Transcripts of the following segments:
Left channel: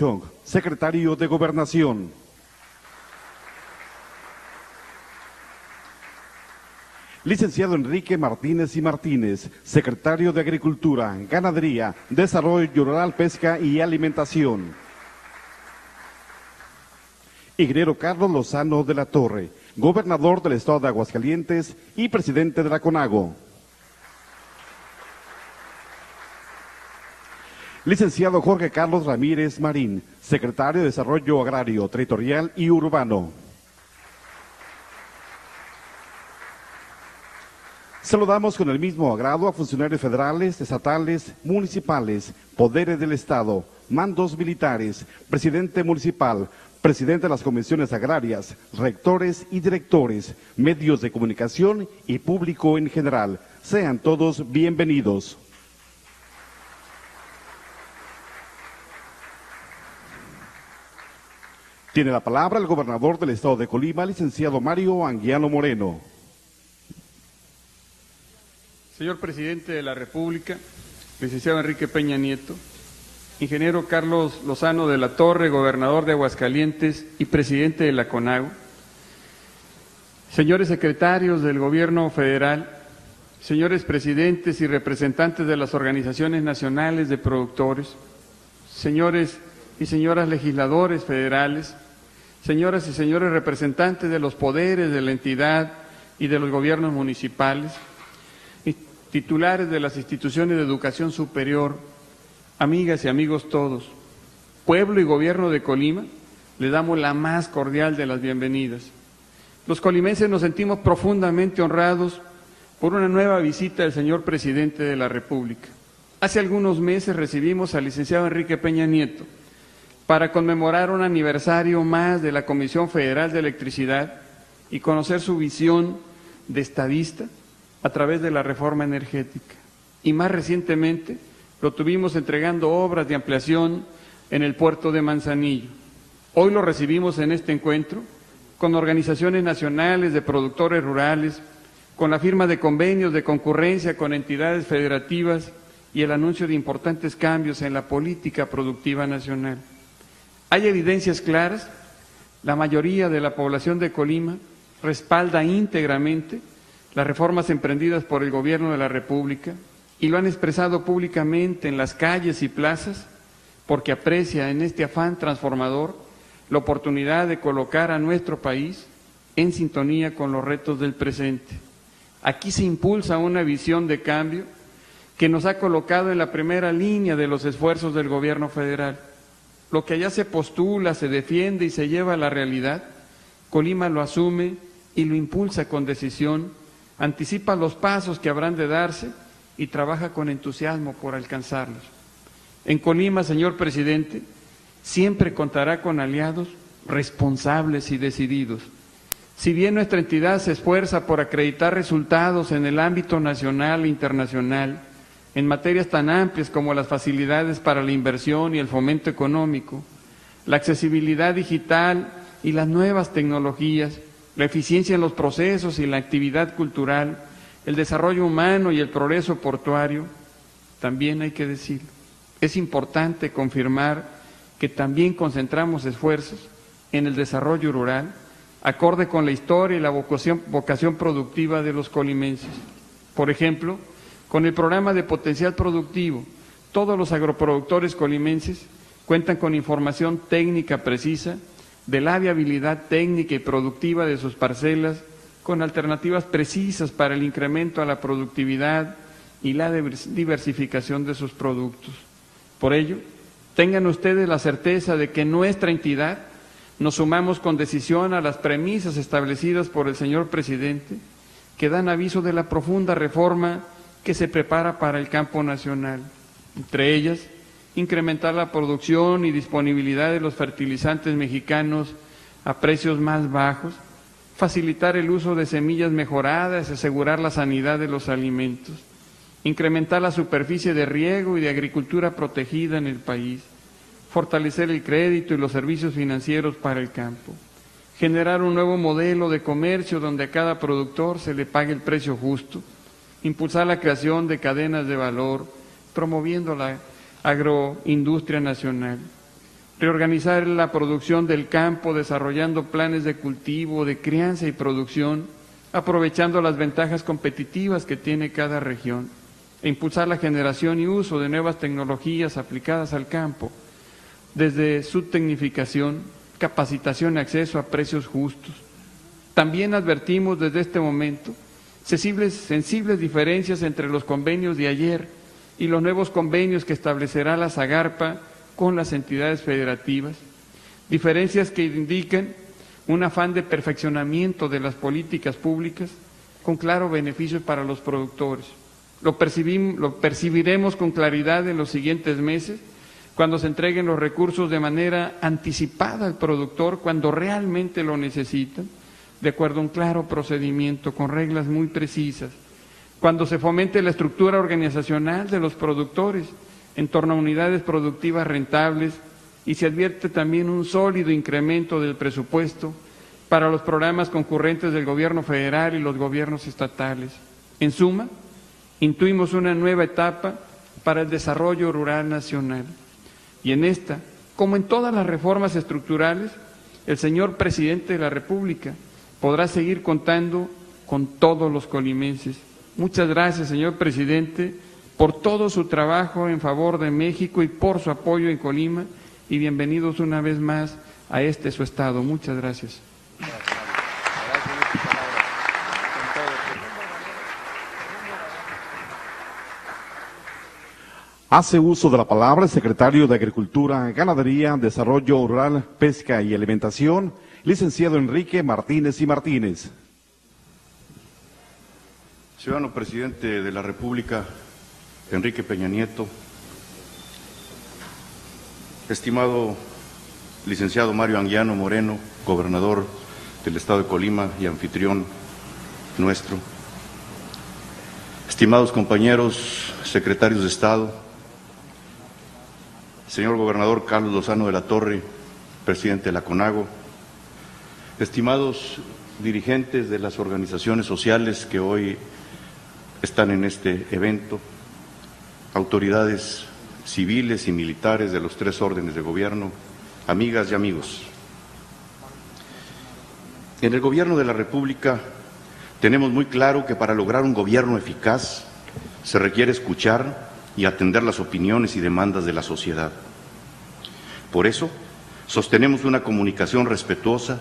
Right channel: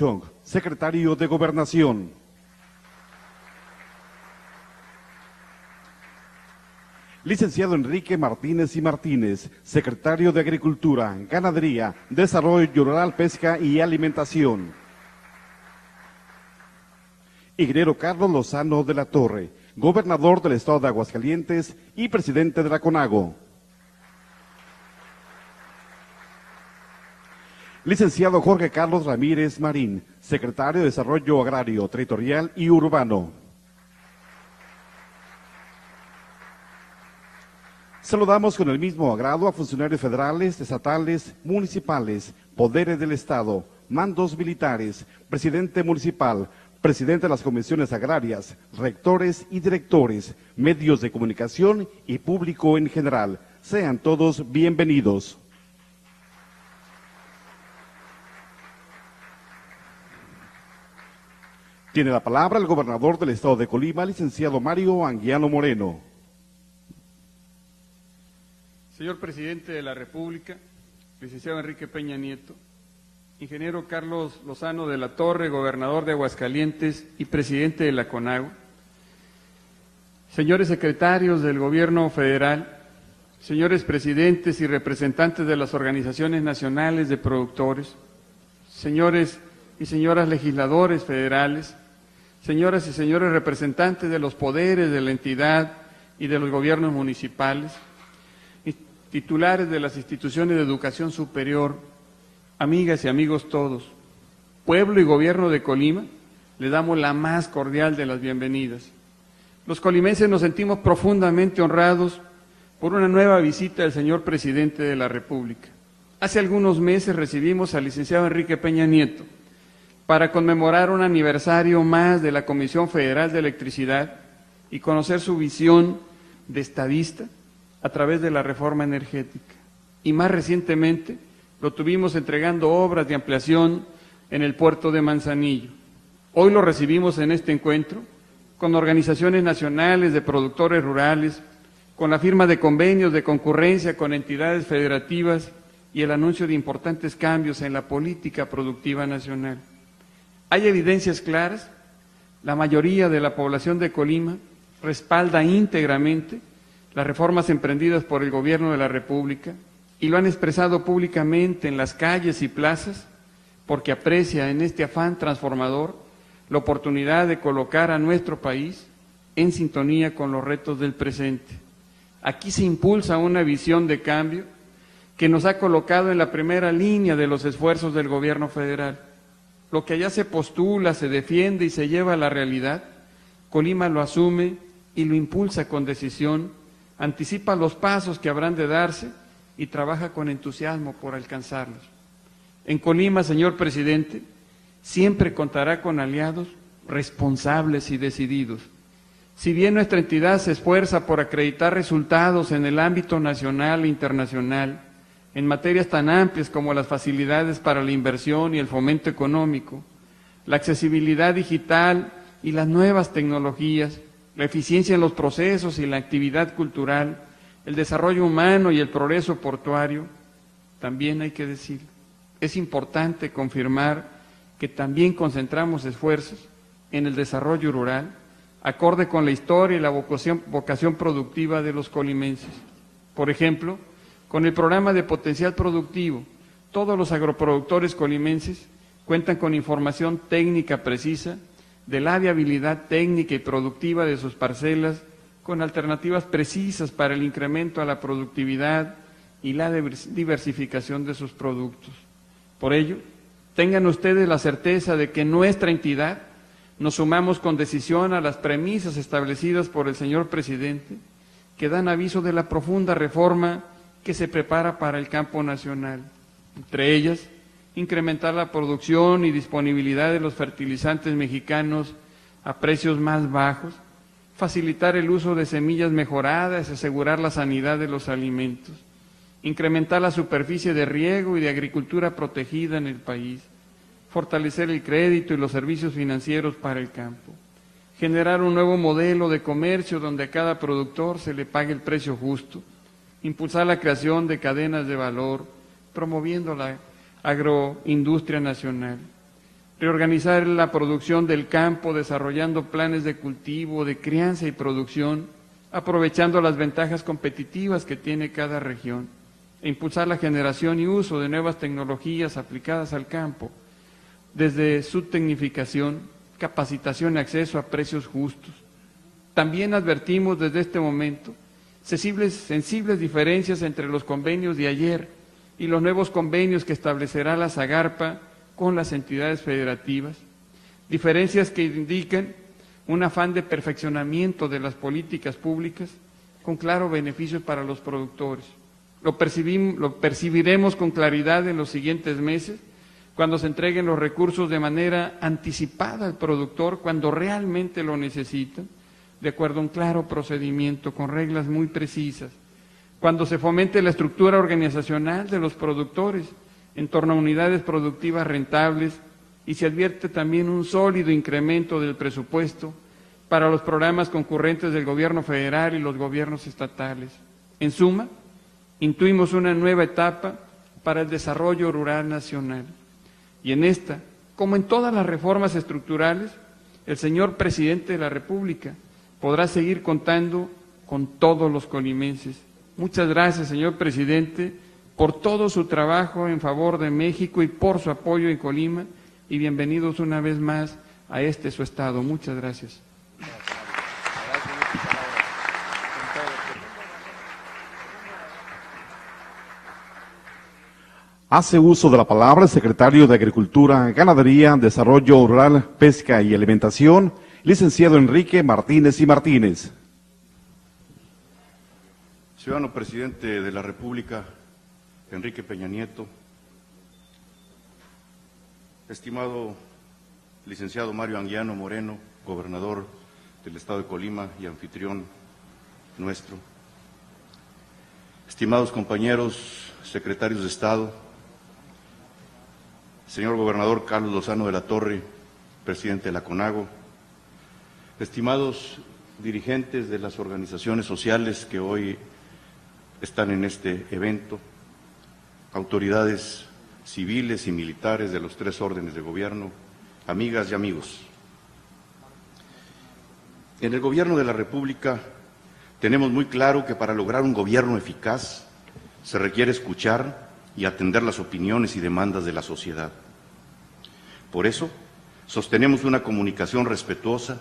Chong, secretario de Gobernación. Licenciado Enrique Martínez y Martínez, secretario de Agricultura, Ganadería, Desarrollo Rural, Pesca y Alimentación. Ingeniero Carlos Lozano de la Torre, gobernador del estado de Aguascalientes y presidente de la CONAGO. Licenciado Jorge Carlos Ramírez Marín, secretario de Desarrollo Agrario, Territorial y Urbano. Saludamos con el mismo agrado a funcionarios federales, estatales, municipales, poderes del Estado, mandos militares, presidente municipal, presidente de las comisiones agrarias, rectores y directores, medios de comunicación y público en general. Sean todos bienvenidos. Tiene la palabra el gobernador del estado de Colima, licenciado Mario Anguiano Moreno. Señor Presidente de la República, licenciado Enrique Peña Nieto, ingeniero Carlos Lozano de la Torre, gobernador de Aguascalientes y presidente de la CONAGO, señores secretarios del Gobierno Federal, señores presidentes y representantes de las organizaciones nacionales de productores, señores y señoras legisladores federales, señoras y señores representantes de los poderes de la entidad y de los gobiernos municipales, titulares de las instituciones de educación superior, amigas y amigos todos, pueblo y gobierno de Colima, le damos la más cordial de las bienvenidas. Los colimenses nos sentimos profundamente honrados por una nueva visita del señor Presidente de la República. Hace algunos meses recibimos al licenciado Enrique Peña Nieto para conmemorar un aniversario más de la Comisión Federal de Electricidad y conocer su visión de estadista a través de la reforma energética. Y más recientemente lo tuvimos entregando obras de ampliación en el puerto de Manzanillo. Hoy lo recibimos en este encuentro con organizaciones nacionales de productores rurales, con la firma de convenios de concurrencia con entidades federativas y el anuncio de importantes cambios en la política productiva nacional. Hay evidencias claras, la mayoría de la población de Colima respalda íntegramente las reformas emprendidas por el Gobierno de la República y lo han expresado públicamente en las calles y plazas porque aprecia en este afán transformador la oportunidad de colocar a nuestro país en sintonía con los retos del presente. Aquí se impulsa una visión de cambio que nos ha colocado en la primera línea de los esfuerzos del Gobierno federal. Lo que allá se postula, se defiende y se lleva a la realidad, Colima lo asume y lo impulsa con decisión, anticipa los pasos que habrán de darse y trabaja con entusiasmo por alcanzarlos. En Colima, señor Presidente, siempre contará con aliados responsables y decididos. Si bien nuestra entidad se esfuerza por acreditar resultados en el ámbito nacional e internacional, en materias tan amplias como las facilidades para la inversión y el fomento económico, la accesibilidad digital y las nuevas tecnologías, la eficiencia en los procesos y la actividad cultural, el desarrollo humano y el progreso portuario, también hay que decir, es importante confirmar que también concentramos esfuerzos en el desarrollo rural, acorde con la historia y la vocación productiva de los colimenses. Por ejemplo, con el programa de potencial productivo, todos los agroproductores colimenses cuentan con información técnica precisa de la viabilidad técnica y productiva de sus parcelas, con alternativas precisas para el incremento a la productividad y la diversificación de sus productos. Por ello, tengan ustedes la certeza de que nuestra entidad nos sumamos con decisión a las premisas establecidas por el señor Presidente, que dan aviso de la profunda reforma que se prepara para el campo nacional. Entre ellas, incrementar la producción y disponibilidad de los fertilizantes mexicanos a precios más bajos, facilitar el uso de semillas mejoradas y asegurar la sanidad de los alimentos, incrementar la superficie de riego y de agricultura protegida en el país, fortalecer el crédito y los servicios financieros para el campo, generar un nuevo modelo de comercio donde a cada productor se le pague el precio justo, impulsar la creación de cadenas de valor, promoviendo la agroindustria nacional. reorganizar la producción del campo, desarrollando planes de cultivo, de crianza y producción, aprovechando las ventajas competitivas que tiene cada región, e impulsar la generación y uso de nuevas tecnologías aplicadas al campo, desde su tecnificación, capacitación y acceso a precios justos. También advertimos desde este momento sensibles diferencias entre los convenios de ayer y los nuevos convenios que establecerá la SAGARPA con las entidades federativas, diferencias que indican un afán de perfeccionamiento de las políticas públicas con claro beneficio para los productores. Lo percibiremos con claridad en los siguientes meses, cuando se entreguen los recursos de manera anticipada al productor, cuando realmente lo necesitan, de acuerdo a un claro procedimiento, con reglas muy precisas, cuando se fomente la estructura organizacional de los productores en torno a unidades productivas rentables y se advierte también un sólido incremento del presupuesto para los programas concurrentes del gobierno federal y los gobiernos estatales. En suma, intuimos una nueva etapa para el desarrollo rural nacional. Y en esta, como en todas las reformas estructurales, el señor presidente de la República podrá seguir contando con todos los colimenses. Muchas gracias, señor presidente, por todo su trabajo en favor de México y por su apoyo en Colima, y bienvenidos una vez más a este su estado. Muchas gracias. Hace uso de la palabra el secretario de Agricultura, Ganadería, Desarrollo Rural, Pesca y Alimentación, licenciado Enrique Martínez y Martínez. Ciudadano presidente de la República, Enrique Peña Nieto, estimado licenciado Mario Anguiano Moreno, gobernador del estado de Colima y anfitrión nuestro, estimados compañeros secretarios de Estado, señor gobernador Carlos Lozano de la Torre, presidente de la CONAGO, estimados dirigentes de las organizaciones sociales que hoy están en este evento, autoridades civiles y militares de los tres órdenes de gobierno, amigas y amigos. En el gobierno de la República tenemos muy claro que para lograr un gobierno eficaz se requiere escuchar y atender las opiniones y demandas de la sociedad. Por eso, sostenemos una comunicación respetuosa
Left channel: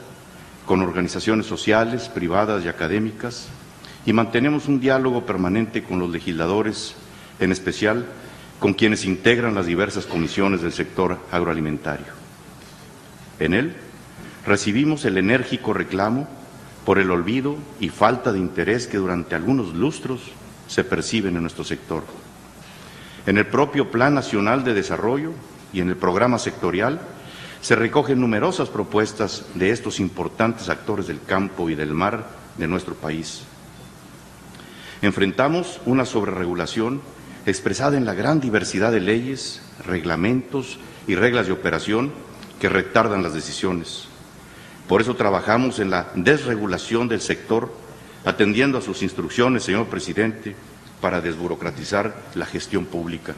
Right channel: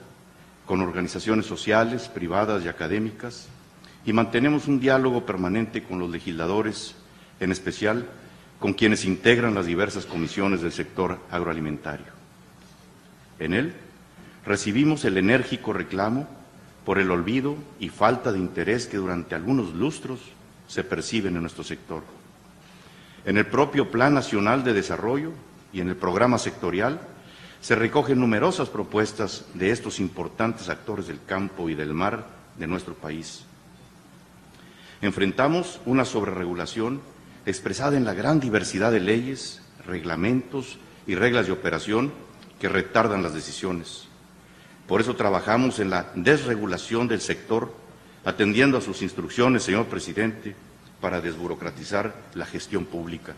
con organizaciones sociales, privadas y académicas, y mantenemos un diálogo permanente con los legisladores, en especial con quienes integran las diversas comisiones del sector agroalimentario. En él, recibimos el enérgico reclamo por el olvido y falta de interés que durante algunos lustros se perciben en nuestro sector. En el propio Plan Nacional de Desarrollo y en el programa sectorial se recogen numerosas propuestas de estos importantes actores del campo y del mar de nuestro país. Enfrentamos una sobreregulación expresada en la gran diversidad de leyes, reglamentos y reglas de operación que retardan las decisiones. Por eso trabajamos en la desregulación del sector, atendiendo a sus instrucciones, señor presidente, para desburocratizar la gestión pública.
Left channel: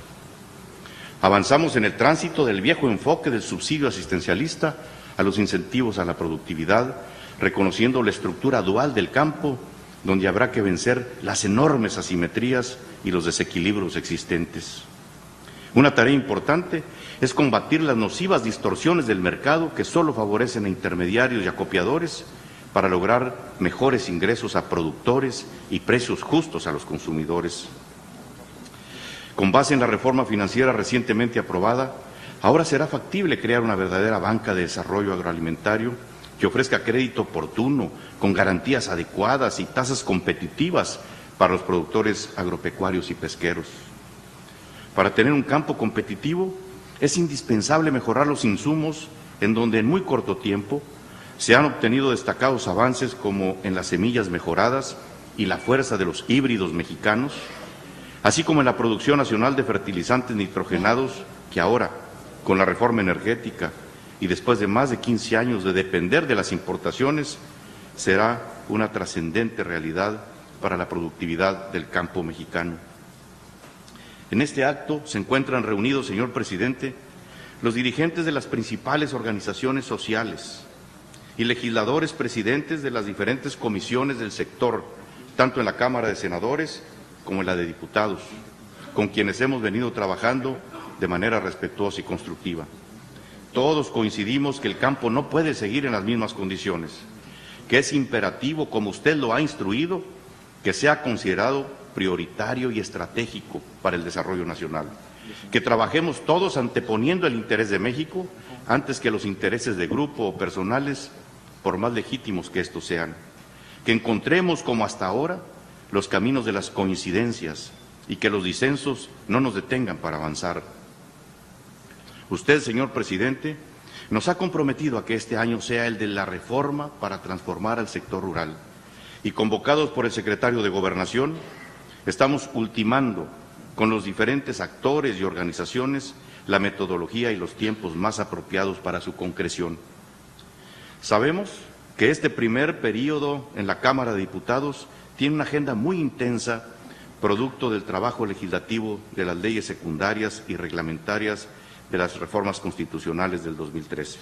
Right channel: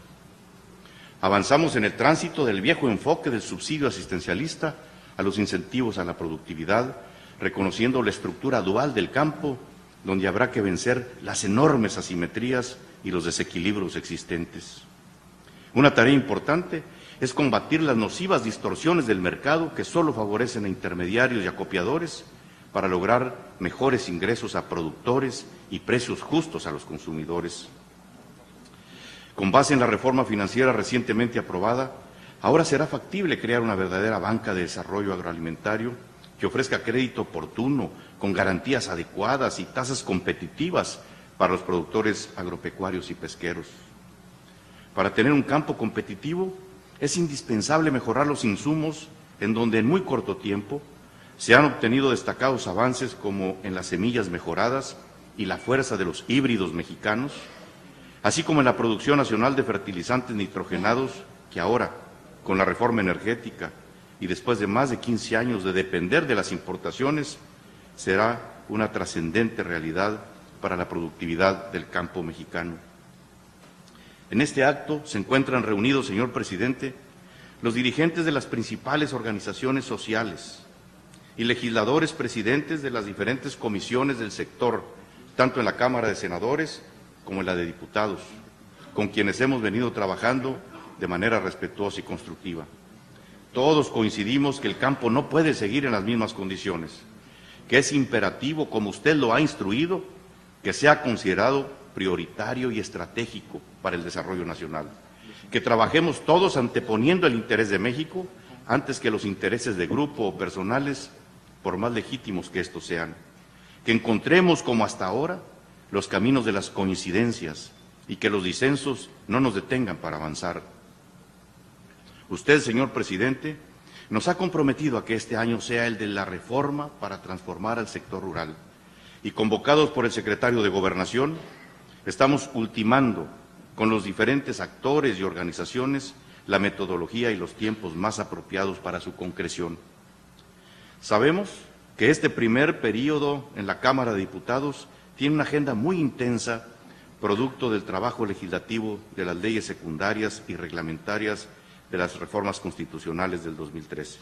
Avanzamos en el tránsito del viejo enfoque del subsidio asistencialista a los incentivos a la productividad, reconociendo la estructura dual del campo, donde habrá que vencer las enormes asimetrías y los desequilibrios existentes. Una tarea importante es combatir las nocivas distorsiones del mercado que solo favorecen a intermediarios y acopiadores para lograr mejores ingresos a productores y precios justos a los consumidores. Con base en la reforma financiera recientemente aprobada, ahora será factible crear una verdadera banca de desarrollo agroalimentario que ofrezca crédito oportuno, con garantías adecuadas y tasas competitivas para los productores agropecuarios y pesqueros. Para tener un campo competitivo es indispensable mejorar los insumos en donde en muy corto tiempo se han obtenido destacados avances como en las semillas mejoradas y la fuerza de los híbridos mexicanos, así como en la producción nacional de fertilizantes nitrogenados que ahora, con la reforma energética y después de más de 15 años de depender de las importaciones, será una trascendente realidad para la productividad del campo mexicano. En este acto se encuentran reunidos, señor presidente, los dirigentes de las principales organizaciones sociales y legisladores presidentes de las diferentes comisiones del sector, tanto en la Cámara de Senadores como en la de Diputados, con quienes hemos venido trabajando de manera respetuosa y constructiva. Todos coincidimos que el campo no puede seguir en las mismas condiciones, que es imperativo, como usted lo ha instruido, que sea considerado prioritario y estratégico para el desarrollo nacional, que trabajemos todos anteponiendo el interés de México antes que los intereses de grupo o personales, por más legítimos que estos sean, que encontremos, como hasta ahora, los caminos de las coincidencias y que los disensos no nos detengan para avanzar. Usted, señor presidente, nos ha comprometido a que este año sea el de la reforma para transformar al sector rural y, convocados por el secretario de Gobernación, estamos ultimando con los diferentes actores y organizaciones la metodología y los tiempos más apropiados para su concreción. Sabemos que este primer periodo en la Cámara de Diputados tiene una agenda muy intensa, producto del trabajo legislativo de las leyes secundarias y reglamentarias de las reformas constitucionales del 2013.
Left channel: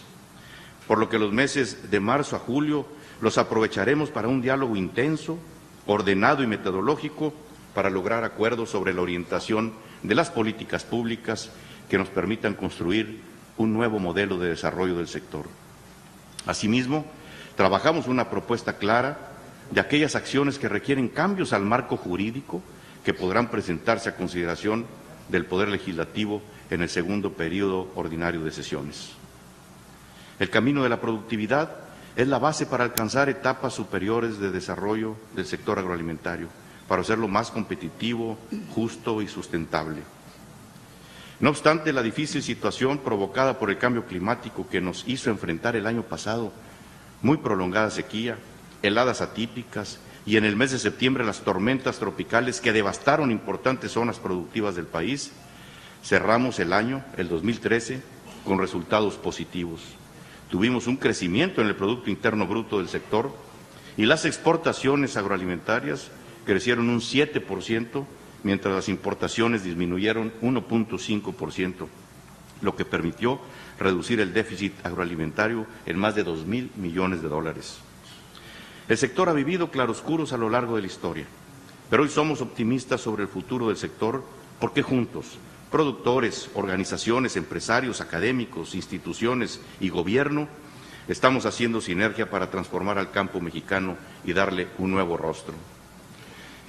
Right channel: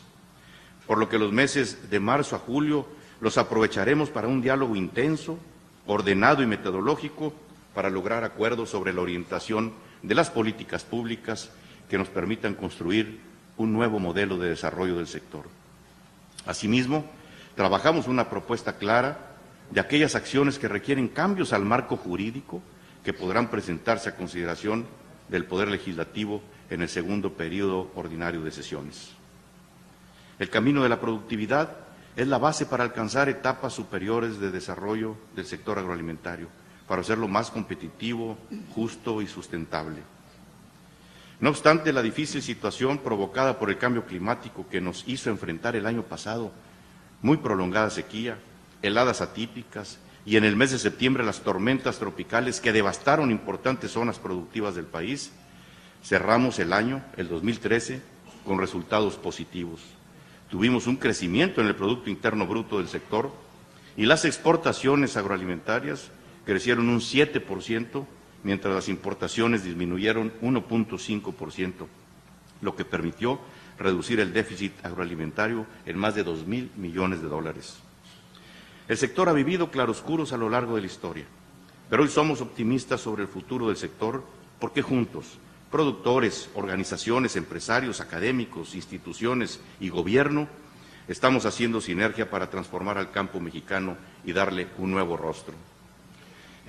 Por lo que los meses de marzo a julio los aprovecharemos para un diálogo intenso, ordenado y metodológico para lograr acuerdos sobre la orientación de las políticas públicas que nos permitan construir un nuevo modelo de desarrollo del sector. Asimismo, trabajamos una propuesta clara de aquellas acciones que requieren cambios al marco jurídico que podrán presentarse a consideración del Poder Legislativo en el segundo periodo ordinario de sesiones. El camino de la productividad es la base para alcanzar etapas superiores de desarrollo del sector agroalimentario, para hacerlo más competitivo, justo y sustentable. No obstante, la difícil situación provocada por el cambio climático que nos hizo enfrentar el año pasado, muy prolongada sequía, heladas atípicas y en el mes de septiembre las tormentas tropicales que devastaron importantes zonas productivas del país, cerramos el año, el 2013, con resultados positivos. Tuvimos un crecimiento en el Producto Interno Bruto del sector y las exportaciones agroalimentarias crecieron un 7%, mientras las importaciones disminuyeron 1.5%, lo que permitió reducir el déficit agroalimentario en más de 2.000 millones de dólares. El sector ha vivido claroscuros a lo largo de la historia, pero hoy somos optimistas sobre el futuro del sector porque juntos, productores, organizaciones, empresarios, académicos, instituciones y gobierno, estamos haciendo sinergia para transformar al campo mexicano y darle un nuevo rostro.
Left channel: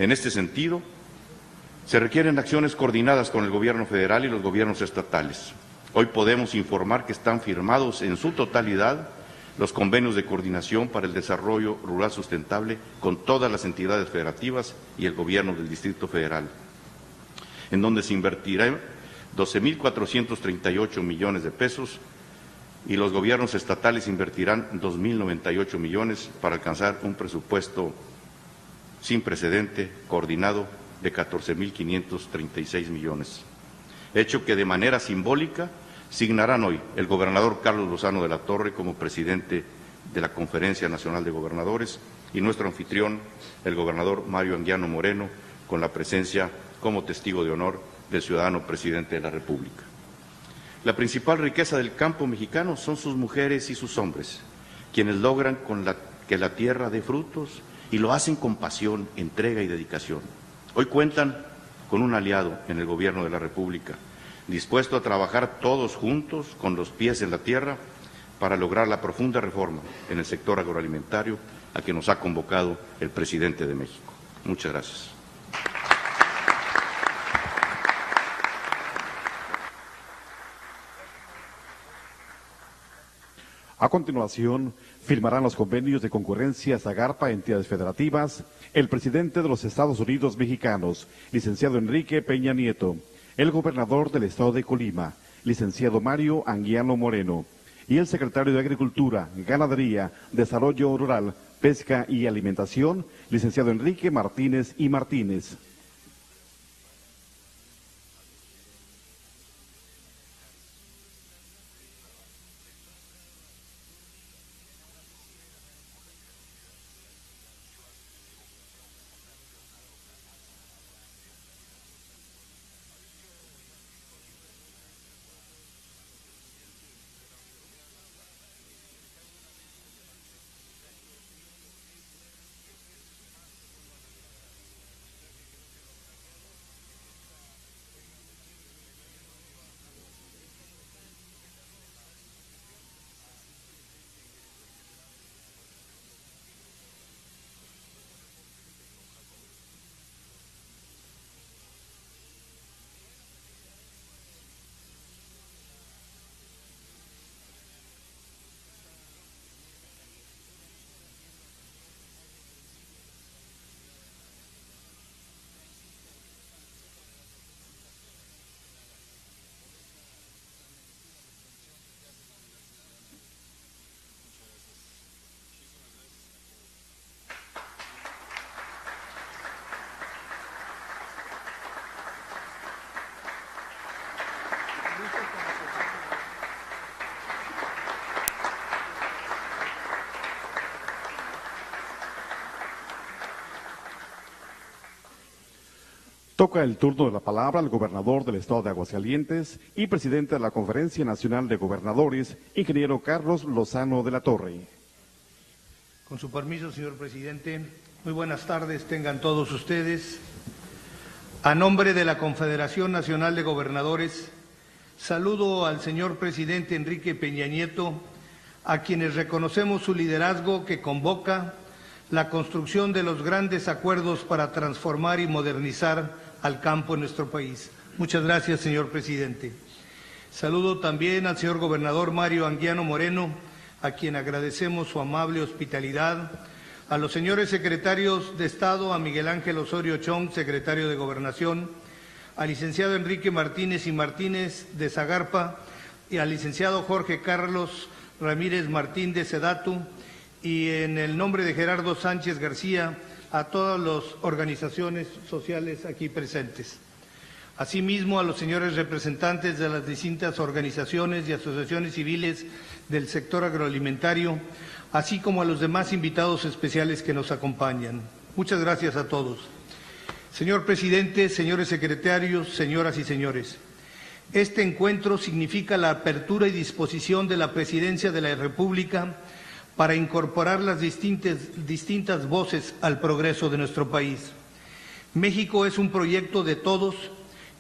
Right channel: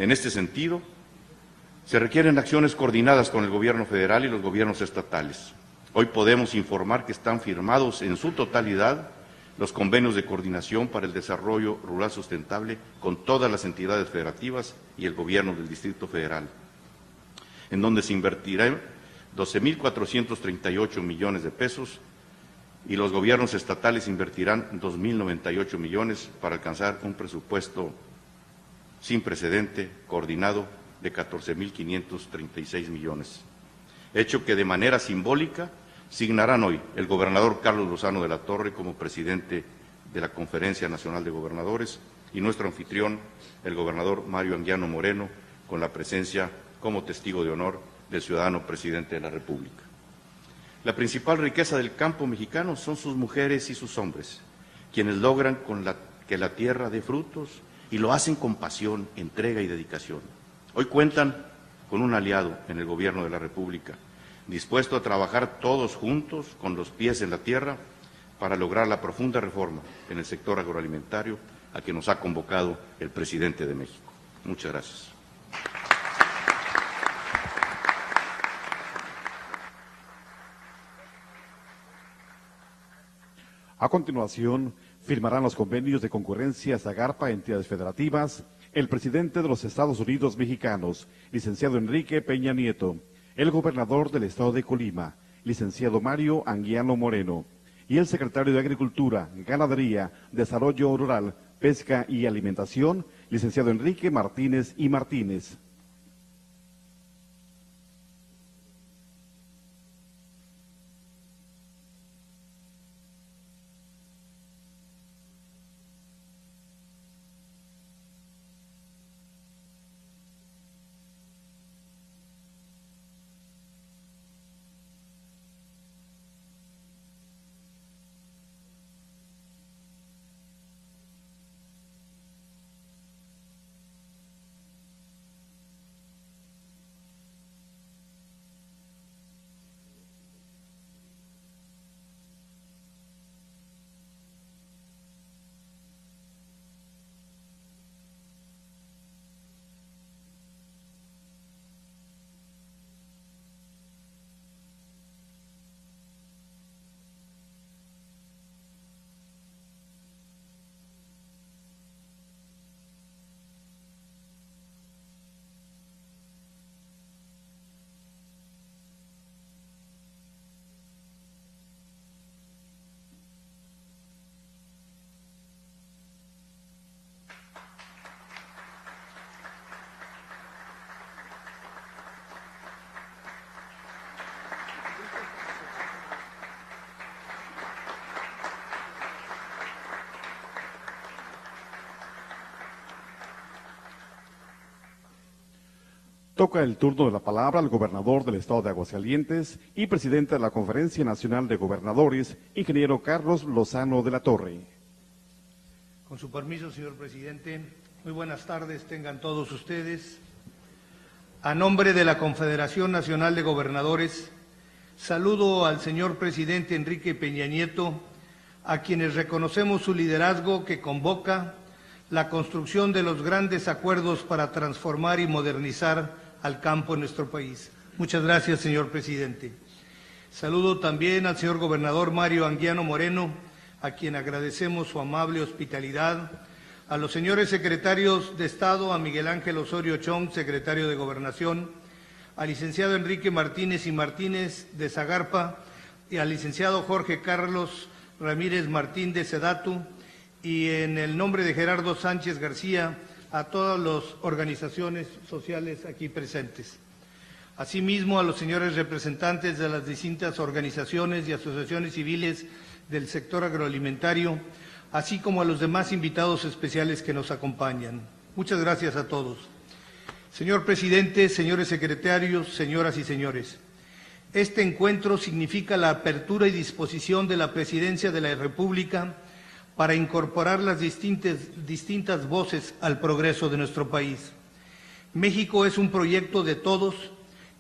En este sentido, se requieren acciones coordinadas con el Gobierno federal y los gobiernos estatales. Hoy podemos informar que están firmados en su totalidad los convenios de coordinación para el desarrollo rural sustentable con todas las entidades federativas y el Gobierno del Distrito Federal, en donde se invertirá 12.438 millones de pesos y los gobiernos estatales invertirán 2.098 millones para alcanzar un presupuesto sin precedente, coordinado, de 14.536 millones. Hecho que de manera simbólica signarán hoy el gobernador Carlos Lozano de la Torre como presidente de la Conferencia Nacional de Gobernadores y nuestro anfitrión, el gobernador Mario Anguiano Moreno, con la presencia como testigo de honor del ciudadano presidente de la República. La principal riqueza del campo mexicano son sus mujeres y sus hombres, quienes logran que la tierra dé frutos y lo hacen con pasión, entrega y dedicación. Hoy cuentan con un aliado en el Gobierno de la República, dispuesto a trabajar todos juntos, con los pies en la tierra, para lograr la profunda reforma en el sector agroalimentario a que nos ha convocado el presidente de México. Muchas gracias. A continuación, firmarán los convenios de concurrencia Zagarpa, entidades federativas, el presidente de los Estados Unidos mexicanos, licenciado Enrique Peña Nieto, el gobernador del estado de Colima, licenciado Mario Anguiano Moreno, y el secretario de Agricultura, Ganadería, Desarrollo Rural, Pesca y Alimentación, licenciado Enrique Martínez y Martínez. Toca el turno de la palabra al gobernador del estado de Aguascalientes y presidente de la Conferencia Nacional de Gobernadores, ingeniero Carlos Lozano de la Torre. Con su permiso, señor presidente, muy buenas tardes tengan todos ustedes. A nombre de la Confederación Nacional de Gobernadores, saludo al señor presidente Enrique Peña Nieto, a quienes reconocemos su liderazgo que convoca la construcción de los grandes acuerdos para transformar y modernizar al campo en nuestro país. Muchas gracias, señor presidente. Saludo también al señor gobernador Mario Anguiano Moreno, a quien agradecemos su amable hospitalidad, a los señores secretarios de Estado, a Miguel Ángel Osorio Chong, secretario de Gobernación, al licenciado Enrique Martínez y Martínez de Zagarpa y al licenciado Jorge Carlos Ramírez Martín de Sedatu, y en el nombre de Gerardo Sánchez García, a todas las organizaciones sociales aquí presentes. Asimismo, a los señores representantes de las distintas organizaciones y asociaciones civiles del sector agroalimentario, así como a los demás invitados especiales que nos acompañan. Muchas gracias a todos. Señor presidente, señores secretarios, señoras y señores, este encuentro significa la apertura y disposición de la Presidencia de la República para incorporar las distintas voces al progreso de nuestro país. México es un proyecto de todos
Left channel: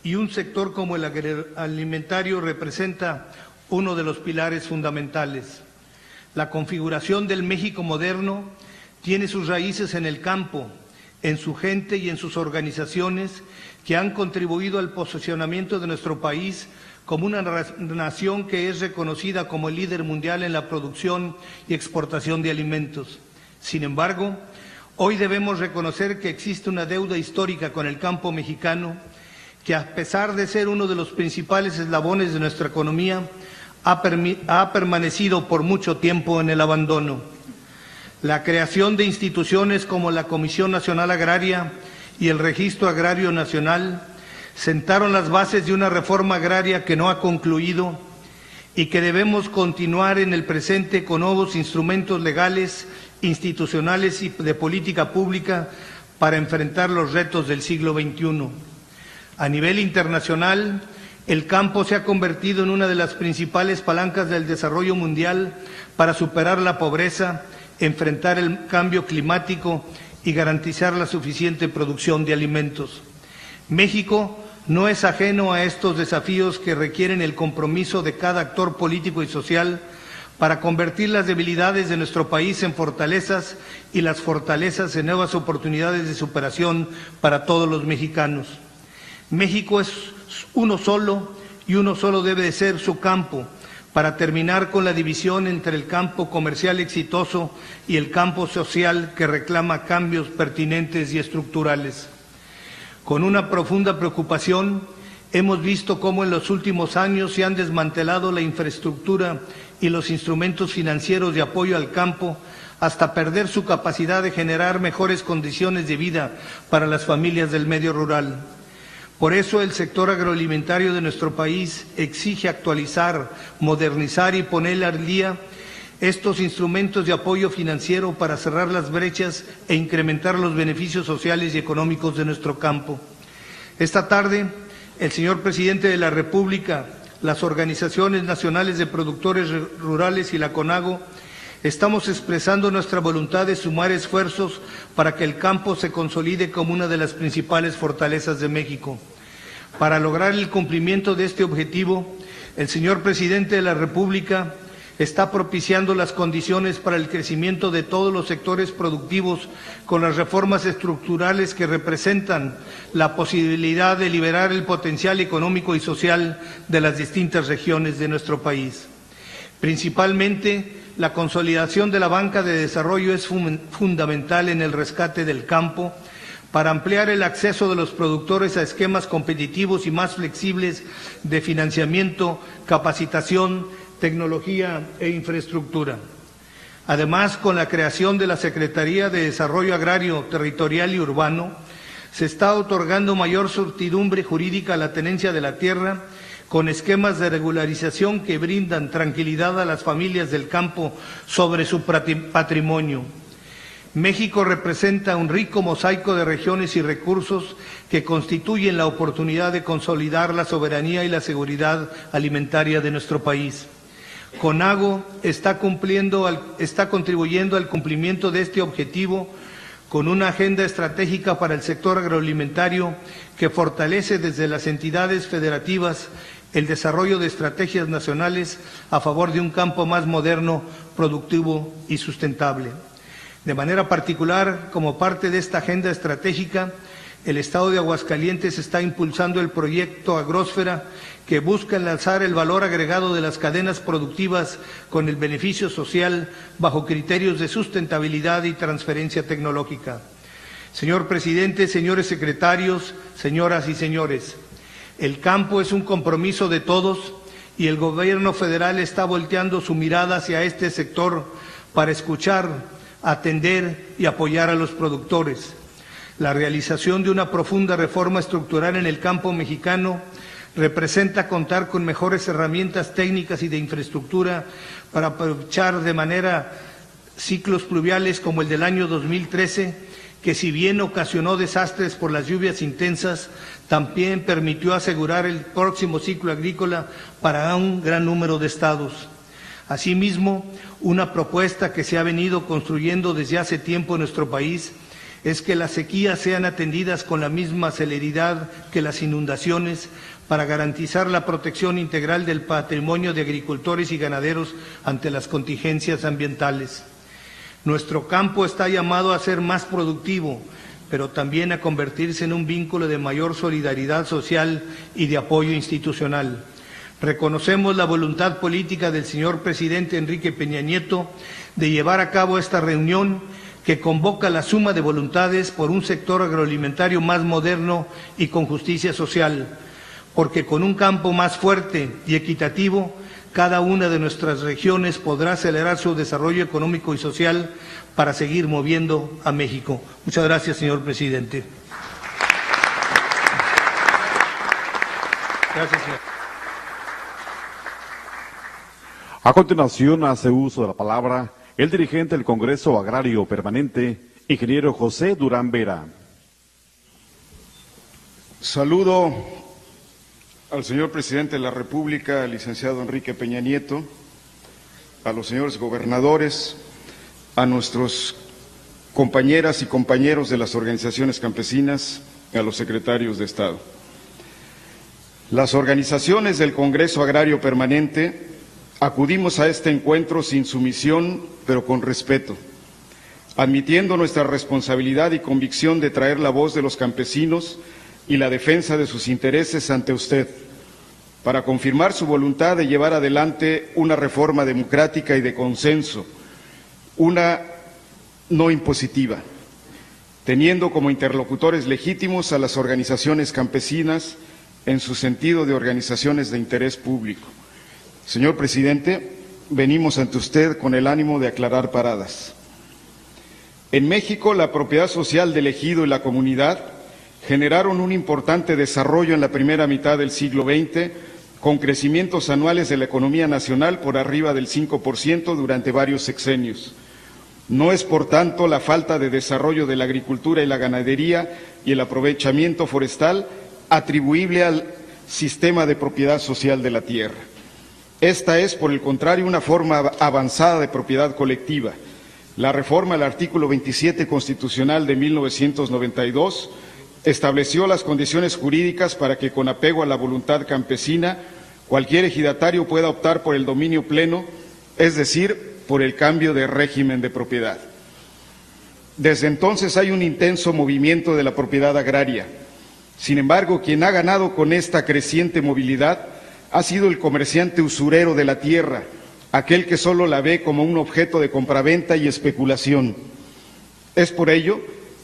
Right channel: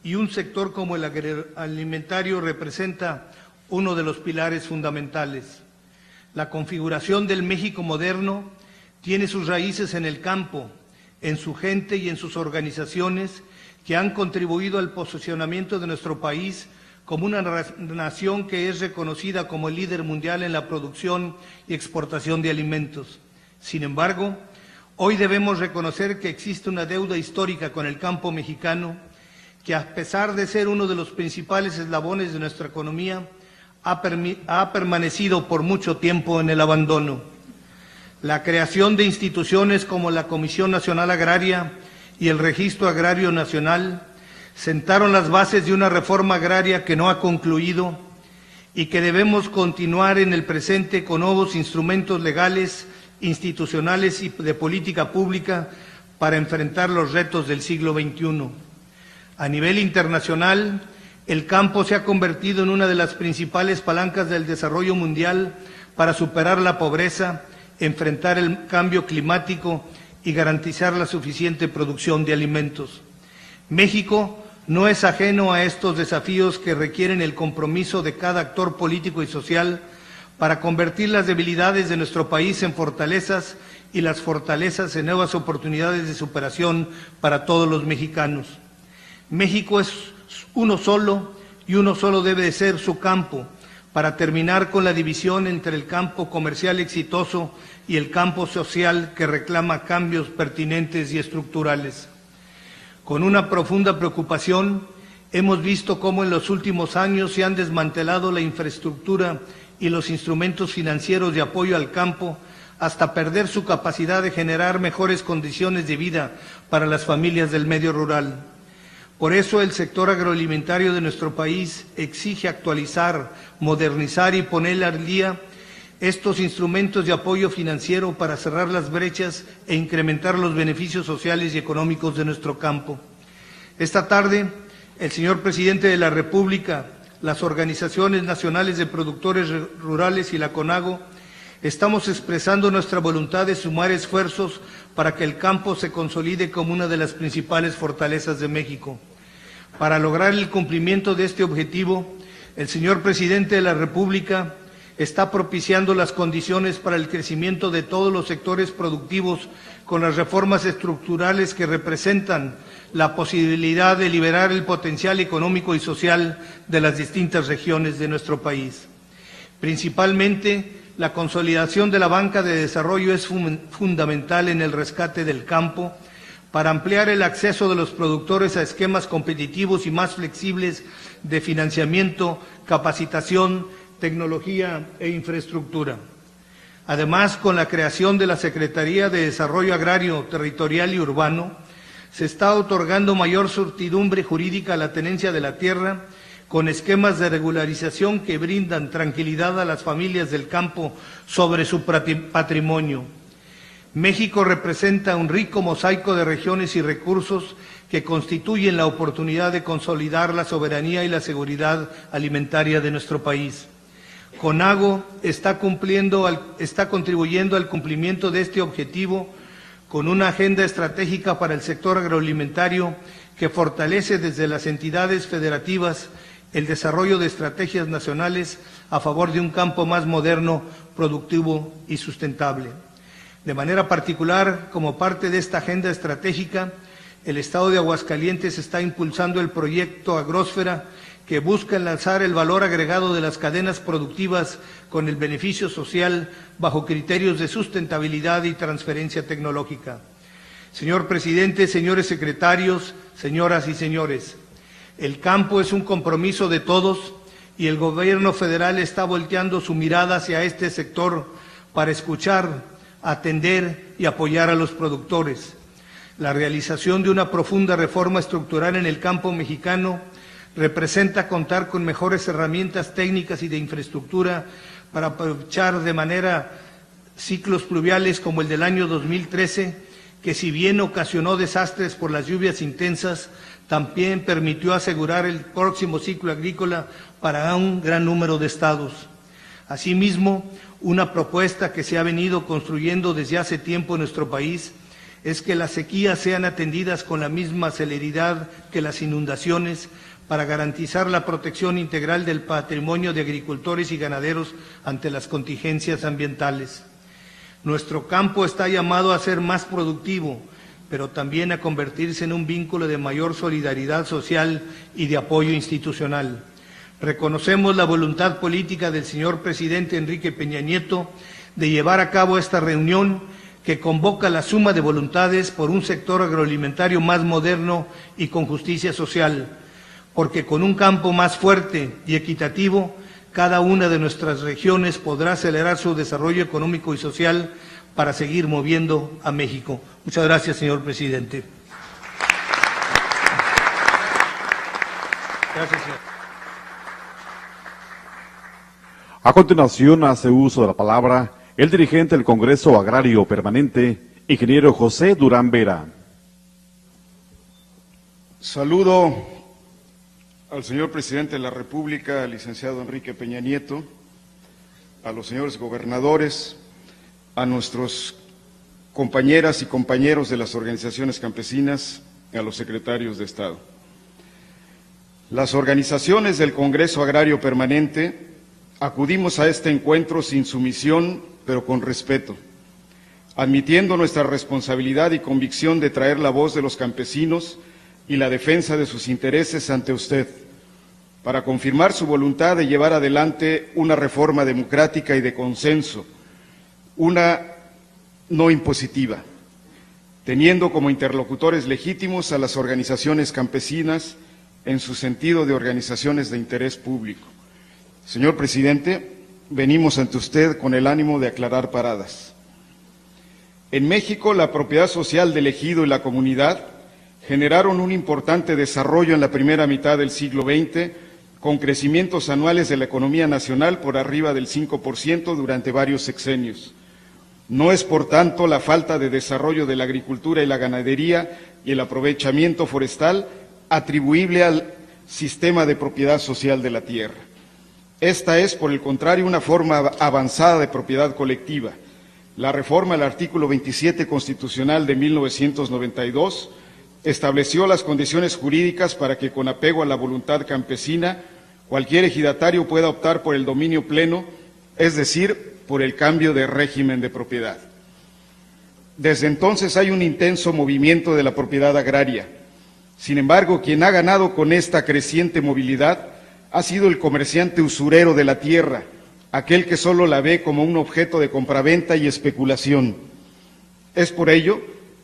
y un sector como el agroalimentario representa uno de los pilares fundamentales. La configuración del México moderno tiene sus raíces en el campo, en su gente y en sus organizaciones que han contribuido al posicionamiento de nuestro país como una nación que es reconocida como el líder mundial en la producción y exportación de alimentos. Sin embargo, hoy debemos reconocer que existe una deuda histórica con el campo mexicano que, a pesar de ser uno de los principales eslabones de nuestra economía, ha permanecido por mucho tiempo en el abandono. La creación de instituciones como la Comisión Nacional Agraria y el Registro Agrario Nacional sentaron las bases de una reforma agraria que no ha concluido y que debemos continuar en el presente con nuevos instrumentos legales, institucionales y de política pública para enfrentar los retos del siglo XXI. A nivel internacional, el campo se ha convertido en una de las principales palancas del desarrollo mundial para superar la pobreza, enfrentar el cambio climático y garantizar la suficiente producción de alimentos. México no es ajeno a estos desafíos que requieren el compromiso de cada actor político y social para convertir las debilidades de nuestro país en fortalezas y las fortalezas en nuevas oportunidades de superación para todos los mexicanos. México es uno solo y uno solo debe de ser su campo, para terminar con la división entre el campo comercial exitoso y el campo social que reclama cambios pertinentes y estructurales. Con una profunda preocupación, hemos visto cómo en los últimos años se han desmantelado la infraestructura y los instrumentos financieros de apoyo al campo hasta perder su capacidad de generar mejores condiciones de vida para las familias del medio rural. Por eso el sector agroalimentario de nuestro país exige actualizar, modernizar y poner al día estos instrumentos de apoyo financiero para cerrar las brechas e incrementar los beneficios sociales y económicos de nuestro campo. Esta tarde, el señor presidente de la República, las organizaciones nacionales de productores rurales y la CONAGO, estamos expresando nuestra voluntad de sumar esfuerzos para que el campo se consolide como una de las principales fortalezas de México. Para lograr el cumplimiento de este objetivo, el señor presidente de la República está propiciando las condiciones para el crecimiento de todos los sectores productivos con las reformas estructurales que representan la posibilidad de liberar el potencial económico y social de las distintas regiones de nuestro país. Principalmente, la consolidación de la banca de desarrollo es fundamental en el rescate del campo para ampliar el acceso de los productores a esquemas competitivos y más flexibles de financiamiento, capacitación, tecnología e infraestructura. Además, con la creación de la Secretaría de Desarrollo Agrario, Territorial y Urbano, se está otorgando mayor certidumbre jurídica a la tenencia de la tierra, con esquemas de regularización que brindan tranquilidad a las familias del campo sobre su patrimonio. México representa un rico mosaico de regiones y recursos que constituyen la oportunidad de consolidar la soberanía y la seguridad alimentaria de nuestro país. CONAGO está contribuyendo al cumplimiento de este objetivo con una agenda estratégica para el sector agroalimentario que fortalece desde las entidades federativas el desarrollo de estrategias nacionales a favor de un campo más moderno, productivo y sustentable. De manera particular, como parte de esta agenda estratégica, el Estado de Aguascalientes está impulsando el proyecto Agrósfera, que busca enlazar el valor agregado de las cadenas productivas con el beneficio social bajo criterios de sustentabilidad y transferencia tecnológica. Señor presidente, señores secretarios, señoras y señores, el campo es un compromiso de todos y el gobierno federal está volteando su mirada hacia este sector para escuchar, atender y apoyar a los productores. La realización de una profunda reforma estructural en el campo mexicano representa contar con mejores herramientas técnicas y de infraestructura para aprovechar de manera ciclos pluviales como el del año 2013, que si bien ocasionó desastres por las lluvias intensas, también permitió asegurar el próximo ciclo agrícola para un gran número de estados. Asimismo, una propuesta que se ha venido construyendo desde hace tiempo en nuestro país es que las sequías sean atendidas con la misma celeridad que las inundaciones para garantizar la protección integral del patrimonio de agricultores y ganaderos ante las contingencias ambientales. Nuestro campo está llamado a ser más productivo, pero también a convertirse en un vínculo de mayor solidaridad social y de apoyo institucional. Reconocemos la voluntad política del señor presidente Enrique Peña Nieto de llevar a cabo esta reunión que convoca la suma de voluntades por un sector agroalimentario más moderno y con justicia social, porque con un campo más fuerte y equitativo, cada una de nuestras regiones podrá acelerar su desarrollo económico y social para seguir moviendo a México. Muchas gracias, señor presidente. Gracias, señor. A continuación, hace uso de la palabra el dirigente del Congreso Agrario Permanente, ingeniero José Durán Vera. Saludo al señor presidente de la República, licenciado Enrique Peña Nieto, a los señores gobernadores, a nuestros compañeras y compañeros de las organizaciones campesinas, y a los secretarios de Estado. Las organizaciones del Congreso Agrario Permanente acudimos a este encuentro sin sumisión, pero con respeto, admitiendo nuestra responsabilidad y convicción de traer la voz de los campesinos y la defensa de sus intereses ante usted, para confirmar su voluntad de llevar adelante una reforma democrática y de consenso, una no impositiva, teniendo como interlocutores legítimos a las organizaciones campesinas en su sentido de organizaciones de interés público. Señor presidente, venimos ante usted con el ánimo de aclarar paradas. En México, la propiedad social del ejido y la comunidad generaron un importante desarrollo en la primera mitad del siglo XX, con crecimientos anuales de la economía nacional por arriba del 5% durante varios sexenios. No es, por tanto, la falta de desarrollo de la agricultura y la ganadería y el aprovechamiento forestal atribuible al sistema de propiedad social de la tierra. Esta es, por el contrario, una forma avanzada de propiedad colectiva. La reforma al artículo 27 constitucional de 1992 estableció las condiciones jurídicas para que, con apego a la voluntad campesina, cualquier ejidatario pueda optar por el dominio pleno, es decir, por el cambio de régimen de propiedad. Desde entonces hay un intenso movimiento de la propiedad agraria. Sin embargo, quien ha ganado con esta creciente movilidad ha sido el comerciante usurero de la tierra, aquel que solo la ve como un objeto de compraventa y especulación. Es por ello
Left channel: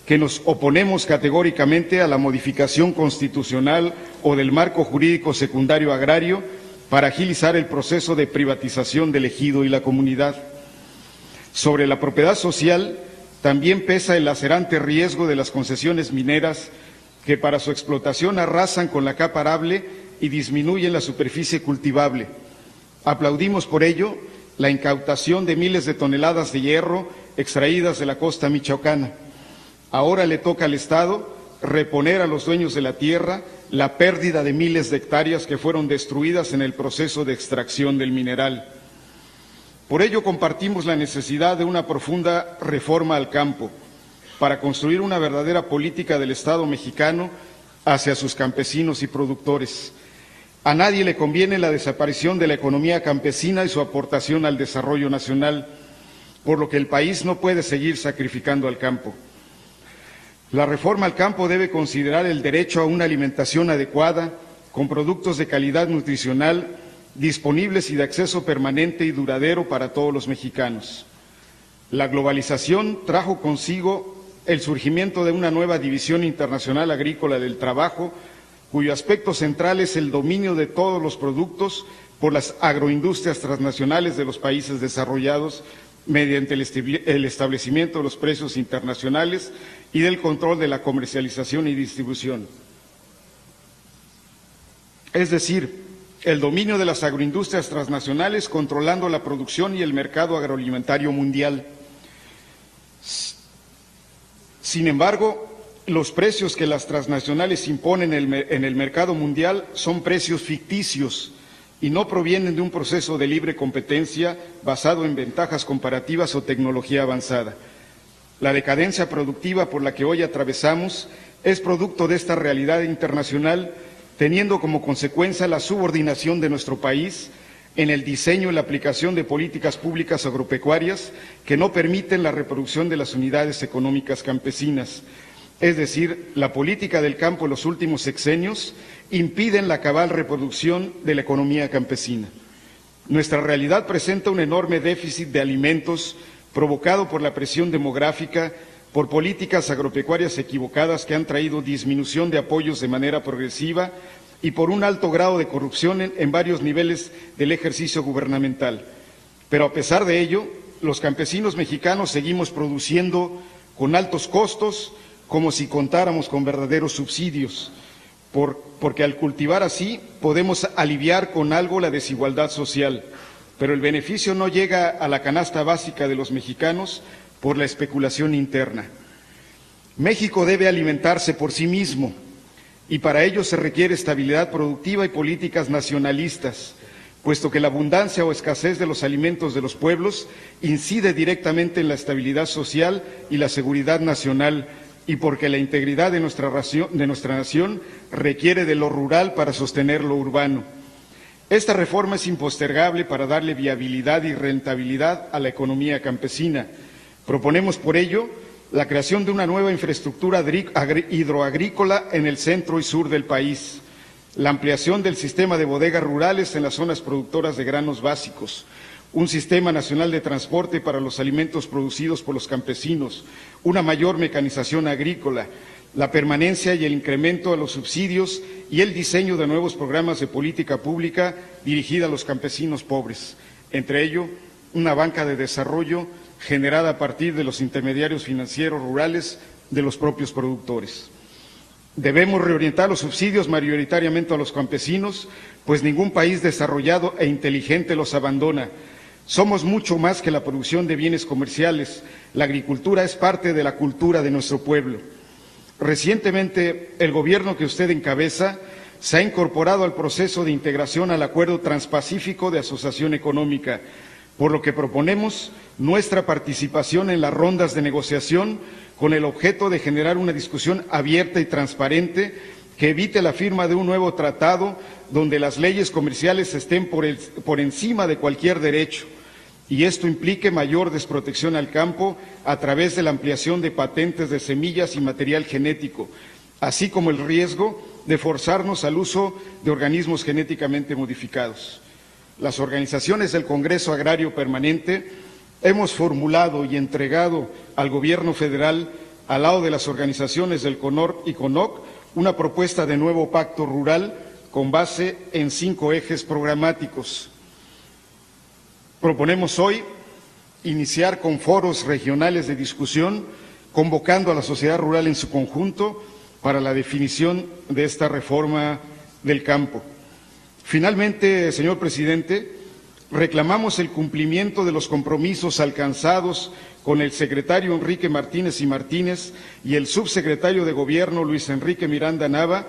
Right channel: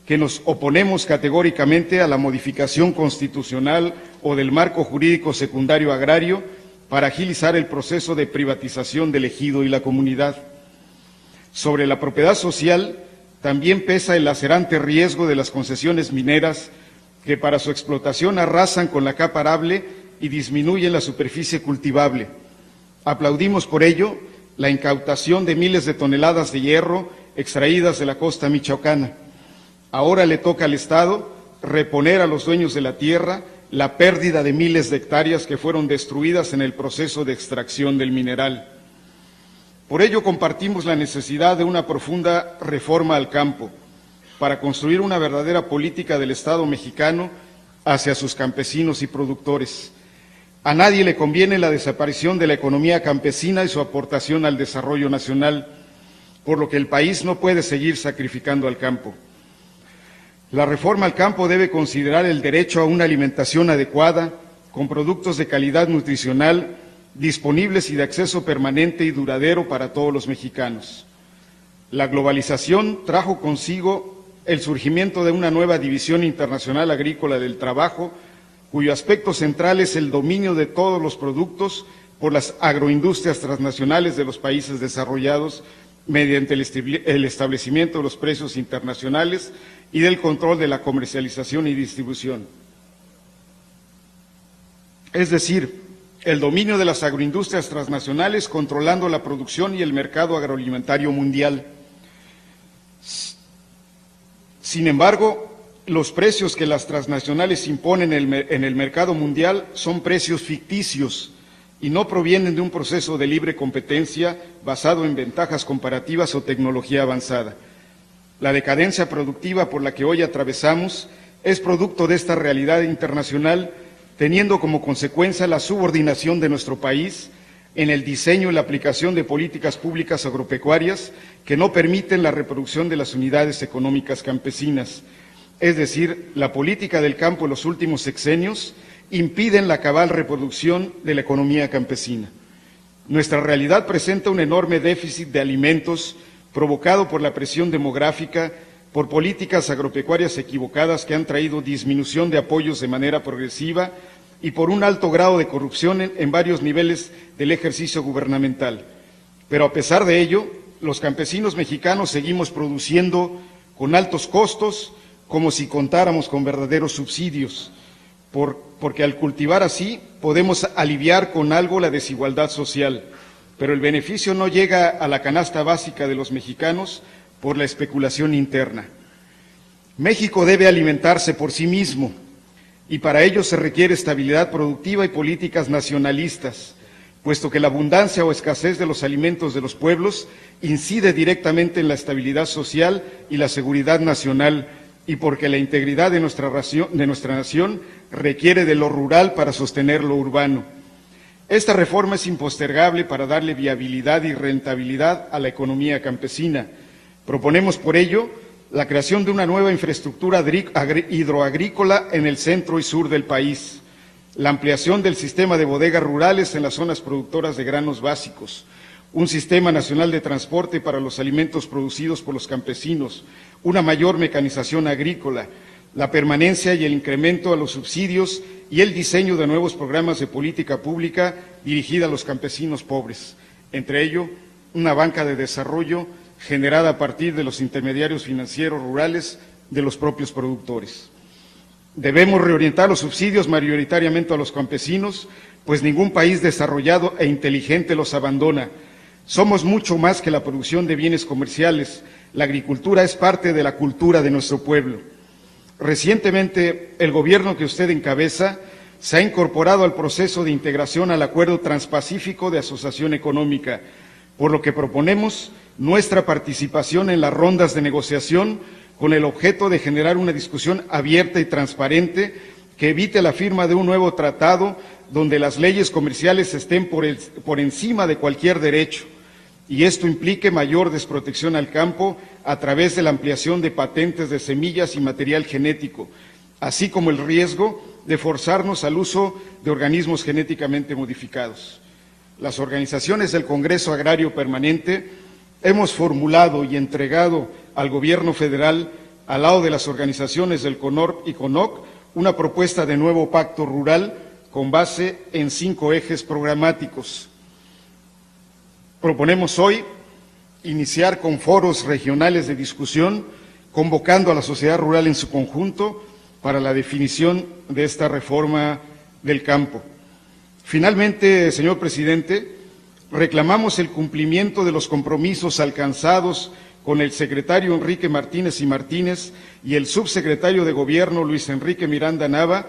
que nos oponemos categóricamente a la modificación constitucional o del marco jurídico secundario agrario para agilizar el proceso de privatización del ejido y la comunidad. Sobre la propiedad social también pesa el lacerante riesgo de las concesiones mineras que para su explotación arrasan con la capa arable y disminuyen la superficie cultivable. Aplaudimos por ello la incautación de miles de toneladas de hierro extraídas de la costa michoacana. Ahora le toca al Estado reponer a los dueños de la tierra la pérdida de miles de hectáreas que fueron destruidas en el proceso de extracción del mineral. Por ello compartimos la necesidad de una profunda reforma al campo para construir una verdadera política del Estado mexicano hacia sus campesinos y productores. A nadie le conviene la desaparición de la economía campesina y su aportación al desarrollo nacional, por lo que el país no puede seguir sacrificando al campo. La reforma al campo debe considerar el derecho a una alimentación adecuada, con productos de calidad nutricional, disponibles y de acceso permanente y duradero para todos los mexicanos. La globalización trajo consigo el surgimiento de una nueva división internacional agrícola del trabajo, cuyo aspecto central es el dominio de todos los productos por las agroindustrias transnacionales de los países desarrollados mediante el establecimiento de los precios internacionales y del control de la comercialización y distribución. Es decir, el dominio de las agroindustrias transnacionales controlando la producción y el mercado agroalimentario mundial. Sin embargo, los precios que las transnacionales imponen en el mercado mundial son precios ficticios y no provienen de un proceso de libre competencia basado en ventajas comparativas o tecnología avanzada. La decadencia productiva por la que hoy atravesamos es producto de esta realidad internacional, teniendo como consecuencia la subordinación de nuestro país en el diseño y la aplicación de políticas públicas agropecuarias que no permiten la reproducción de las unidades económicas campesinas. Es decir, la política del campo en los últimos sexenios impiden la cabal reproducción de la economía campesina. Nuestra realidad presenta un enorme déficit de alimentos provocado por la presión demográfica, por políticas agropecuarias equivocadas que han traído disminución de apoyos de manera progresiva y por un alto grado de corrupción en varios niveles del ejercicio gubernamental. Pero a pesar de ello, los campesinos mexicanos seguimos produciendo con altos costos, como si contáramos con verdaderos subsidios, porque al cultivar así podemos aliviar con algo la desigualdad social, pero el beneficio no llega a la canasta básica de los mexicanos por la especulación interna. México debe alimentarse por sí mismo y para ello se requiere estabilidad productiva y políticas nacionalistas, puesto que la abundancia o escasez de los alimentos de los pueblos incide directamente en la estabilidad social y la seguridad nacional, y porque la integridad de nuestra nación requiere de lo rural para sostener lo urbano. Esta reforma es impostergable para darle viabilidad y rentabilidad a la economía campesina. Proponemos por ello la creación de una nueva infraestructura hidroagrícola en el centro y sur del país, la ampliación del sistema de bodegas rurales en las zonas productoras de granos básicos, un sistema nacional de transporte para los alimentos producidos por los campesinos, una mayor mecanización agrícola, la permanencia y el incremento a los subsidios y el diseño de nuevos programas de política pública dirigida a los campesinos pobres, entre ello una banca de desarrollo generada a partir de los intermediarios financieros rurales de los propios productores. Debemos reorientar los subsidios mayoritariamente a los campesinos, pues ningún país desarrollado e inteligente los abandona. Somos mucho más que la producción de bienes comerciales. La agricultura es parte de la cultura de nuestro pueblo. Recientemente, el gobierno que usted encabeza se ha incorporado al proceso de integración al Acuerdo Transpacífico de Asociación Económica, por lo que proponemos nuestra participación en las rondas de negociación con el objeto de generar una discusión abierta y transparente que evite la firma de un nuevo tratado donde las leyes comerciales estén por encima de cualquier derecho, y esto implique mayor desprotección al campo a través de la ampliación de patentes de semillas y material genético, así como el riesgo de forzarnos al uso de organismos genéticamente modificados. Las organizaciones del Congreso Agrario Permanente hemos formulado y entregado al Gobierno federal, al lado de las organizaciones del CONORC y CONOC, una propuesta de nuevo pacto rural con base en 5 ejes programáticos. Proponemos hoy iniciar con foros regionales de discusión, convocando a la sociedad rural en su conjunto para la definición de esta reforma del campo. Finalmente, señor presidente, reclamamos el cumplimiento de los compromisos alcanzados con el secretario Enrique Martínez y Martínez y el subsecretario de Gobierno Luis Enrique Miranda Nava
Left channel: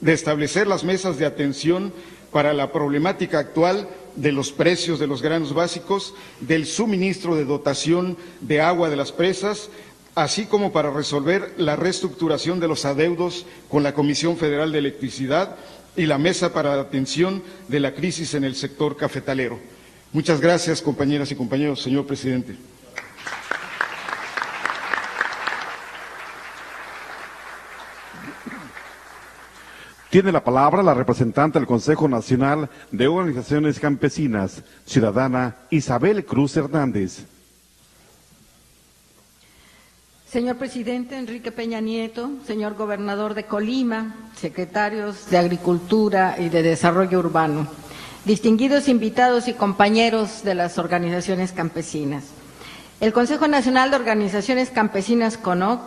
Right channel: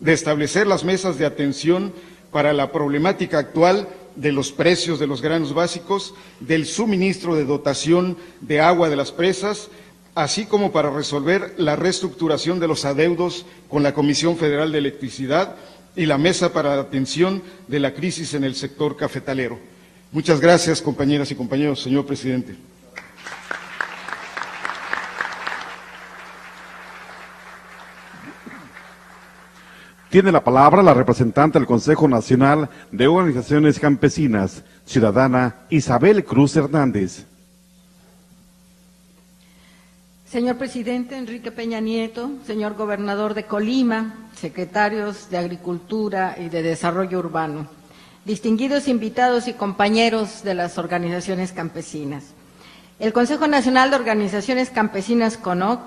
de establecer las mesas de atención para la problemática actual de los precios de los granos básicos, del suministro de dotación de agua de las presas, así como para resolver la reestructuración de los adeudos con la Comisión Federal de Electricidad y la Mesa para la Atención de la Crisis en el Sector Cafetalero. Muchas gracias, compañeras y compañeros, señor presidente. Tiene la palabra la representante del Consejo Nacional de Organizaciones Campesinas, ciudadana Isabel Cruz Hernández. Señor presidente Enrique Peña Nieto, señor gobernador de Colima, secretarios de Agricultura y de Desarrollo Urbano, distinguidos invitados y compañeros de las organizaciones campesinas. El Consejo Nacional de Organizaciones Campesinas, CONOC,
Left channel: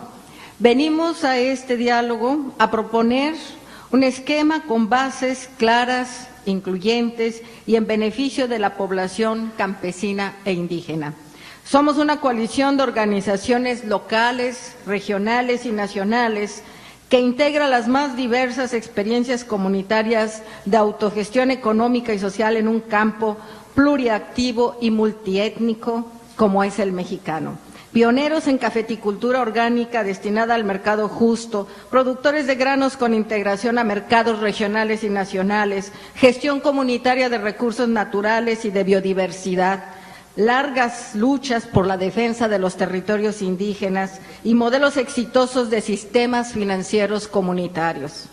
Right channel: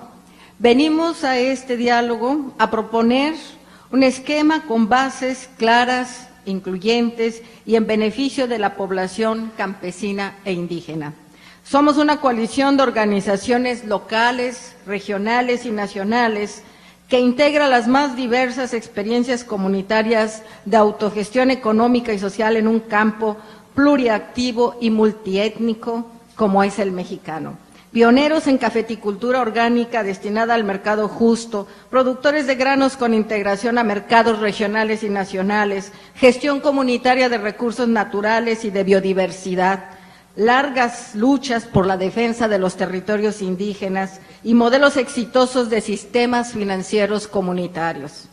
venimos a este diálogo a proponer un esquema con bases claras, incluyentes y en beneficio de la población campesina e indígena. Somos una coalición de organizaciones locales, regionales y nacionales que integra las más diversas experiencias comunitarias de autogestión económica y social en un campo pluriactivo y multiétnico como es el mexicano. Pioneros en cafeticultura orgánica destinada al mercado justo, productores de granos con integración a mercados regionales y nacionales, gestión comunitaria de recursos naturales y de biodiversidad, largas luchas por la defensa de los territorios indígenas y modelos exitosos de sistemas financieros comunitarios.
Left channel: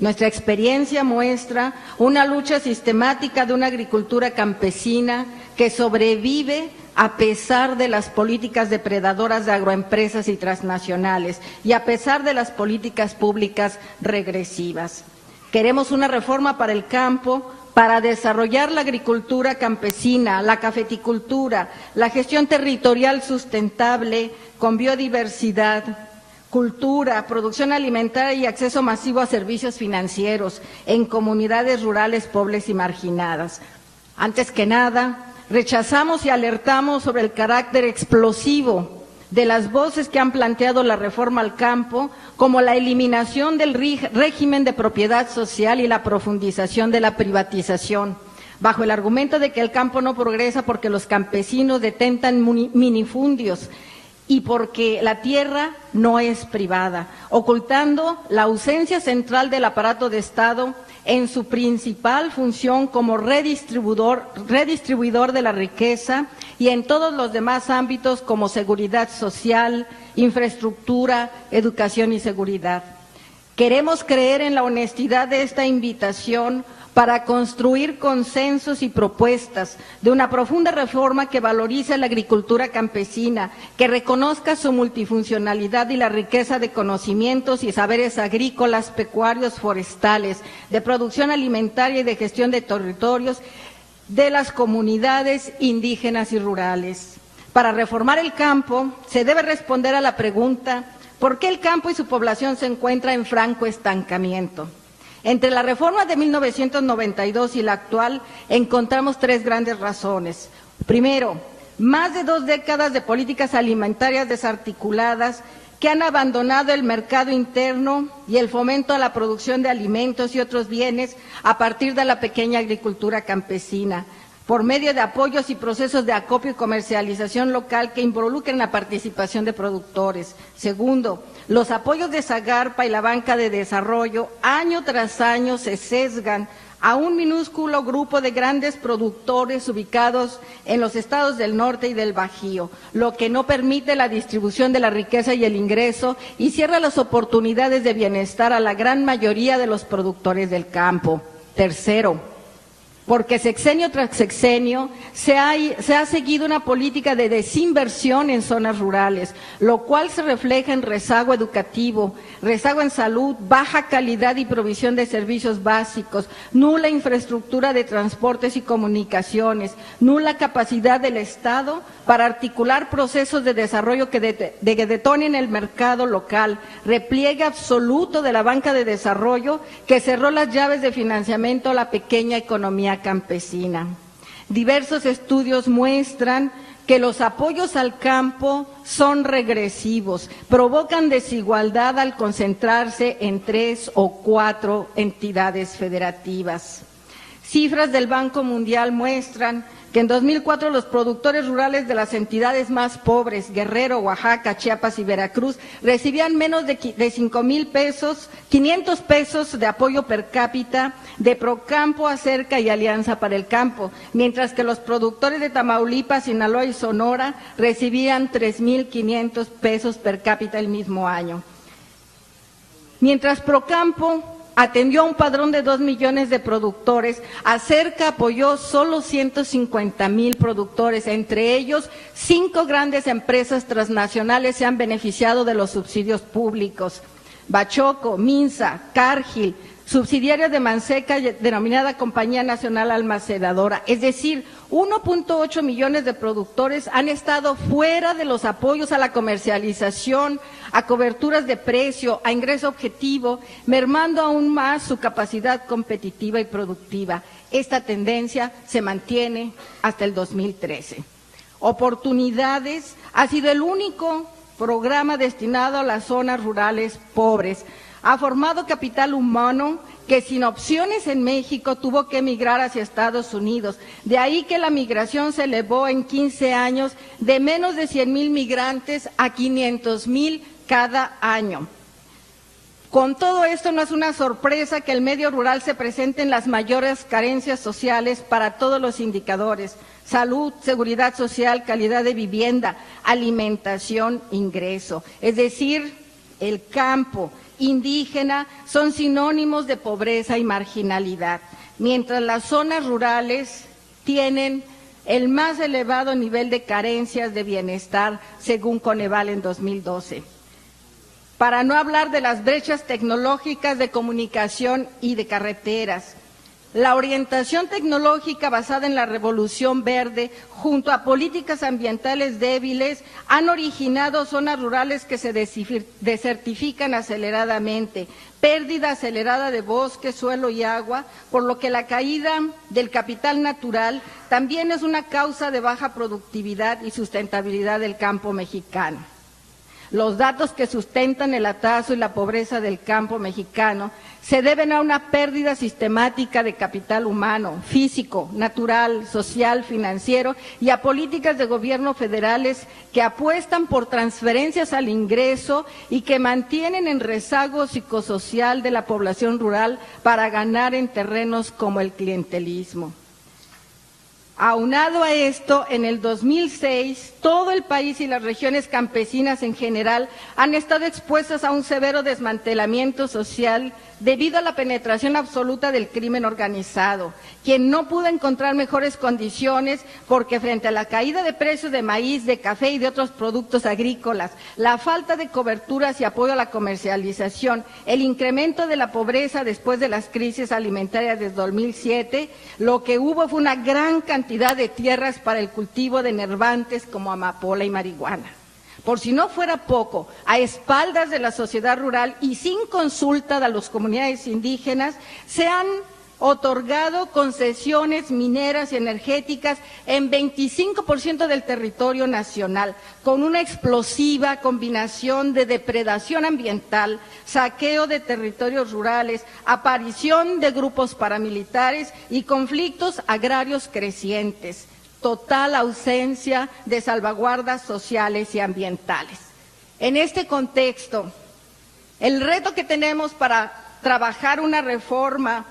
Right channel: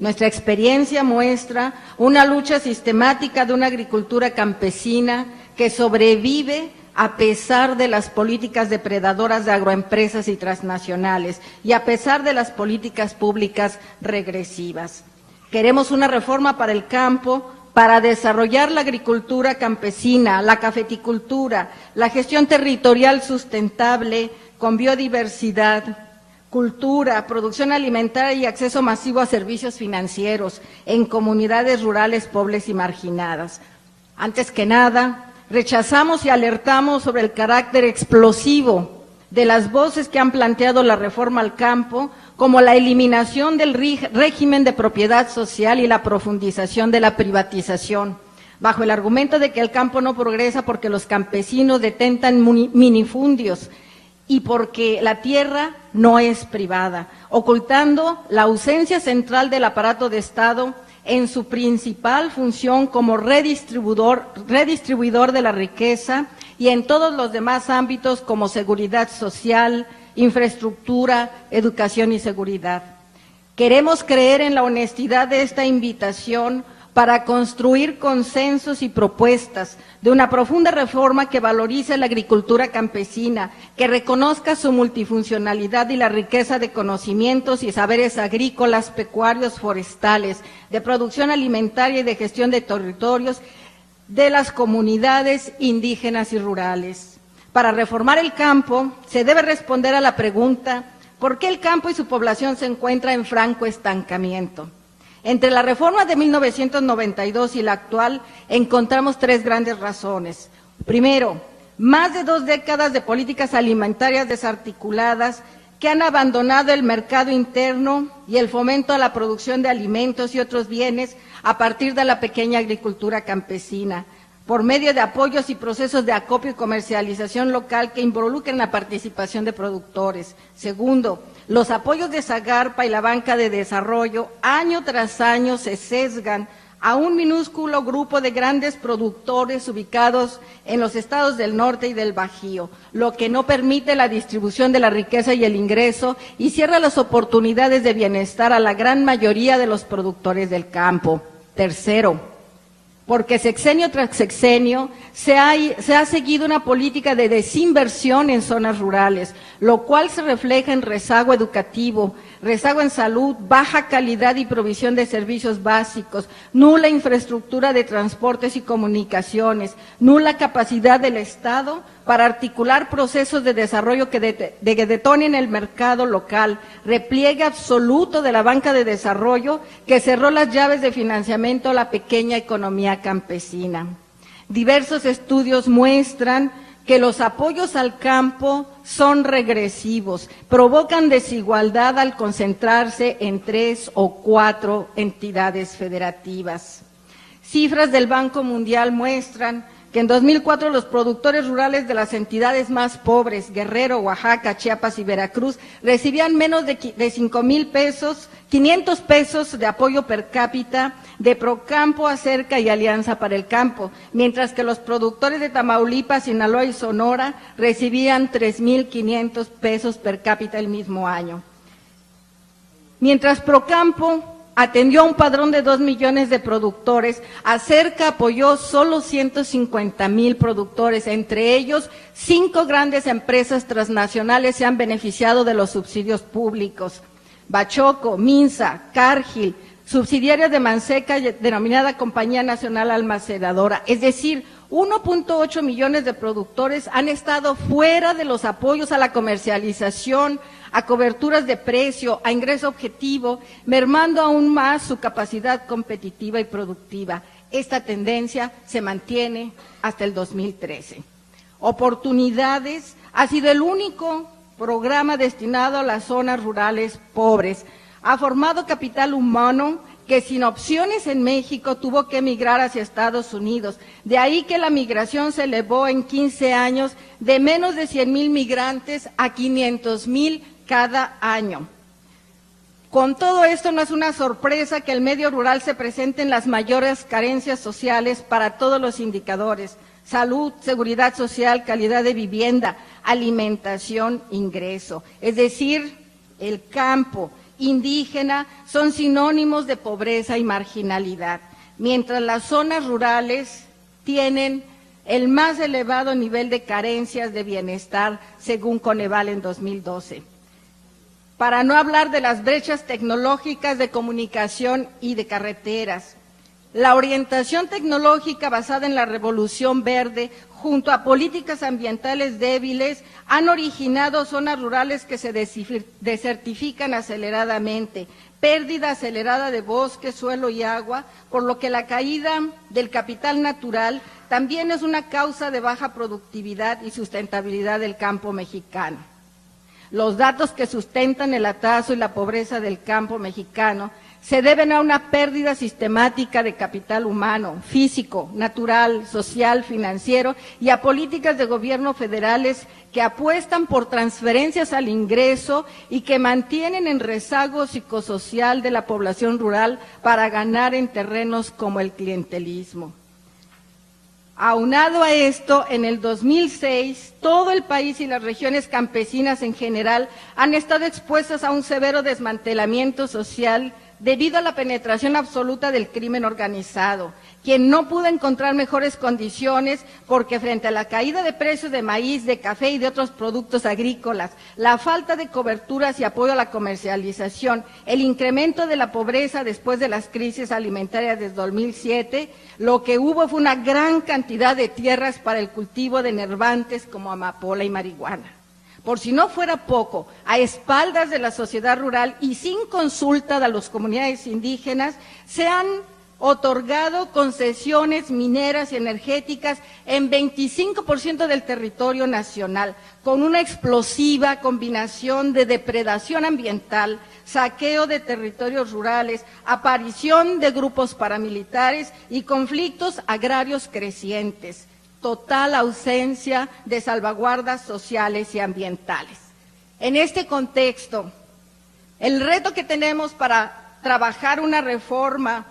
Nuestra experiencia muestra una lucha sistemática de una agricultura campesina que sobrevive a pesar de las políticas depredadoras de agroempresas y transnacionales y a pesar de las políticas públicas regresivas. Queremos una reforma para el campo, para desarrollar la agricultura campesina, la cafeticultura, la gestión territorial sustentable con biodiversidad, cultura, producción alimentaria y acceso masivo a servicios financieros en comunidades rurales, pobres y marginadas. Antes que nada, rechazamos y alertamos sobre el carácter explosivo de las voces que han planteado la reforma al campo, como la eliminación del régimen de propiedad social y la profundización de la privatización, bajo el argumento de que el campo no progresa porque los campesinos detentan minifundios y porque la tierra no es privada, ocultando la ausencia central del aparato de Estado en su principal función como redistribuidor de la riqueza y en todos los demás ámbitos como seguridad social, infraestructura, educación y seguridad. Queremos creer en la honestidad de esta invitación para construir consensos y propuestas de una profunda reforma que valorice la agricultura campesina, que reconozca su multifuncionalidad y la riqueza de conocimientos y saberes agrícolas, pecuarios, forestales, de producción alimentaria y de gestión de territorios de las comunidades indígenas y rurales. Para reformar el campo, se debe responder a la pregunta: ¿por qué el campo y su población se encuentran en franco estancamiento? Entre la reforma de 1992 y la actual encontramos tres grandes razones. Primero, más de 2 décadas de políticas alimentarias desarticuladas que han abandonado el mercado interno y el fomento a la producción de alimentos y otros bienes a partir de la pequeña agricultura campesina, por medio de apoyos y procesos de acopio y comercialización local que involucren la participación de productores. Segundo, los apoyos de Zagarpa y la banca de desarrollo año tras año se sesgan a un minúsculo grupo de grandes productores ubicados en los estados del norte y del Bajío, lo que no permite la distribución de la riqueza y el ingreso y cierra las oportunidades de bienestar a la gran mayoría de los productores del campo. Tercero, porque sexenio tras sexenio se ha seguido una política de desinversión en zonas rurales, lo cual se refleja en rezago educativo, rezago en salud, baja calidad y provisión de servicios básicos, nula infraestructura de transportes y comunicaciones, nula capacidad del Estado para articular procesos de desarrollo que detonen el mercado local, repliegue absoluto de la banca de desarrollo que cerró las llaves de financiamiento a la pequeña economía campesina. Diversos estudios muestran que los apoyos al campo son regresivos, provocan desigualdad al concentrarse en 3 o 4 entidades federativas. Cifras del Banco Mundial muestran que en 2004 los productores rurales de las entidades más pobres, Guerrero, Oaxaca, Chiapas y Veracruz, recibían menos de 500 pesos de apoyo per cápita de Procampo, Acerca y Alianza para el Campo, mientras que los productores de Tamaulipas, Sinaloa y Sonora recibían 3.500 pesos per cápita el mismo año. Mientras Procampo atendió a un padrón de 2 millones de productores, Acerca apoyó solo 150,000 productores, entre ellos 5 grandes empresas transnacionales se han beneficiado de los subsidios públicos. Bachoco, Minsa, Cargill, subsidiarios de Manseca, denominada Compañía Nacional Almacenadora, es decir, 1.8 millones de productores han estado fuera de los apoyos a la comercialización, a coberturas de precio, a ingreso objetivo, mermando aún más su capacidad competitiva y productiva. Esta tendencia se mantiene hasta el 2013. Oportunidades ha sido el único programa destinado a las zonas rurales pobres. Ha formado capital humano que sin opciones en México tuvo que emigrar hacia Estados Unidos. De ahí que la migración se elevó en 15 años de menos de 100,000 migrantes a 500,000 cada año. Con todo esto no es una sorpresa que el medio rural se presente en las mayores carencias sociales para todos los indicadores: salud, seguridad social, calidad de vivienda, alimentación, ingreso. Es decir, el campo indígena son sinónimos de pobreza y marginalidad, mientras las zonas rurales tienen el más elevado nivel de carencias de bienestar, según Coneval en 2012. Para no hablar de las brechas tecnológicas de comunicación y de carreteras. La orientación tecnológica basada en la revolución verde, junto a políticas ambientales débiles, han originado zonas rurales que se desertifican aceleradamente, pérdida acelerada de bosque, suelo y agua, por lo que la caída del capital natural también es una causa de baja productividad y sustentabilidad del campo mexicano. Los datos que sustentan el atraso y la pobreza del campo mexicano se deben a una pérdida sistemática de capital humano, físico, natural, social, financiero y a políticas de gobierno federales que apuestan por transferencias al ingreso y que mantienen en rezago psicosocial de la población rural para ganar en terrenos como el clientelismo. Aunado a esto, en el 2006, todo el país y las regiones campesinas en general han estado expuestas a un severo desmantelamiento social debido a la penetración absoluta del crimen organizado, quien no pudo encontrar mejores condiciones porque frente a la caída de precios de maíz, de café y de otros productos agrícolas, la falta de coberturas y apoyo a la comercialización, el incremento de la pobreza después de las crisis alimentarias desde 2007, lo que hubo fue una gran cantidad de tierras para el cultivo de nervantes como amapola y marihuana. Por si no fuera poco, a espaldas de la sociedad rural y sin consulta de las comunidades indígenas, se han otorgado concesiones mineras y energéticas en 25% del territorio nacional, con una explosiva combinación de depredación ambiental, saqueo de territorios rurales, aparición de grupos paramilitares y conflictos agrarios crecientes. Total ausencia de salvaguardas sociales y ambientales. En este contexto, el reto que tenemos para trabajar una reforma,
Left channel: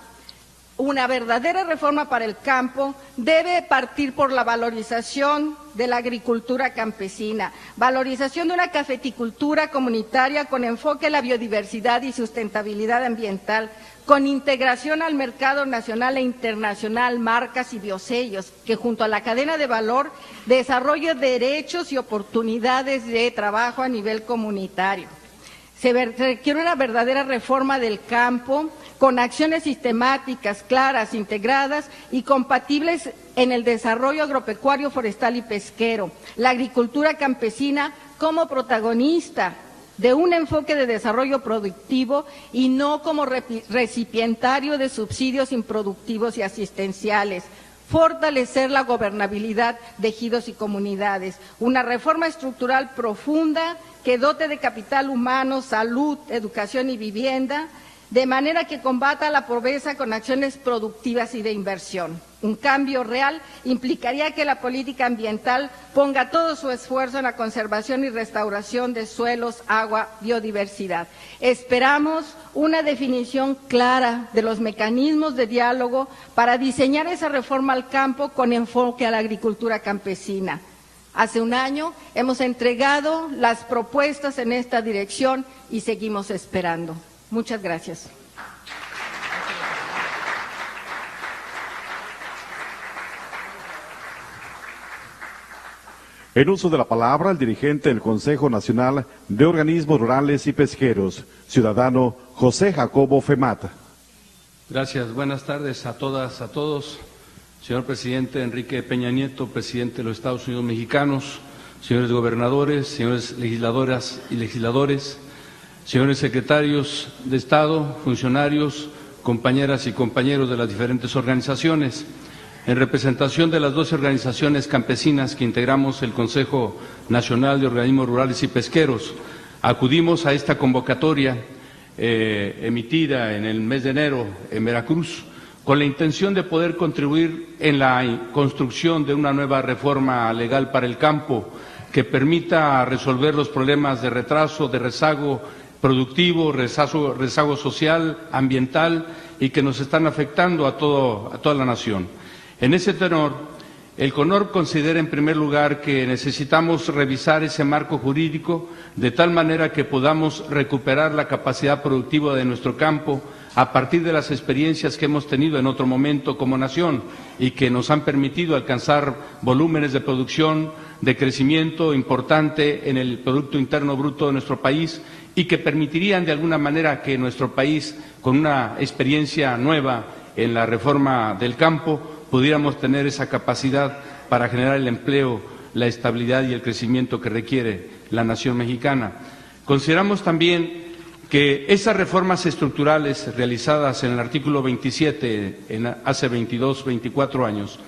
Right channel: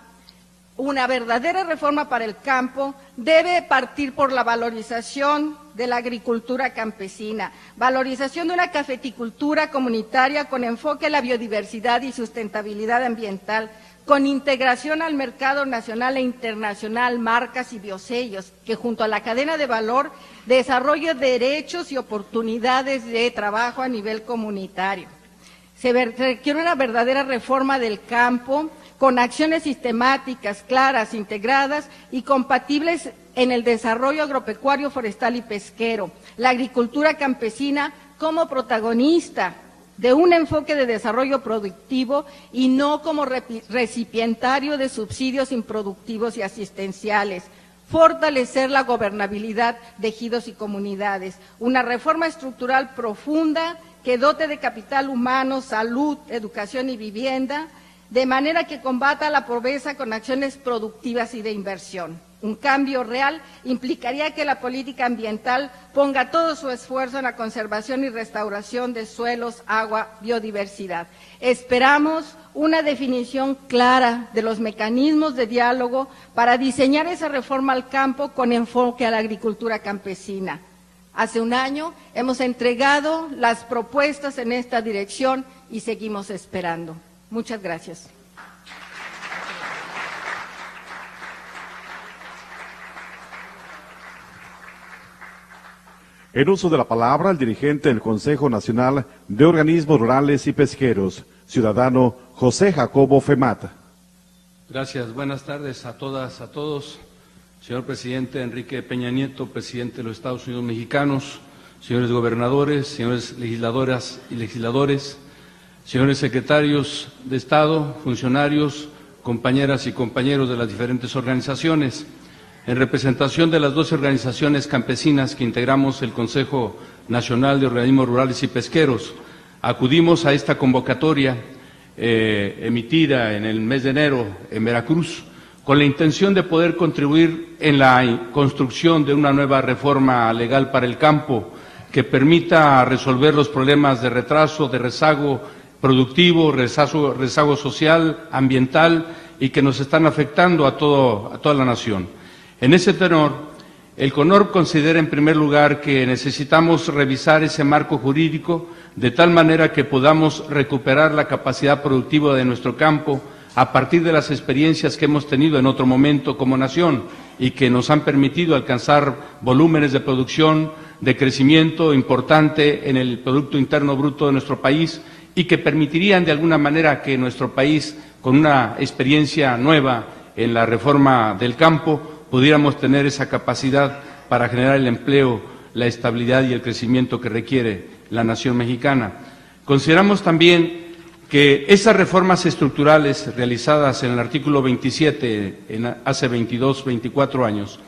una verdadera reforma para el campo, debe partir por la valorización de la agricultura campesina, valorización de una cafeticultura comunitaria con enfoque en la biodiversidad y sustentabilidad ambiental, con integración al mercado nacional e internacional, marcas y biosellos, que junto a la cadena de valor desarrolle derechos y oportunidades de trabajo a nivel comunitario. Se requiere una verdadera reforma del campo con acciones sistemáticas, claras, integradas y compatibles en el desarrollo agropecuario, forestal y pesquero. La agricultura campesina como protagonista de un enfoque de desarrollo productivo y no como recipientario de subsidios improductivos y asistenciales. fortalecer la gobernabilidad de ejidos y comunidades, una reforma estructural profunda que dote de capital humano, salud, educación y vivienda, de manera que combata la pobreza con acciones productivas y de inversión. Un cambio real implicaría que la política ambiental ponga todo su esfuerzo en la conservación y restauración de suelos, agua, biodiversidad. Esperamos una definición clara de los mecanismos de diálogo para diseñar esa reforma al campo con enfoque a la agricultura campesina. Hace un año hemos entregado las propuestas en esta dirección y seguimos esperando. Muchas gracias. En uso de la palabra, el dirigente del Consejo Nacional de Organismos Rurales y Pesqueros, ciudadano José Jacobo Femata. Gracias. Buenas tardes a todas, a todos. Señor presidente Enrique Peña Nieto, presidente de los Estados Unidos mexicanos, señores gobernadores, señores legisladoras y legisladores, señores secretarios de Estado, funcionarios, compañeras y compañeros de las diferentes organizaciones. En representación de las 12 organizaciones campesinas que integramos el Consejo Nacional de Organismos Rurales y Pesqueros, acudimos a esta convocatoria emitida en el mes de enero en Veracruz, con la intención de poder contribuir en la construcción de una nueva reforma legal para el campo que permita resolver los problemas de retraso, de rezago productivo, rezago social, ambiental y que nos están afectando a toda la nación. En ese tenor, el CONORP considera en primer lugar que necesitamos revisar ese marco jurídico de tal manera que podamos recuperar la capacidad productiva de nuestro campo a partir de las experiencias que hemos tenido en otro momento como nación y que nos han permitido alcanzar volúmenes de producción, de crecimiento importante en el Producto Interno Bruto de nuestro país y que permitirían de alguna manera que nuestro país, con una experiencia nueva en la reforma del campo, pudiéramos tener esa capacidad para generar el empleo, la estabilidad y el crecimiento que requiere la nación mexicana. Consideramos también que esas reformas estructurales realizadas en el artículo 27, hace 22, 24 años,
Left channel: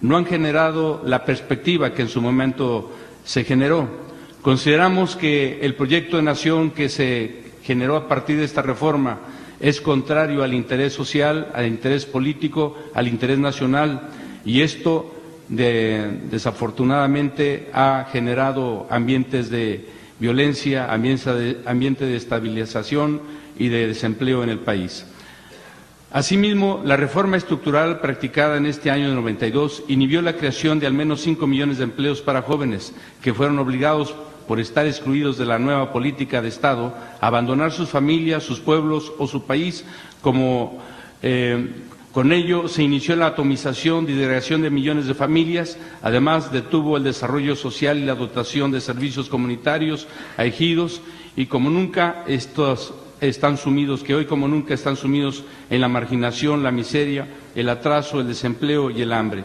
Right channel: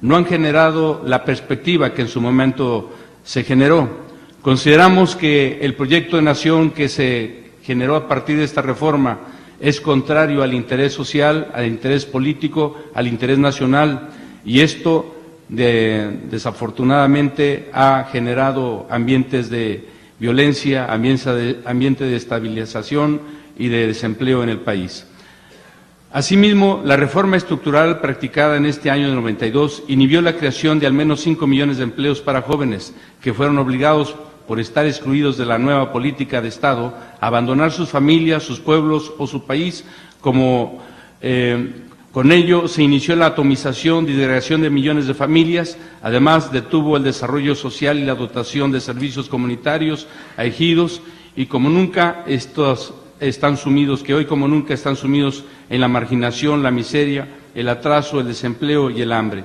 no han generado la perspectiva que en su momento se generó. Consideramos que el proyecto de nación que se generó a partir de esta reforma es contrario al interés social, al interés político, al interés nacional, y esto desafortunadamente ha generado ambientes de violencia, ambiente de estabilización y de desempleo en el país. Asimismo, la reforma estructural practicada en este año de 92 inhibió la creación de al menos 5 millones de empleos para jóvenes que fueron obligados por estar excluidos de la nueva política de Estado, abandonar sus familias, sus pueblos o su país, con ello se inició la atomización y disgregación de millones de familias, además detuvo el desarrollo social y la dotación de servicios comunitarios a ejidos, y como nunca estos están sumidos, que hoy como nunca están sumidos en la marginación, la miseria, el atraso, el desempleo y el hambre.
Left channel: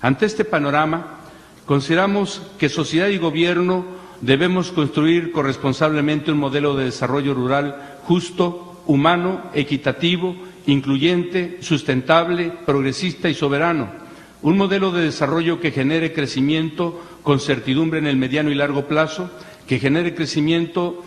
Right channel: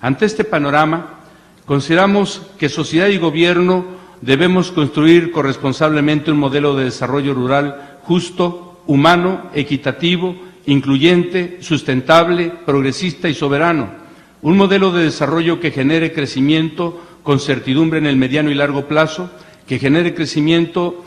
Ante este panorama, consideramos que sociedad y gobierno debemos construir corresponsablemente un modelo de desarrollo rural justo, humano, equitativo, incluyente, sustentable, progresista y soberano. Un modelo de desarrollo que genere crecimiento con certidumbre en el mediano y largo plazo, que genere crecimiento,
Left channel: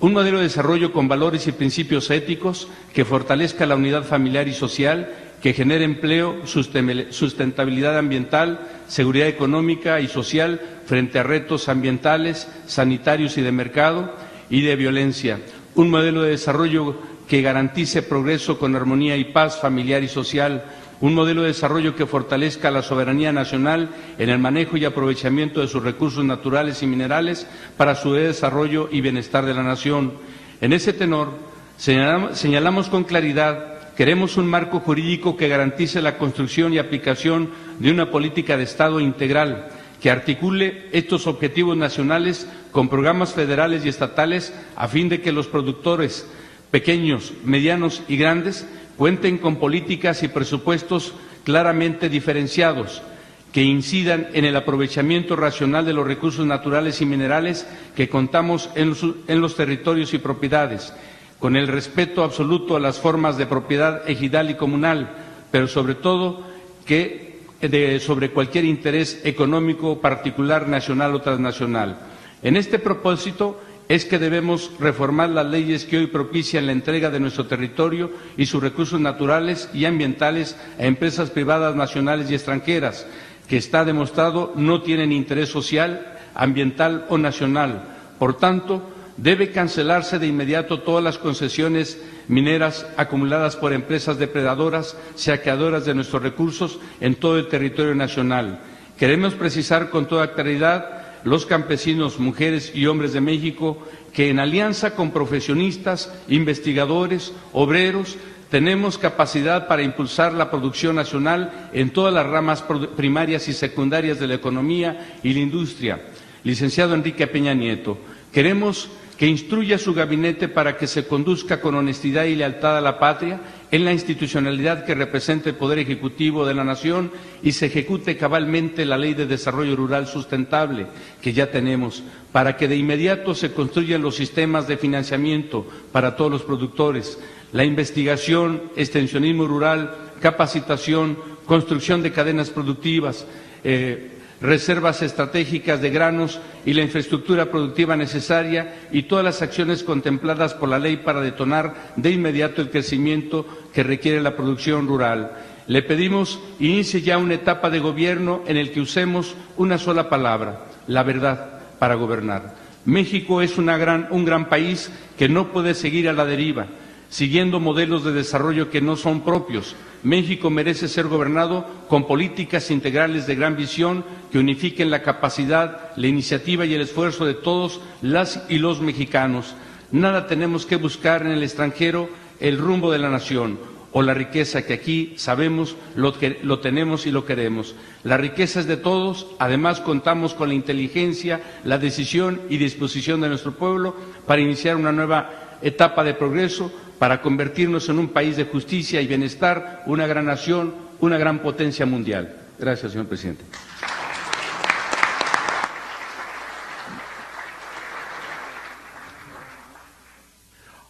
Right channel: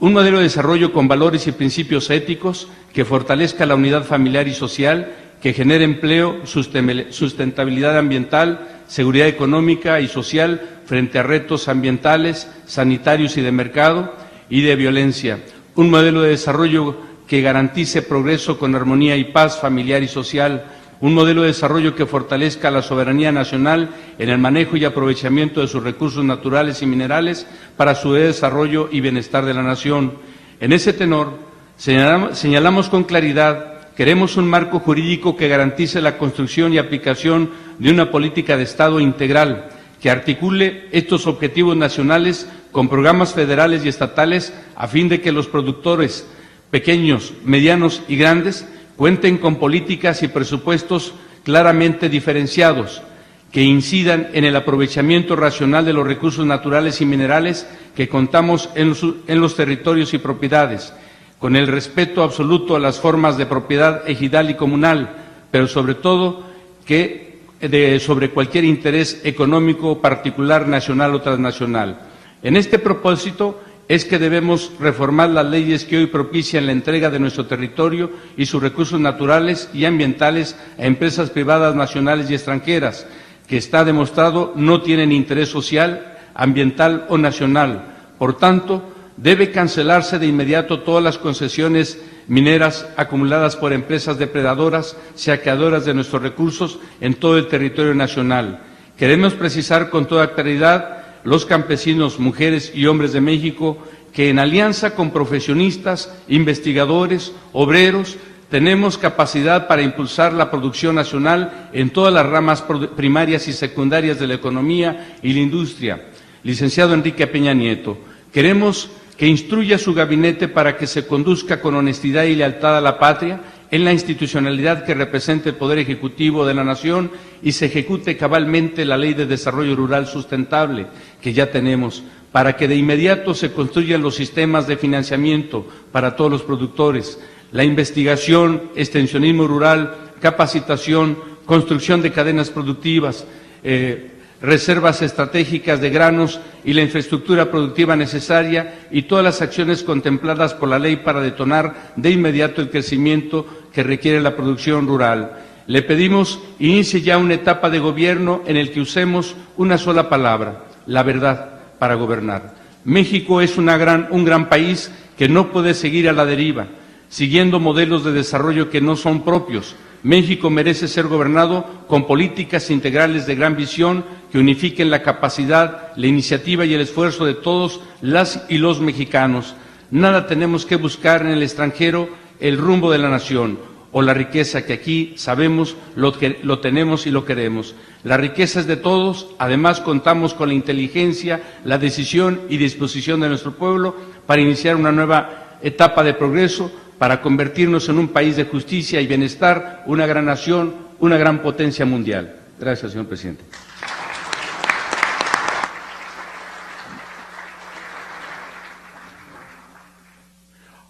un modelo de desarrollo con valores y principios éticos, que fortalezca la unidad familiar y social, que genere empleo, sustentabilidad ambiental, seguridad económica y social frente a retos ambientales, sanitarios y de mercado y de violencia. Un modelo de desarrollo que garantice progreso con armonía y paz familiar y social. Un modelo de desarrollo que fortalezca la soberanía nacional en el manejo y aprovechamiento de sus recursos naturales y minerales para su desarrollo y bienestar de la nación. En ese tenor, señalamos con claridad: queremos un marco jurídico que garantice la construcción y aplicación de una política de Estado integral, que articule estos objetivos nacionales con programas federales y estatales a fin de que los productores pequeños, medianos y grandes cuenten con políticas y presupuestos claramente diferenciados, que incidan en el aprovechamiento racional de los recursos naturales y minerales que contamos en los territorios y propiedades, con el respeto absoluto a las formas de propiedad ejidal y comunal, pero sobre todo sobre cualquier interés económico particular, nacional o transnacional. En este propósito es que debemos reformar las leyes que hoy propician la entrega de nuestro territorio y sus recursos naturales y ambientales a empresas privadas nacionales y extranjeras, que está demostrado no tienen interés social, ambiental o nacional. Por tanto, debe cancelarse de inmediato todas las concesiones mineras acumuladas por empresas depredadoras, saqueadoras de nuestros recursos en todo el territorio nacional. Queremos precisar con toda claridad, los campesinos, mujeres y hombres de México, que en alianza con profesionistas, investigadores, obreros, tenemos capacidad para impulsar la producción nacional en todas las ramas primarias y secundarias de la economía y la industria. Licenciado Enrique Peña Nieto, queremos que instruya a su gabinete para que se conduzca con honestidad y lealtad a la patria en la institucionalidad que representa el Poder Ejecutivo de la Nación y se ejecute cabalmente la Ley de Desarrollo Rural Sustentable que ya tenemos, para que de inmediato se construyan los sistemas de financiamiento para todos los productores, la investigación, extensionismo rural, capacitación, construcción de cadenas productivas, reservas estratégicas de granos y la infraestructura productiva necesaria y todas las acciones contempladas por la ley para detonar de inmediato el crecimiento que requiere la producción rural. Le pedimos inicie ya una etapa de gobierno en el que usemos una sola palabra, la verdad, para gobernar. México es un gran país que no puede seguir a la deriva, siguiendo modelos de desarrollo que no son propios. México merece ser gobernado con políticas integrales de gran visión que unifiquen la capacidad, la iniciativa y el esfuerzo de todos las y los mexicanos. Nada tenemos que buscar en el extranjero el rumbo de la nación o la riqueza que aquí sabemos lo tenemos y lo queremos. La riqueza es de todos, además contamos con la inteligencia, la decisión y disposición de nuestro pueblo para iniciar una nueva etapa de progreso, para convertirnos en un país de justicia y bienestar, una gran nación, una gran potencia mundial. Gracias, señor presidente.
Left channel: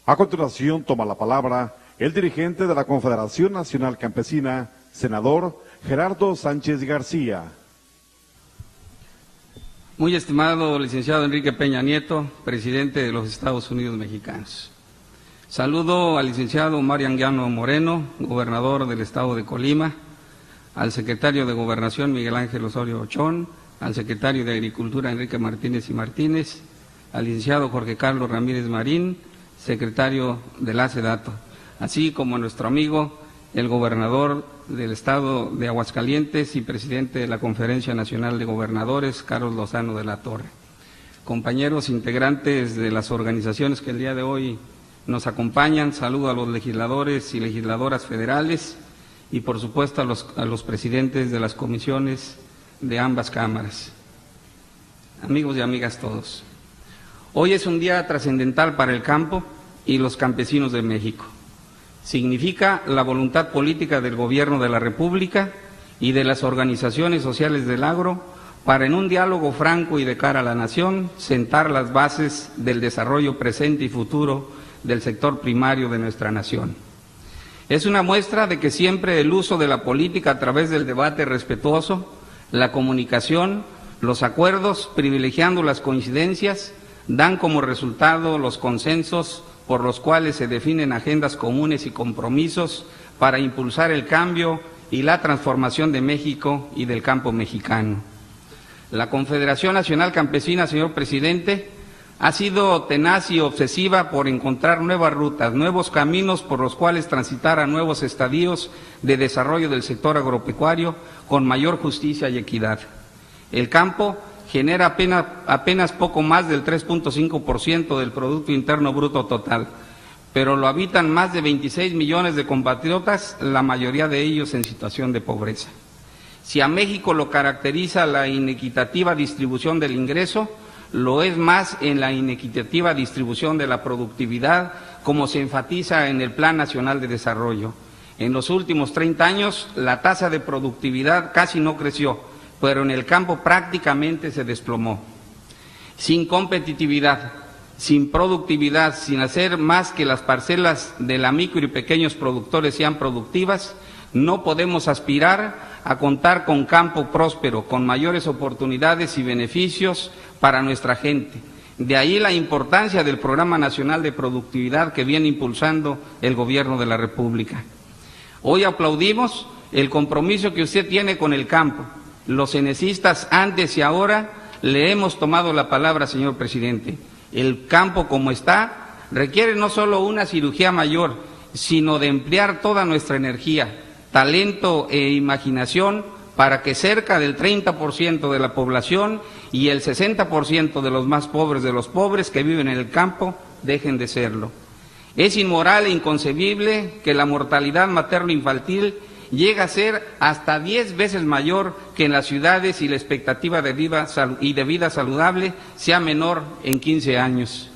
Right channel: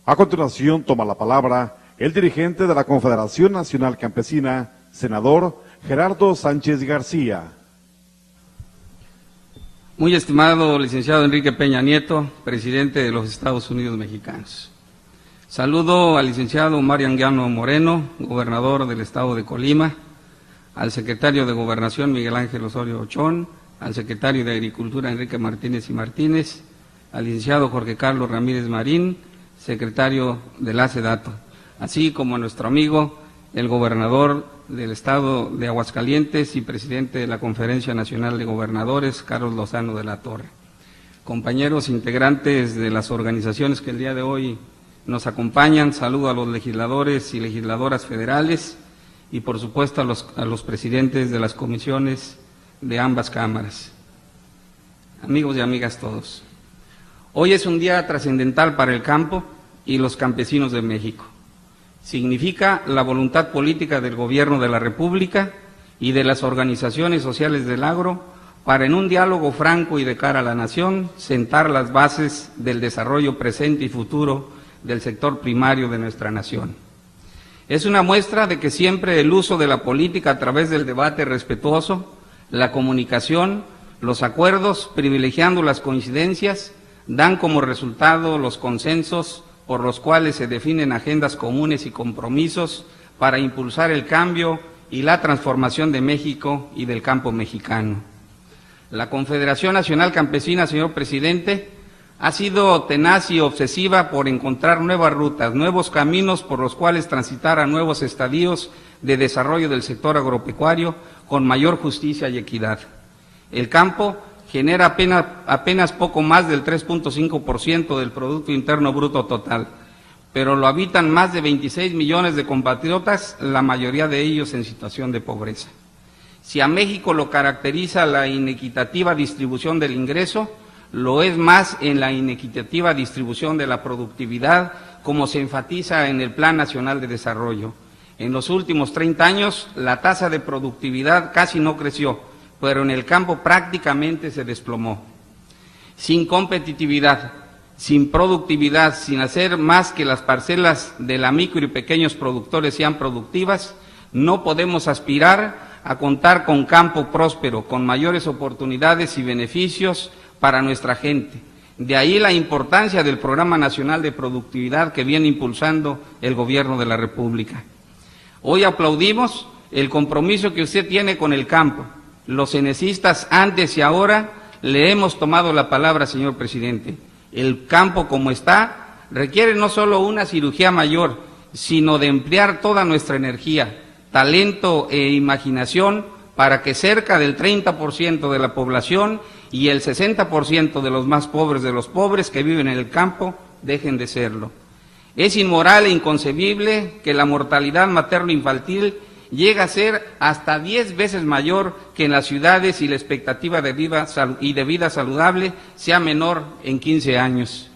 A continuación toma la palabra el dirigente de la Confederación Nacional Campesina, senador Gerardo Sánchez García. Muy estimado licenciado Enrique Peña Nieto, presidente de los Estados Unidos mexicanos. Saludo al licenciado Mario Anguiano Moreno, gobernador del estado de Colima, al secretario de Gobernación Miguel Ángel Osorio Ochón, al secretario de Agricultura Enrique Martínez y Martínez, al licenciado Jorge Carlos Ramírez Marín, secretario de la SEDATO, así como a nuestro amigo, el gobernador del estado de Aguascalientes y presidente de la Conferencia Nacional de Gobernadores, Carlos Lozano de la Torre. Compañeros integrantes de las organizaciones que el día de hoy nos acompañan, saludo a los legisladores y legisladoras federales y por supuesto a los presidentes de las comisiones de ambas cámaras. Amigos y amigas todos, hoy es un día trascendental para el campo y los campesinos de México. Significa la voluntad política del Gobierno de la República y de las organizaciones sociales del agro para en un diálogo franco y de cara a la nación sentar las bases del desarrollo presente y futuro del sector primario de nuestra nación. Es una muestra de que siempre el uso de la política a través del debate respetuoso, la comunicación, los acuerdos, privilegiando las coincidencias, dan como resultado los consensos por los cuales se definen agendas comunes y compromisos para impulsar el cambio y la transformación de México y del campo mexicano. La Confederación Nacional Campesina, señor presidente, ha sido tenaz y obsesiva por encontrar nuevas rutas, nuevos caminos por los cuales transitar a nuevos estadios de desarrollo del sector agropecuario con mayor justicia y equidad. El campo genera apenas poco más del 3.5% del Producto Interno Bruto total, pero lo habitan más de 26 millones de compatriotas, la mayoría de ellos en situación de pobreza. Si a México lo caracteriza la inequitativa distribución del ingreso, lo es más en la inequitativa distribución de la productividad, como se enfatiza en el Plan Nacional de Desarrollo. En los últimos 30 años, la tasa de productividad casi no creció, pero en el campo prácticamente se desplomó. Sin competitividad, sin productividad, sin hacer más que las parcelas de la micro y pequeños productores sean productivas, no podemos aspirar a contar con campo próspero, con mayores oportunidades y beneficios para nuestra gente. De ahí la importancia del Programa Nacional de Productividad que viene impulsando el Gobierno de la República. Hoy aplaudimos el compromiso que usted tiene con el campo. Los cenecistas antes y ahora le hemos tomado la palabra, señor presidente. El campo como está requiere no solo una cirugía mayor, sino de emplear toda nuestra energía, talento e imaginación para que cerca del 30% de la población y el 60% de los más pobres de los pobres que viven en el campo dejen de serlo. Es inmoral e inconcebible que la mortalidad materno-infantil llegue a ser hasta 10 veces mayor que en las ciudades y la expectativa de vida saludable sea menor en 15 años.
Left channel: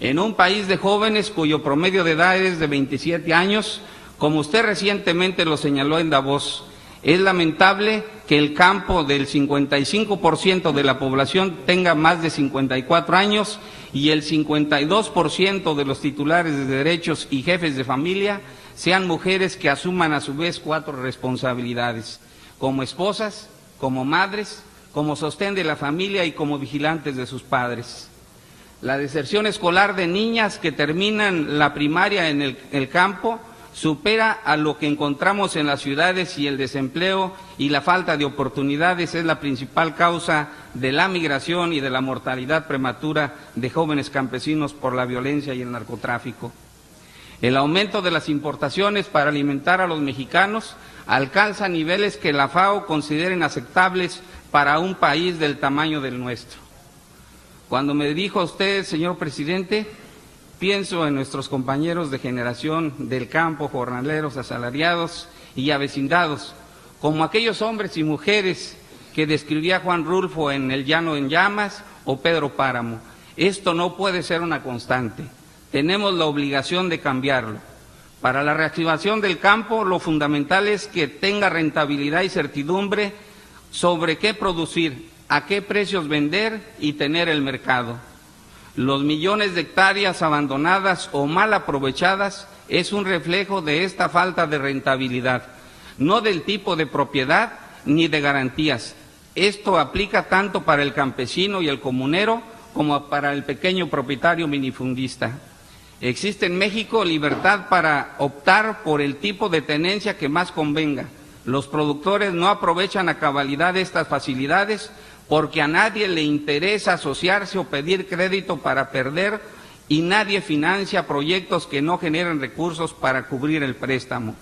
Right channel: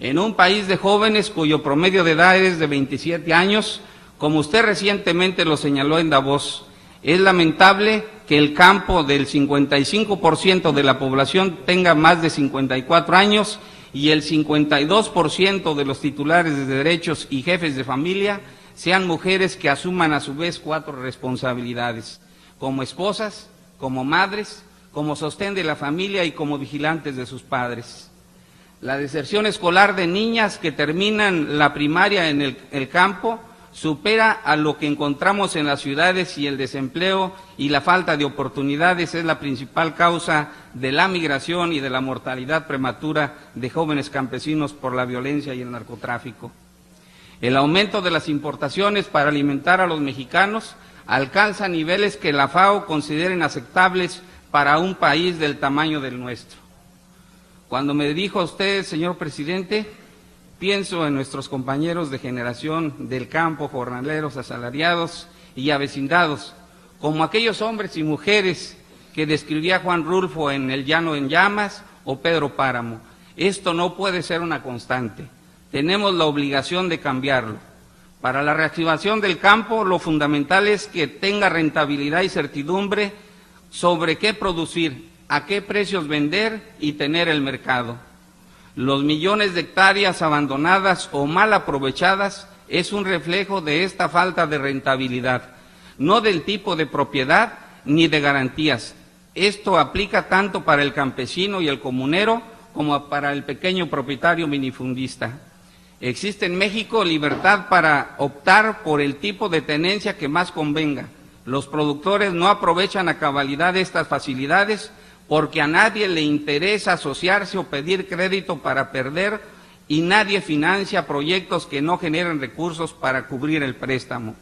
En un país de jóvenes cuyo promedio de edad es de 27 años, como usted recientemente lo señaló en Davos, es lamentable que el campo del 55% de la población tenga más de 54 años y el 52% de los titulares de derechos y jefes de familia sean mujeres que asuman a su vez 4 responsabilidades, como esposas, como madres, como sostén de la familia y como vigilantes de sus padres. La deserción escolar de niñas que terminan la primaria en el campo supera a lo que encontramos en las ciudades y el desempleo y la falta de oportunidades es la principal causa de la migración y de la mortalidad prematura de jóvenes campesinos por la violencia y el narcotráfico. El aumento de las importaciones para alimentar a los mexicanos alcanza niveles que la FAO considera inaceptables para un país del tamaño del nuestro. Cuando me dirijo a usted, señor presidente, pienso en nuestros compañeros de generación del campo, jornaleros, asalariados y avecindados, como aquellos hombres y mujeres que describía Juan Rulfo en El Llano en Llamas o Pedro Páramo. Esto no puede ser una constante. Tenemos la obligación de cambiarlo. Para la reactivación del campo, lo fundamental es que tenga rentabilidad y certidumbre sobre qué producir, a qué precios vender y tener el mercado. Los millones de hectáreas abandonadas o mal aprovechadas es un reflejo de esta falta de rentabilidad, no del tipo de propiedad ni de garantías. Esto aplica tanto para el campesino y el comunero como para el pequeño propietario minifundista. Existe en México libertad para optar por el tipo de tenencia que más convenga. Los productores no aprovechan a cabalidad estas facilidades porque a nadie le interesa asociarse o pedir crédito para perder y nadie financia proyectos que no generen recursos para cubrir el préstamo.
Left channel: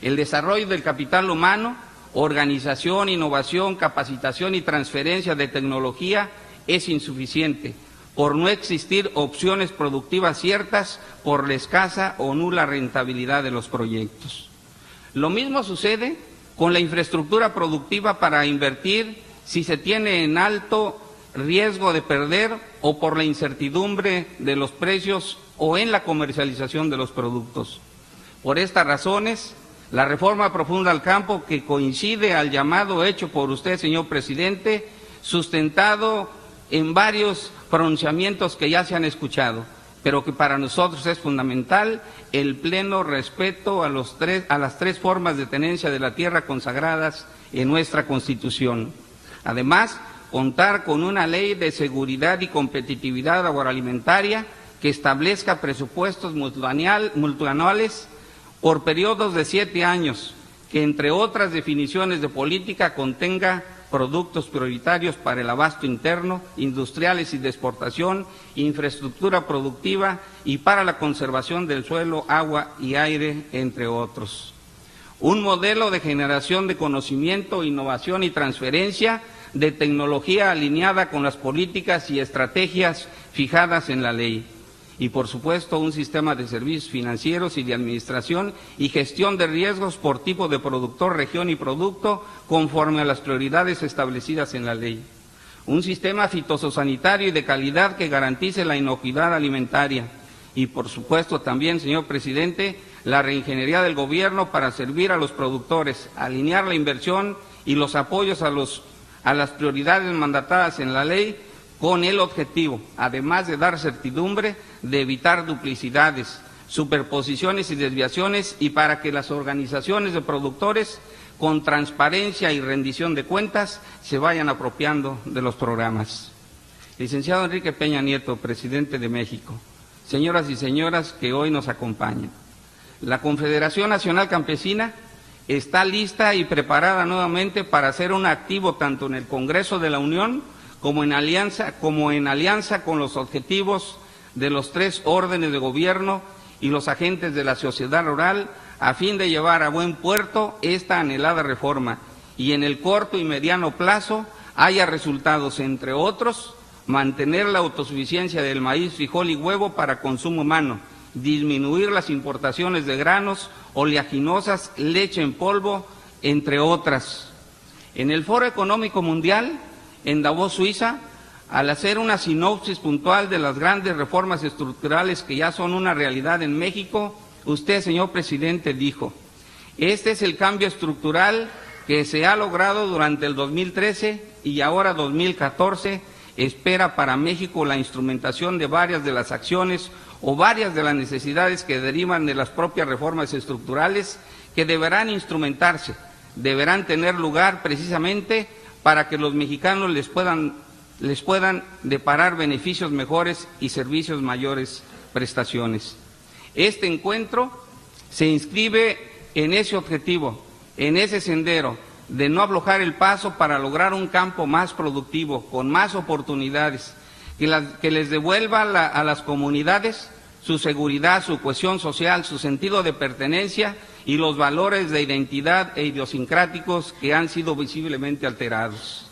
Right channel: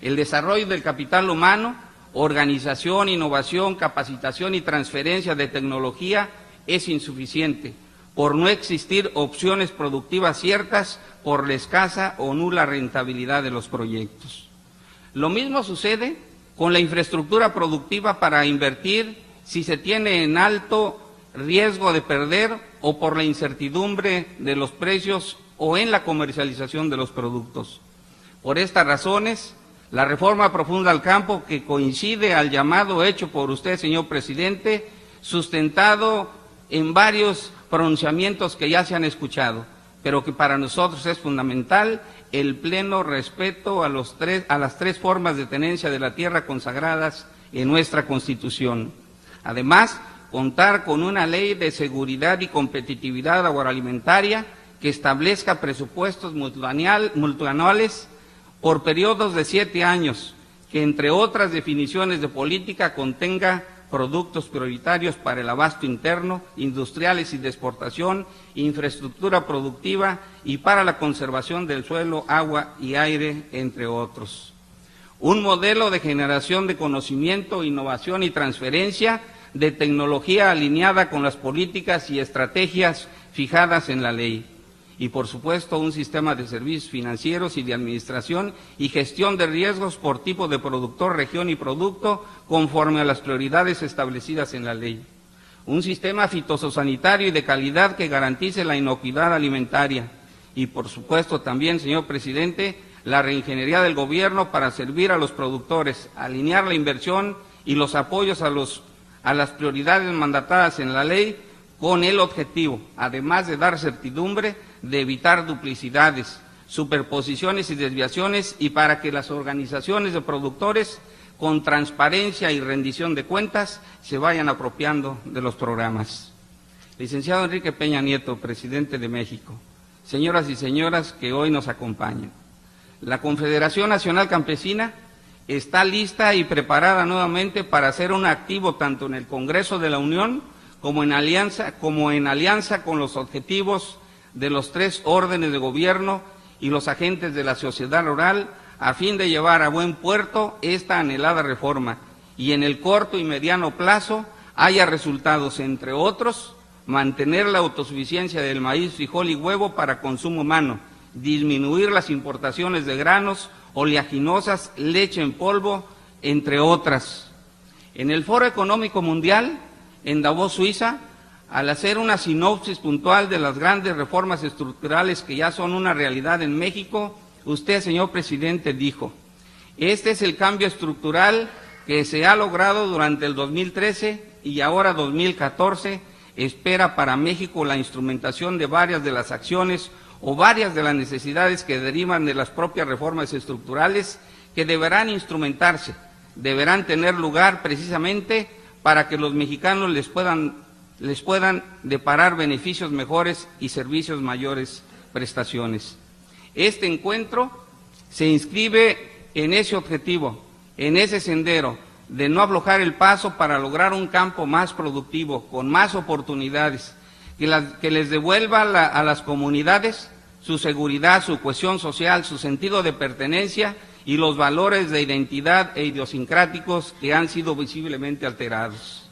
El desarrollo del capital humano, organización, innovación, capacitación y transferencia de tecnología es insuficiente por no existir opciones productivas ciertas por la escasa o nula rentabilidad de los proyectos. Lo mismo sucede con la infraestructura productiva para invertir si se tiene en alto riesgo de perder o por la incertidumbre de los precios o en la comercialización de los productos. Por estas razones, la reforma profunda al campo, que coincide al llamado hecho por usted, señor presidente, sustentado en varios pronunciamientos que ya se han escuchado, pero que para nosotros es fundamental el pleno respeto a las tres formas de tenencia de la tierra consagradas en nuestra Constitución. Además, contar con una ley de seguridad y competitividad agroalimentaria que establezca presupuestos multianuales por periodos de 7 años, que entre otras definiciones de política contenga productos prioritarios para el abasto interno, industriales y de exportación, infraestructura productiva y para la conservación del suelo, agua y aire, entre otros. Un modelo de generación de conocimiento, innovación y transferencia de tecnología alineada con las políticas y estrategias fijadas en la ley. Y, por supuesto, un sistema de servicios financieros y de administración y gestión de riesgos por tipo de productor, región y producto, conforme a las prioridades establecidas en la ley. Un sistema fitosanitario y de calidad que garantice la inocuidad alimentaria. Y, por supuesto, también, señor presidente, la reingeniería del gobierno para servir a los productores, alinear la inversión y los apoyos a las prioridades mandatadas en la ley, con el objetivo, además de dar certidumbre, de evitar duplicidades, superposiciones y desviaciones, y para que las organizaciones de productores con transparencia y rendición de cuentas, se vayan apropiando de los programas. Licenciado Enrique Peña Nieto, presidente de México, señoras y señores que hoy nos acompañan, la Confederación Nacional Campesina está lista y preparada nuevamente para ser un activo tanto en el Congreso de la Unión como en alianza con los objetivos de los 3 órdenes de gobierno y los agentes de la sociedad rural a fin de llevar a buen puerto esta anhelada reforma y en el corto y mediano plazo haya resultados, entre otros, mantener la autosuficiencia del maíz, frijol y huevo para consumo humano, disminuir las importaciones de granos, oleaginosas, leche en polvo, entre otras. En el Foro Económico Mundial, en Davos, Suiza, al hacer una sinopsis puntual de las grandes reformas estructurales que ya son una realidad en México, usted, señor presidente, dijo: este es el cambio estructural que se ha logrado durante el 2013 y ahora 2014, espera para México la instrumentación de varias de las acciones o varias de las necesidades que derivan de las propias reformas estructurales que deberán instrumentarse, deberán tener lugar precisamente para que los mexicanos les puedan deparar beneficios mejores y servicios mayores prestaciones. Este encuentro se inscribe en ese objetivo, en ese sendero de no aflojar el paso para lograr un campo más productivo, con más oportunidades, que les devuelva a las comunidades su seguridad, su cohesión social, su sentido de pertenencia y los valores de identidad e idiosincráticos que han sido visiblemente alterados.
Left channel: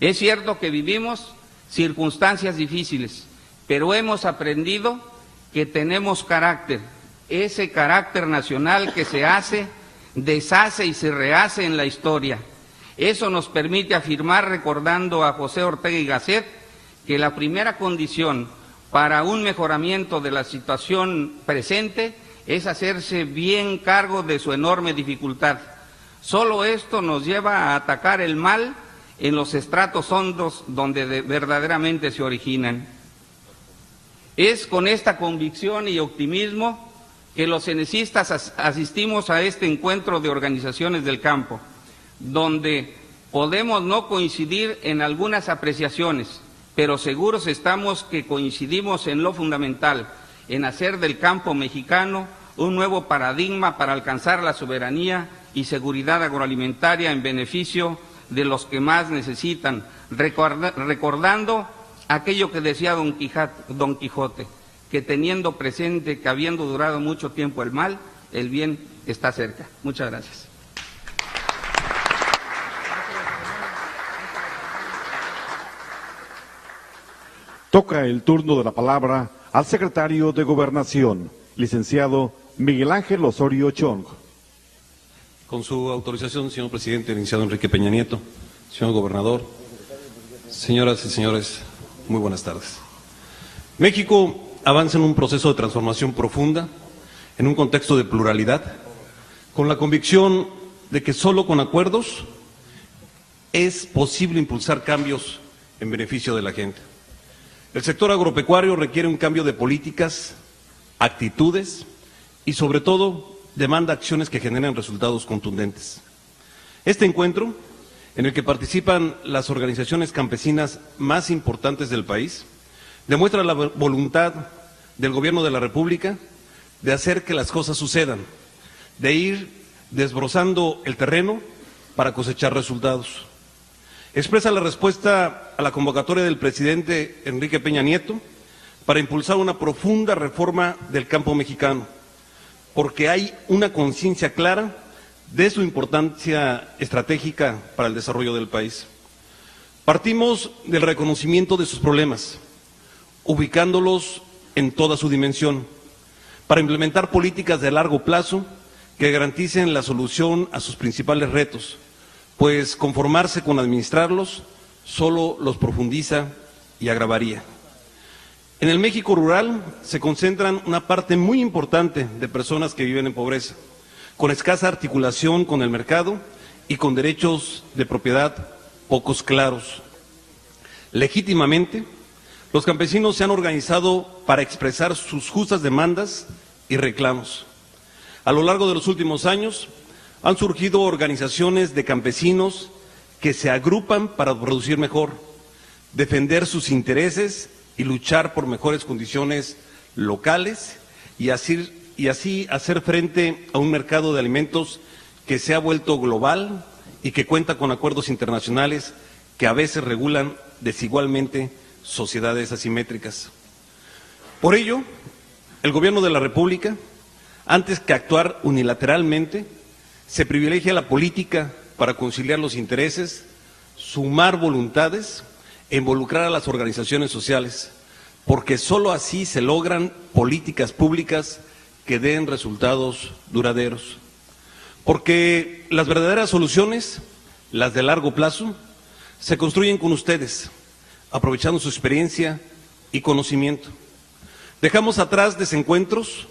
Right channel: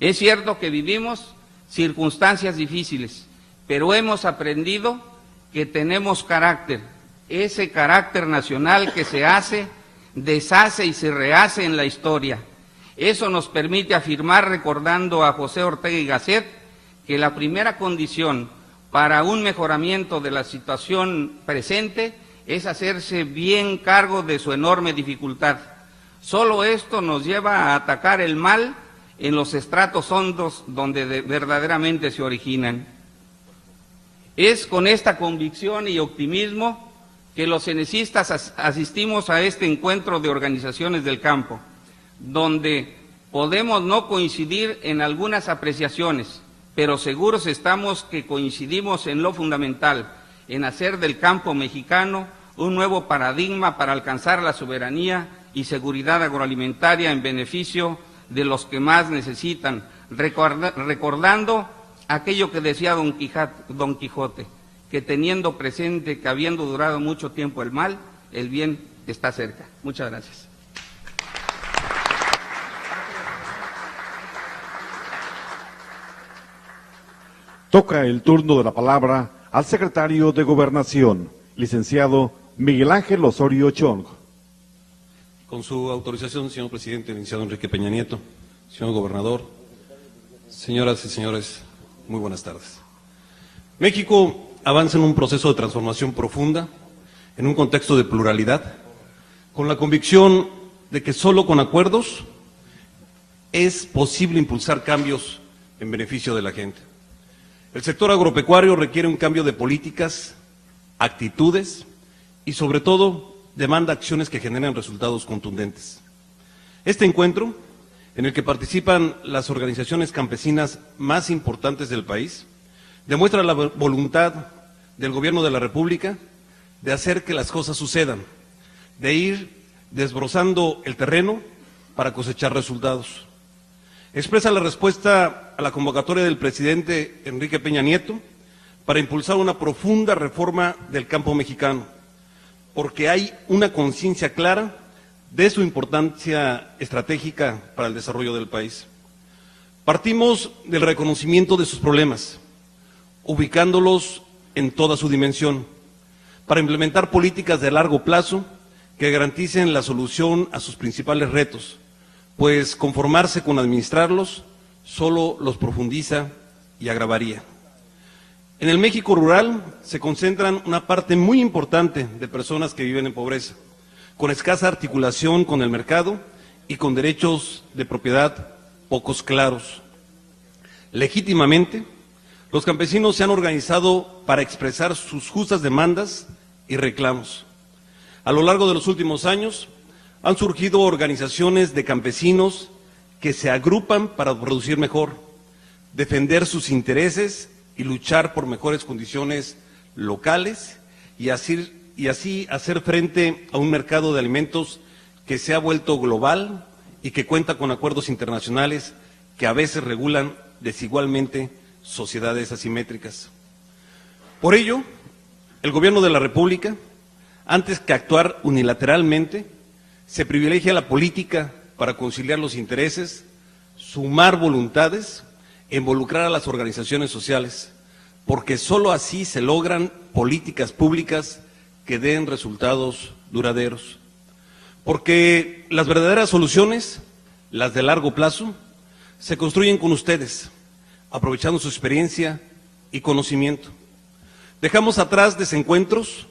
Es cierto que vivimos circunstancias difíciles, pero hemos aprendido que tenemos carácter, ese carácter nacional que se hace, deshace y se rehace en la historia. Eso nos permite afirmar, recordando a José Ortega y Gasset, que la primera condición para un mejoramiento de la situación presente es hacerse bien cargo de su enorme dificultad. Solo esto nos lleva a atacar el mal en los estratos hondos donde verdaderamente se originan. Es con esta convicción y optimismo que los cenecistas asistimos a este encuentro de organizaciones del campo, donde podemos no coincidir en algunas apreciaciones, pero seguros estamos que coincidimos en lo fundamental, en hacer del campo mexicano un nuevo paradigma para alcanzar la soberanía y seguridad agroalimentaria en beneficio de los que más necesitan, recordando aquello que decía Don Quijote, que teniendo presente que habiendo durado mucho tiempo el mal, el bien está cerca. Muchas gracias. Toca el turno de la palabra al secretario de Gobernación, licenciado Miguel Ángel Osorio Chong. Con su autorización, señor presidente, licenciado Enrique Peña Nieto, señor gobernador, señoras y señores, muy buenas tardes. México avanza en un proceso de transformación profunda, en un contexto de pluralidad, con la convicción de que solo con acuerdos es posible impulsar cambios en beneficio de la gente. El sector agropecuario requiere un cambio de políticas, actitudes y, sobre todo, demanda acciones que generen resultados contundentes. Este encuentro, en el que participan las organizaciones campesinas más importantes del país, demuestra la voluntad del Gobierno de la República de hacer que las cosas sucedan, de ir desbrozando el terreno para cosechar resultados. Expresa la respuesta a la convocatoria del presidente Enrique Peña Nieto para impulsar una profunda reforma del campo mexicano, porque hay una conciencia clara de su importancia estratégica para el desarrollo del país. Partimos del reconocimiento de sus problemas, ubicándolos en toda su dimensión, para implementar políticas de largo plazo que garanticen la solución a sus principales retos, pues conformarse con administrarlos solo los profundiza y agravaría. En el México rural se concentran una parte muy importante de personas que viven en pobreza, con escasa articulación con el mercado y con derechos de propiedad pocos claros. Legítimamente, los campesinos se han organizado para expresar sus justas demandas y reclamos. A lo largo de los últimos años, han surgido organizaciones de campesinos que se agrupan para producir mejor, defender sus intereses y luchar por mejores condiciones locales y así hacer frente a un mercado de alimentos que se ha vuelto global y que cuenta con acuerdos internacionales que a veces regulan desigualmente sociedades asimétricas. Por ello, el Gobierno de la República, antes que actuar unilateralmente, se privilegia la política para conciliar los intereses, sumar voluntades e involucrar a las organizaciones sociales, porque sólo así se logran políticas públicas que den resultados duraderos. Porque las verdaderas soluciones, las de largo plazo, se construyen con ustedes, aprovechando su experiencia y conocimiento. Dejamos atrás desencuentros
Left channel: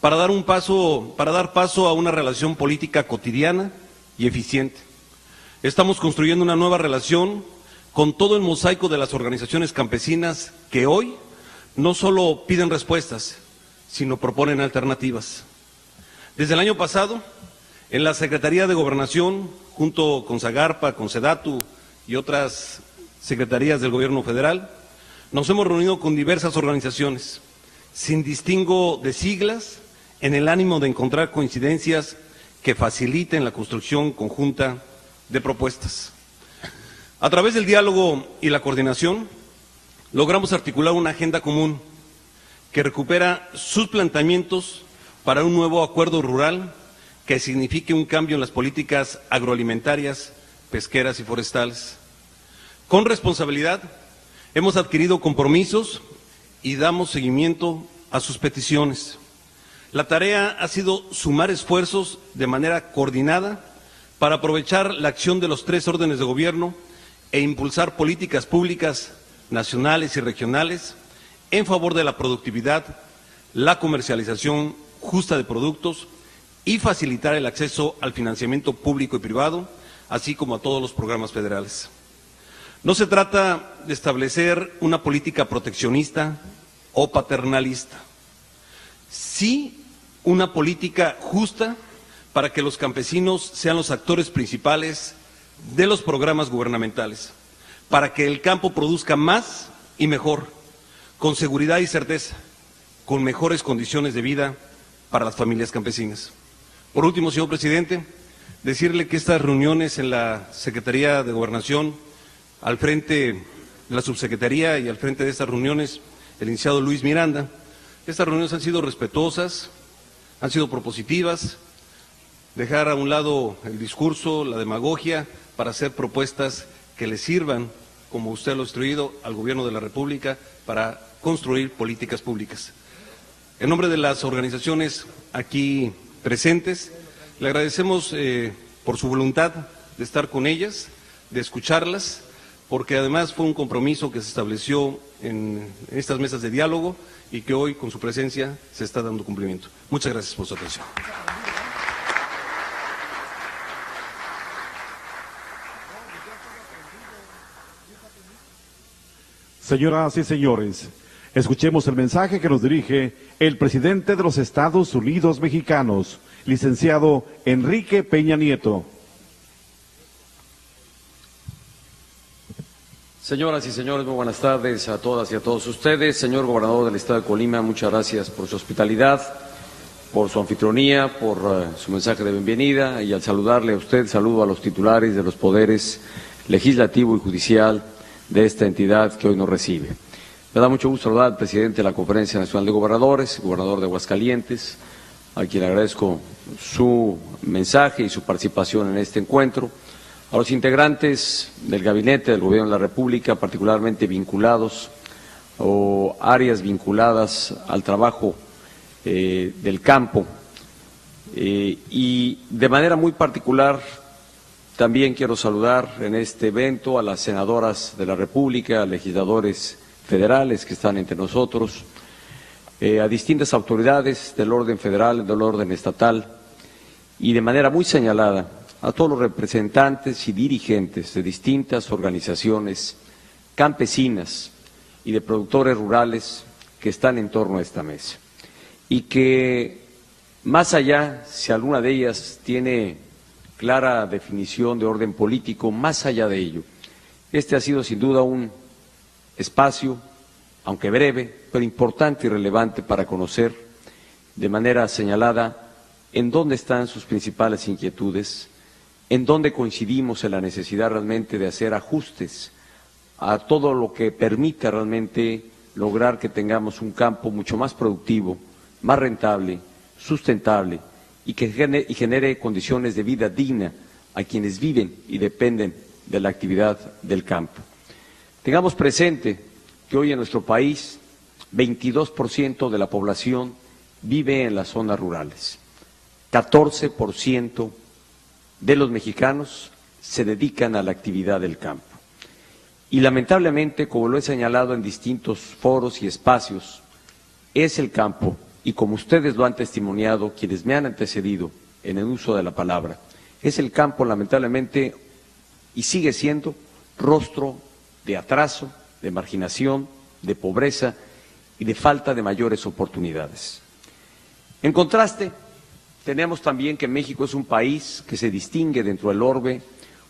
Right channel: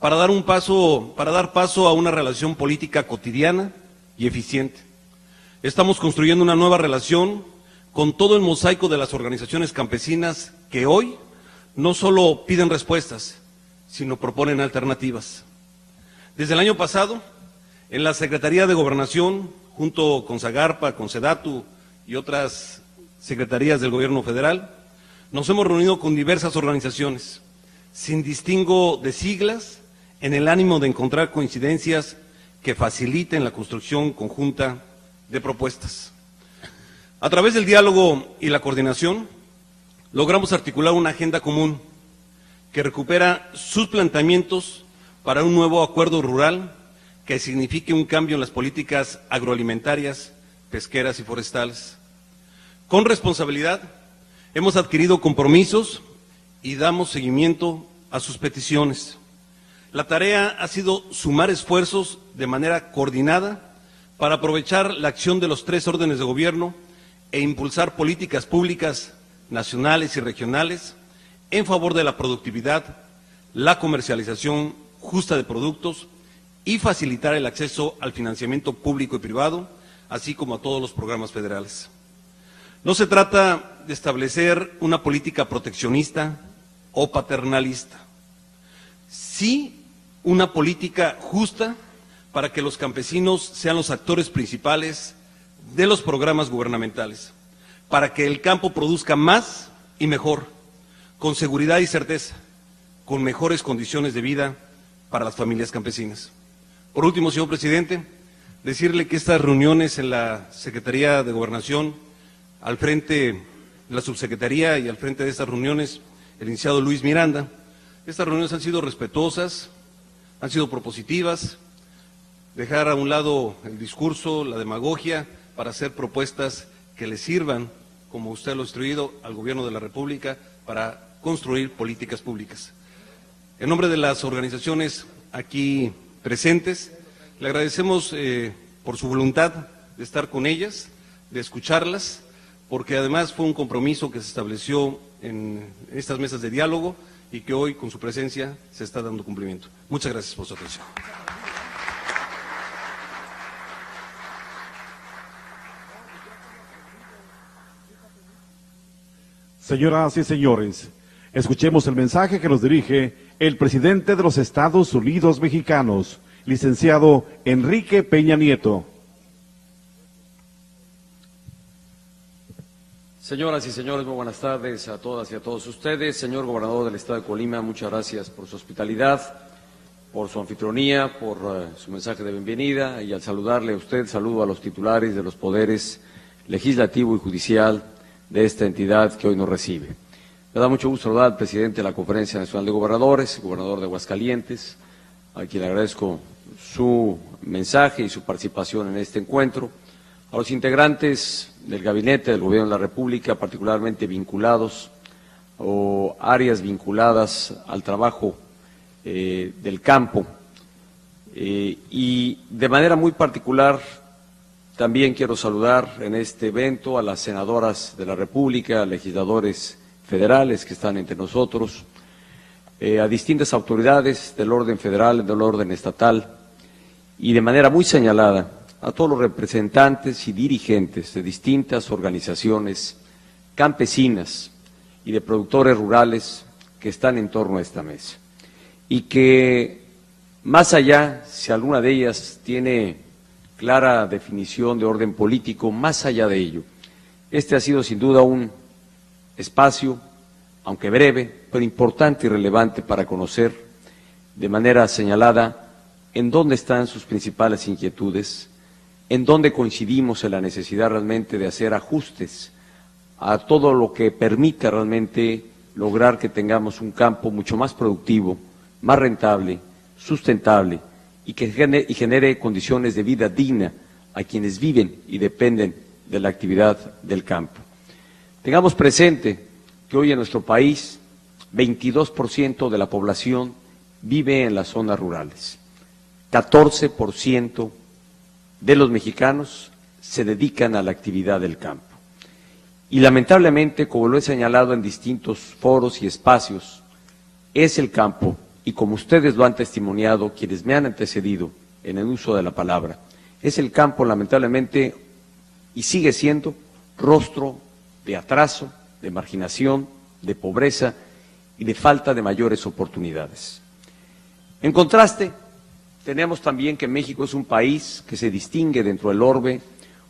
para dar paso a una relación política cotidiana y eficiente. Estamos construyendo una nueva relación con todo el mosaico de las organizaciones campesinas que hoy no solo piden respuestas, sino proponen alternativas. Desde el año pasado, en la Secretaría de Gobernación, junto con Zagarpa, con Sedatu y otras secretarías del Gobierno federal, nos hemos reunido con diversas organizaciones, sin distingo de siglas, en el ánimo de encontrar coincidencias que faciliten la construcción conjunta de propuestas. A través del diálogo y la coordinación, logramos articular una agenda común que recupera sus planteamientos para un nuevo acuerdo rural que signifique un cambio en las políticas agroalimentarias, pesqueras y forestales. Con responsabilidad, hemos adquirido compromisos y damos seguimiento a sus peticiones. La tarea ha sido sumar esfuerzos de manera coordinada para aprovechar la acción de los 3 órdenes de gobierno e impulsar políticas públicas nacionales y regionales en favor de la productividad, la comercialización justa de productos y facilitar el acceso al financiamiento público y privado, así como a todos los programas federales. No se trata de establecer una política proteccionista o paternalista, sí una política justa para que los campesinos sean los actores principales de los programas gubernamentales, para que el campo produzca más y mejor, con seguridad y certeza, con mejores condiciones de vida para las familias campesinas. Por último, señor presidente, decirle que estas reuniones en la Secretaría de Gobernación, al frente de la subsecretaría y al frente de estas reuniones, el licenciado Luis Miranda, estas reuniones han sido respetuosas, han sido propositivas, dejar a un lado el discurso, la demagogia, para hacer propuestas que le sirvan, como usted lo ha instruido, al Gobierno de la República para construir políticas públicas. En nombre de las organizaciones aquí presentes, le agradecemos por su voluntad de estar con ellas, de escucharlas, porque además fue un compromiso que se estableció en estas mesas de diálogo y que hoy, con su presencia, se está dando cumplimiento. Muchas gracias por su atención. Señoras y señores, escuchemos el mensaje que nos dirige el presidente de los Estados Unidos mexicanos, licenciado Enrique Peña Nieto. Señoras y señores, muy buenas tardes a todas y a todos ustedes. Señor gobernador del Estado de Colima, muchas gracias por su hospitalidad, por su anfitrionía, por su mensaje de bienvenida, y al saludarle a usted, saludo a los titulares de los poderes legislativo y judicial de esta entidad que hoy nos recibe. Me da mucho gusto saludar al presidente de la Conferencia Nacional de Gobernadores, gobernador de Aguascalientes, a quien agradezco su mensaje y su participación en este encuentro, a los integrantes del gabinete del Gobierno de la República, particularmente vinculados o áreas vinculadas al trabajo del campo, y de manera muy particular también quiero saludar en este evento a las senadoras de la República, legisladores federales que están entre nosotros, a distintas autoridades del orden federal, del orden estatal, y de manera muy señalada a todos los representantes y dirigentes de distintas organizaciones campesinas y de productores rurales que están en torno a esta mesa. Y que, más allá, si alguna de ellas tiene clara definición de orden político. Más allá de ello, este ha sido sin duda un espacio, aunque breve, pero importante y relevante para conocer de manera señalada en dónde están sus principales inquietudes, en dónde coincidimos en la necesidad realmente de hacer ajustes a todo lo que permita realmente lograr que tengamos un campo mucho más productivo, más rentable, sustentable y que genere condiciones de vida digna a quienes viven y dependen de la actividad del campo. Tengamos presente que hoy en nuestro país 22% de la población vive en las zonas rurales, 14% de los mexicanos se dedican a la actividad del campo. Y lamentablemente, como lo he señalado en distintos foros y espacios, es el campo, y como ustedes lo han testimoniado, quienes me han antecedido en el uso de la palabra, es el campo lamentablemente, y sigue siendo, rostro de atraso, de marginación, de pobreza y de falta de mayores oportunidades. En contraste, tenemos también que México es un país que se distingue dentro del orbe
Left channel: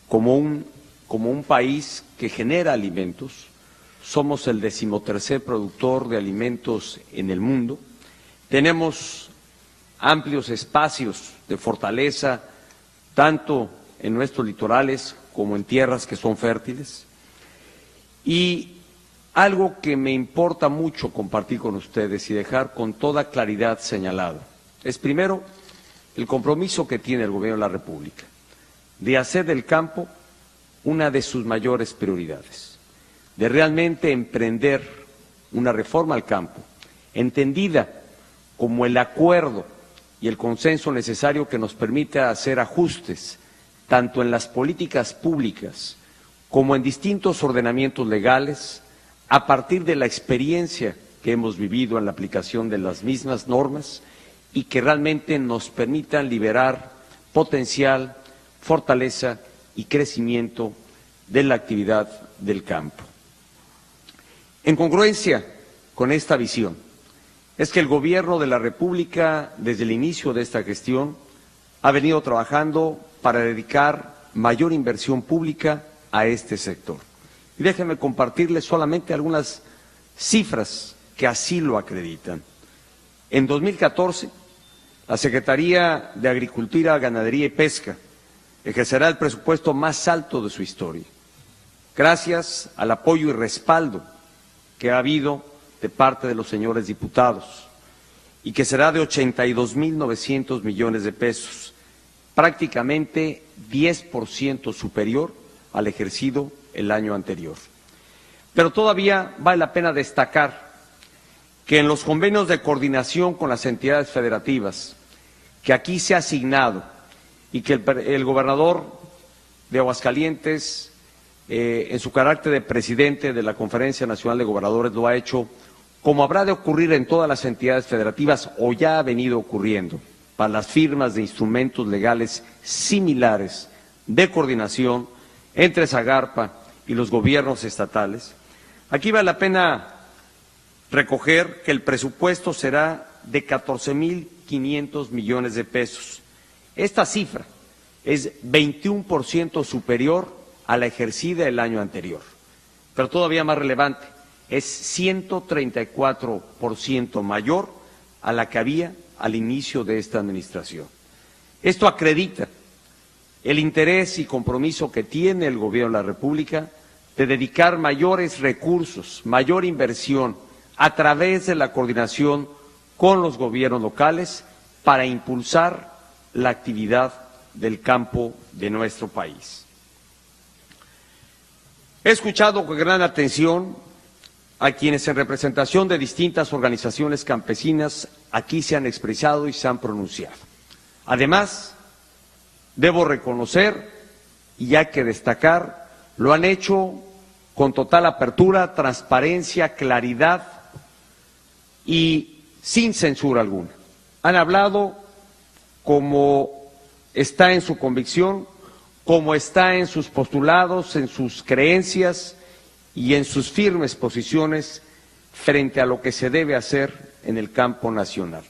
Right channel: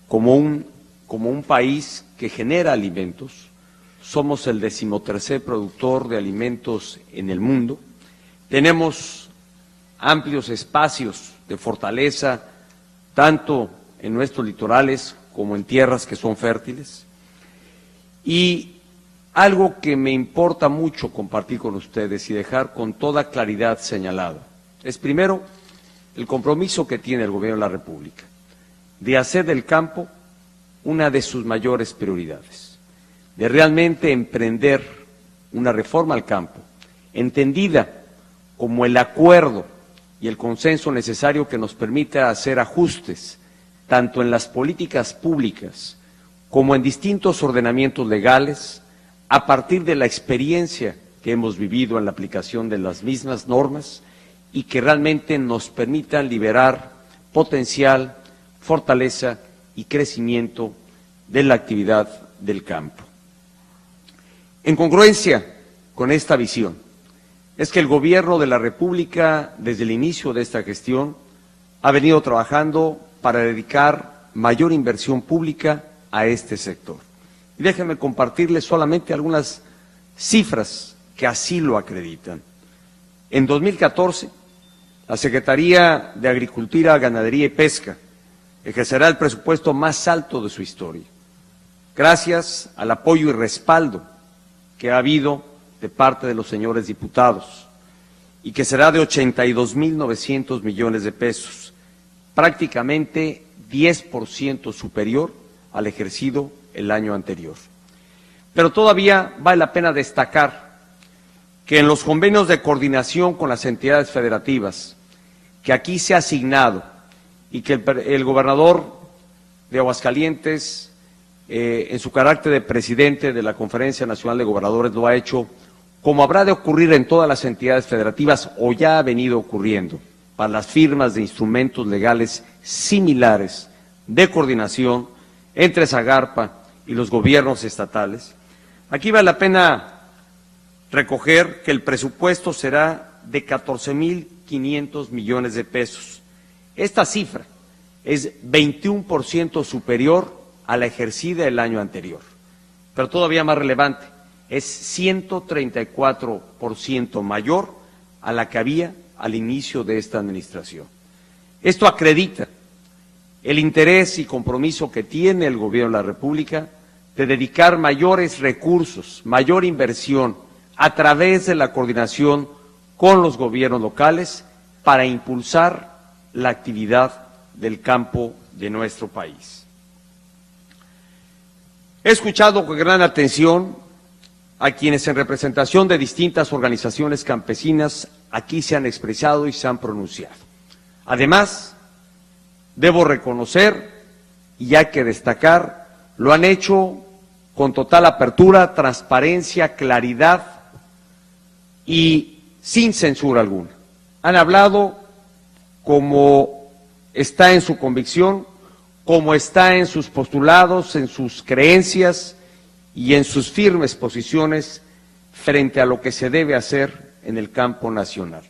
como un país que genera alimentos. Somos el 13º productor de alimentos en el mundo. Tenemos amplios espacios de fortaleza, tanto en nuestros litorales como en tierras que son fértiles. Y algo que me importa mucho compartir con ustedes y dejar con toda claridad señalado es, primero, el compromiso que tiene el Gobierno de la República de hacer del campo una de sus mayores prioridades, de realmente emprender una reforma al campo, entendida como el acuerdo y el consenso necesario que nos permita hacer ajustes, tanto en las políticas públicas como en distintos ordenamientos legales, a partir de la experiencia que hemos vivido en la aplicación de las mismas normas y que realmente nos permitan liberar potencial, fortaleza y crecimiento de la actividad del campo. En congruencia con esta visión, es que el Gobierno de la República, desde el inicio de esta gestión, ha venido trabajando para dedicar mayor inversión pública a este sector. Y déjenme compartirles solamente algunas cifras que así lo acreditan. En 2014, la Secretaría de Agricultura, Ganadería y Pesca ejercerá el presupuesto más alto de su historia, gracias al apoyo y respaldo que ha habido de parte de los señores diputados, y que será de 82.900 millones de pesos, prácticamente 10% superior al ejercido el año anterior. Pero todavía vale la pena destacar que en los convenios de coordinación con las entidades federativas que aquí se ha asignado y que el gobernador de Aguascalientes, en su carácter de presidente de la Conferencia Nacional de Gobernadores, lo ha hecho, como habrá de ocurrir en todas las entidades federativas o ya ha venido ocurriendo para las firmas de instrumentos legales similares de coordinación entre Zagarpa y los gobiernos estatales. Aquí vale la pena recoger que el presupuesto será de 14.500 millones de pesos. Esta cifra es 21% superior a la ejercida el año anterior, pero todavía más relevante, es 134% mayor a la que había al inicio de esta administración. Esto acredita el interés y compromiso que tiene el Gobierno de la República de dedicar mayores recursos, mayor inversión a través de la coordinación con los gobiernos locales para impulsar la actividad del campo de nuestro país. He escuchado con gran atención a quienes en representación de distintas organizaciones campesinas aquí se han expresado y se han pronunciado. Además, debo reconocer, y hay que destacar, lo han hecho con total apertura, transparencia, claridad y sin censura alguna. Han hablado como está en su convicción, como está en sus postulados, en sus creencias y en sus firmes posiciones frente a lo que se debe hacer en el campo nacional.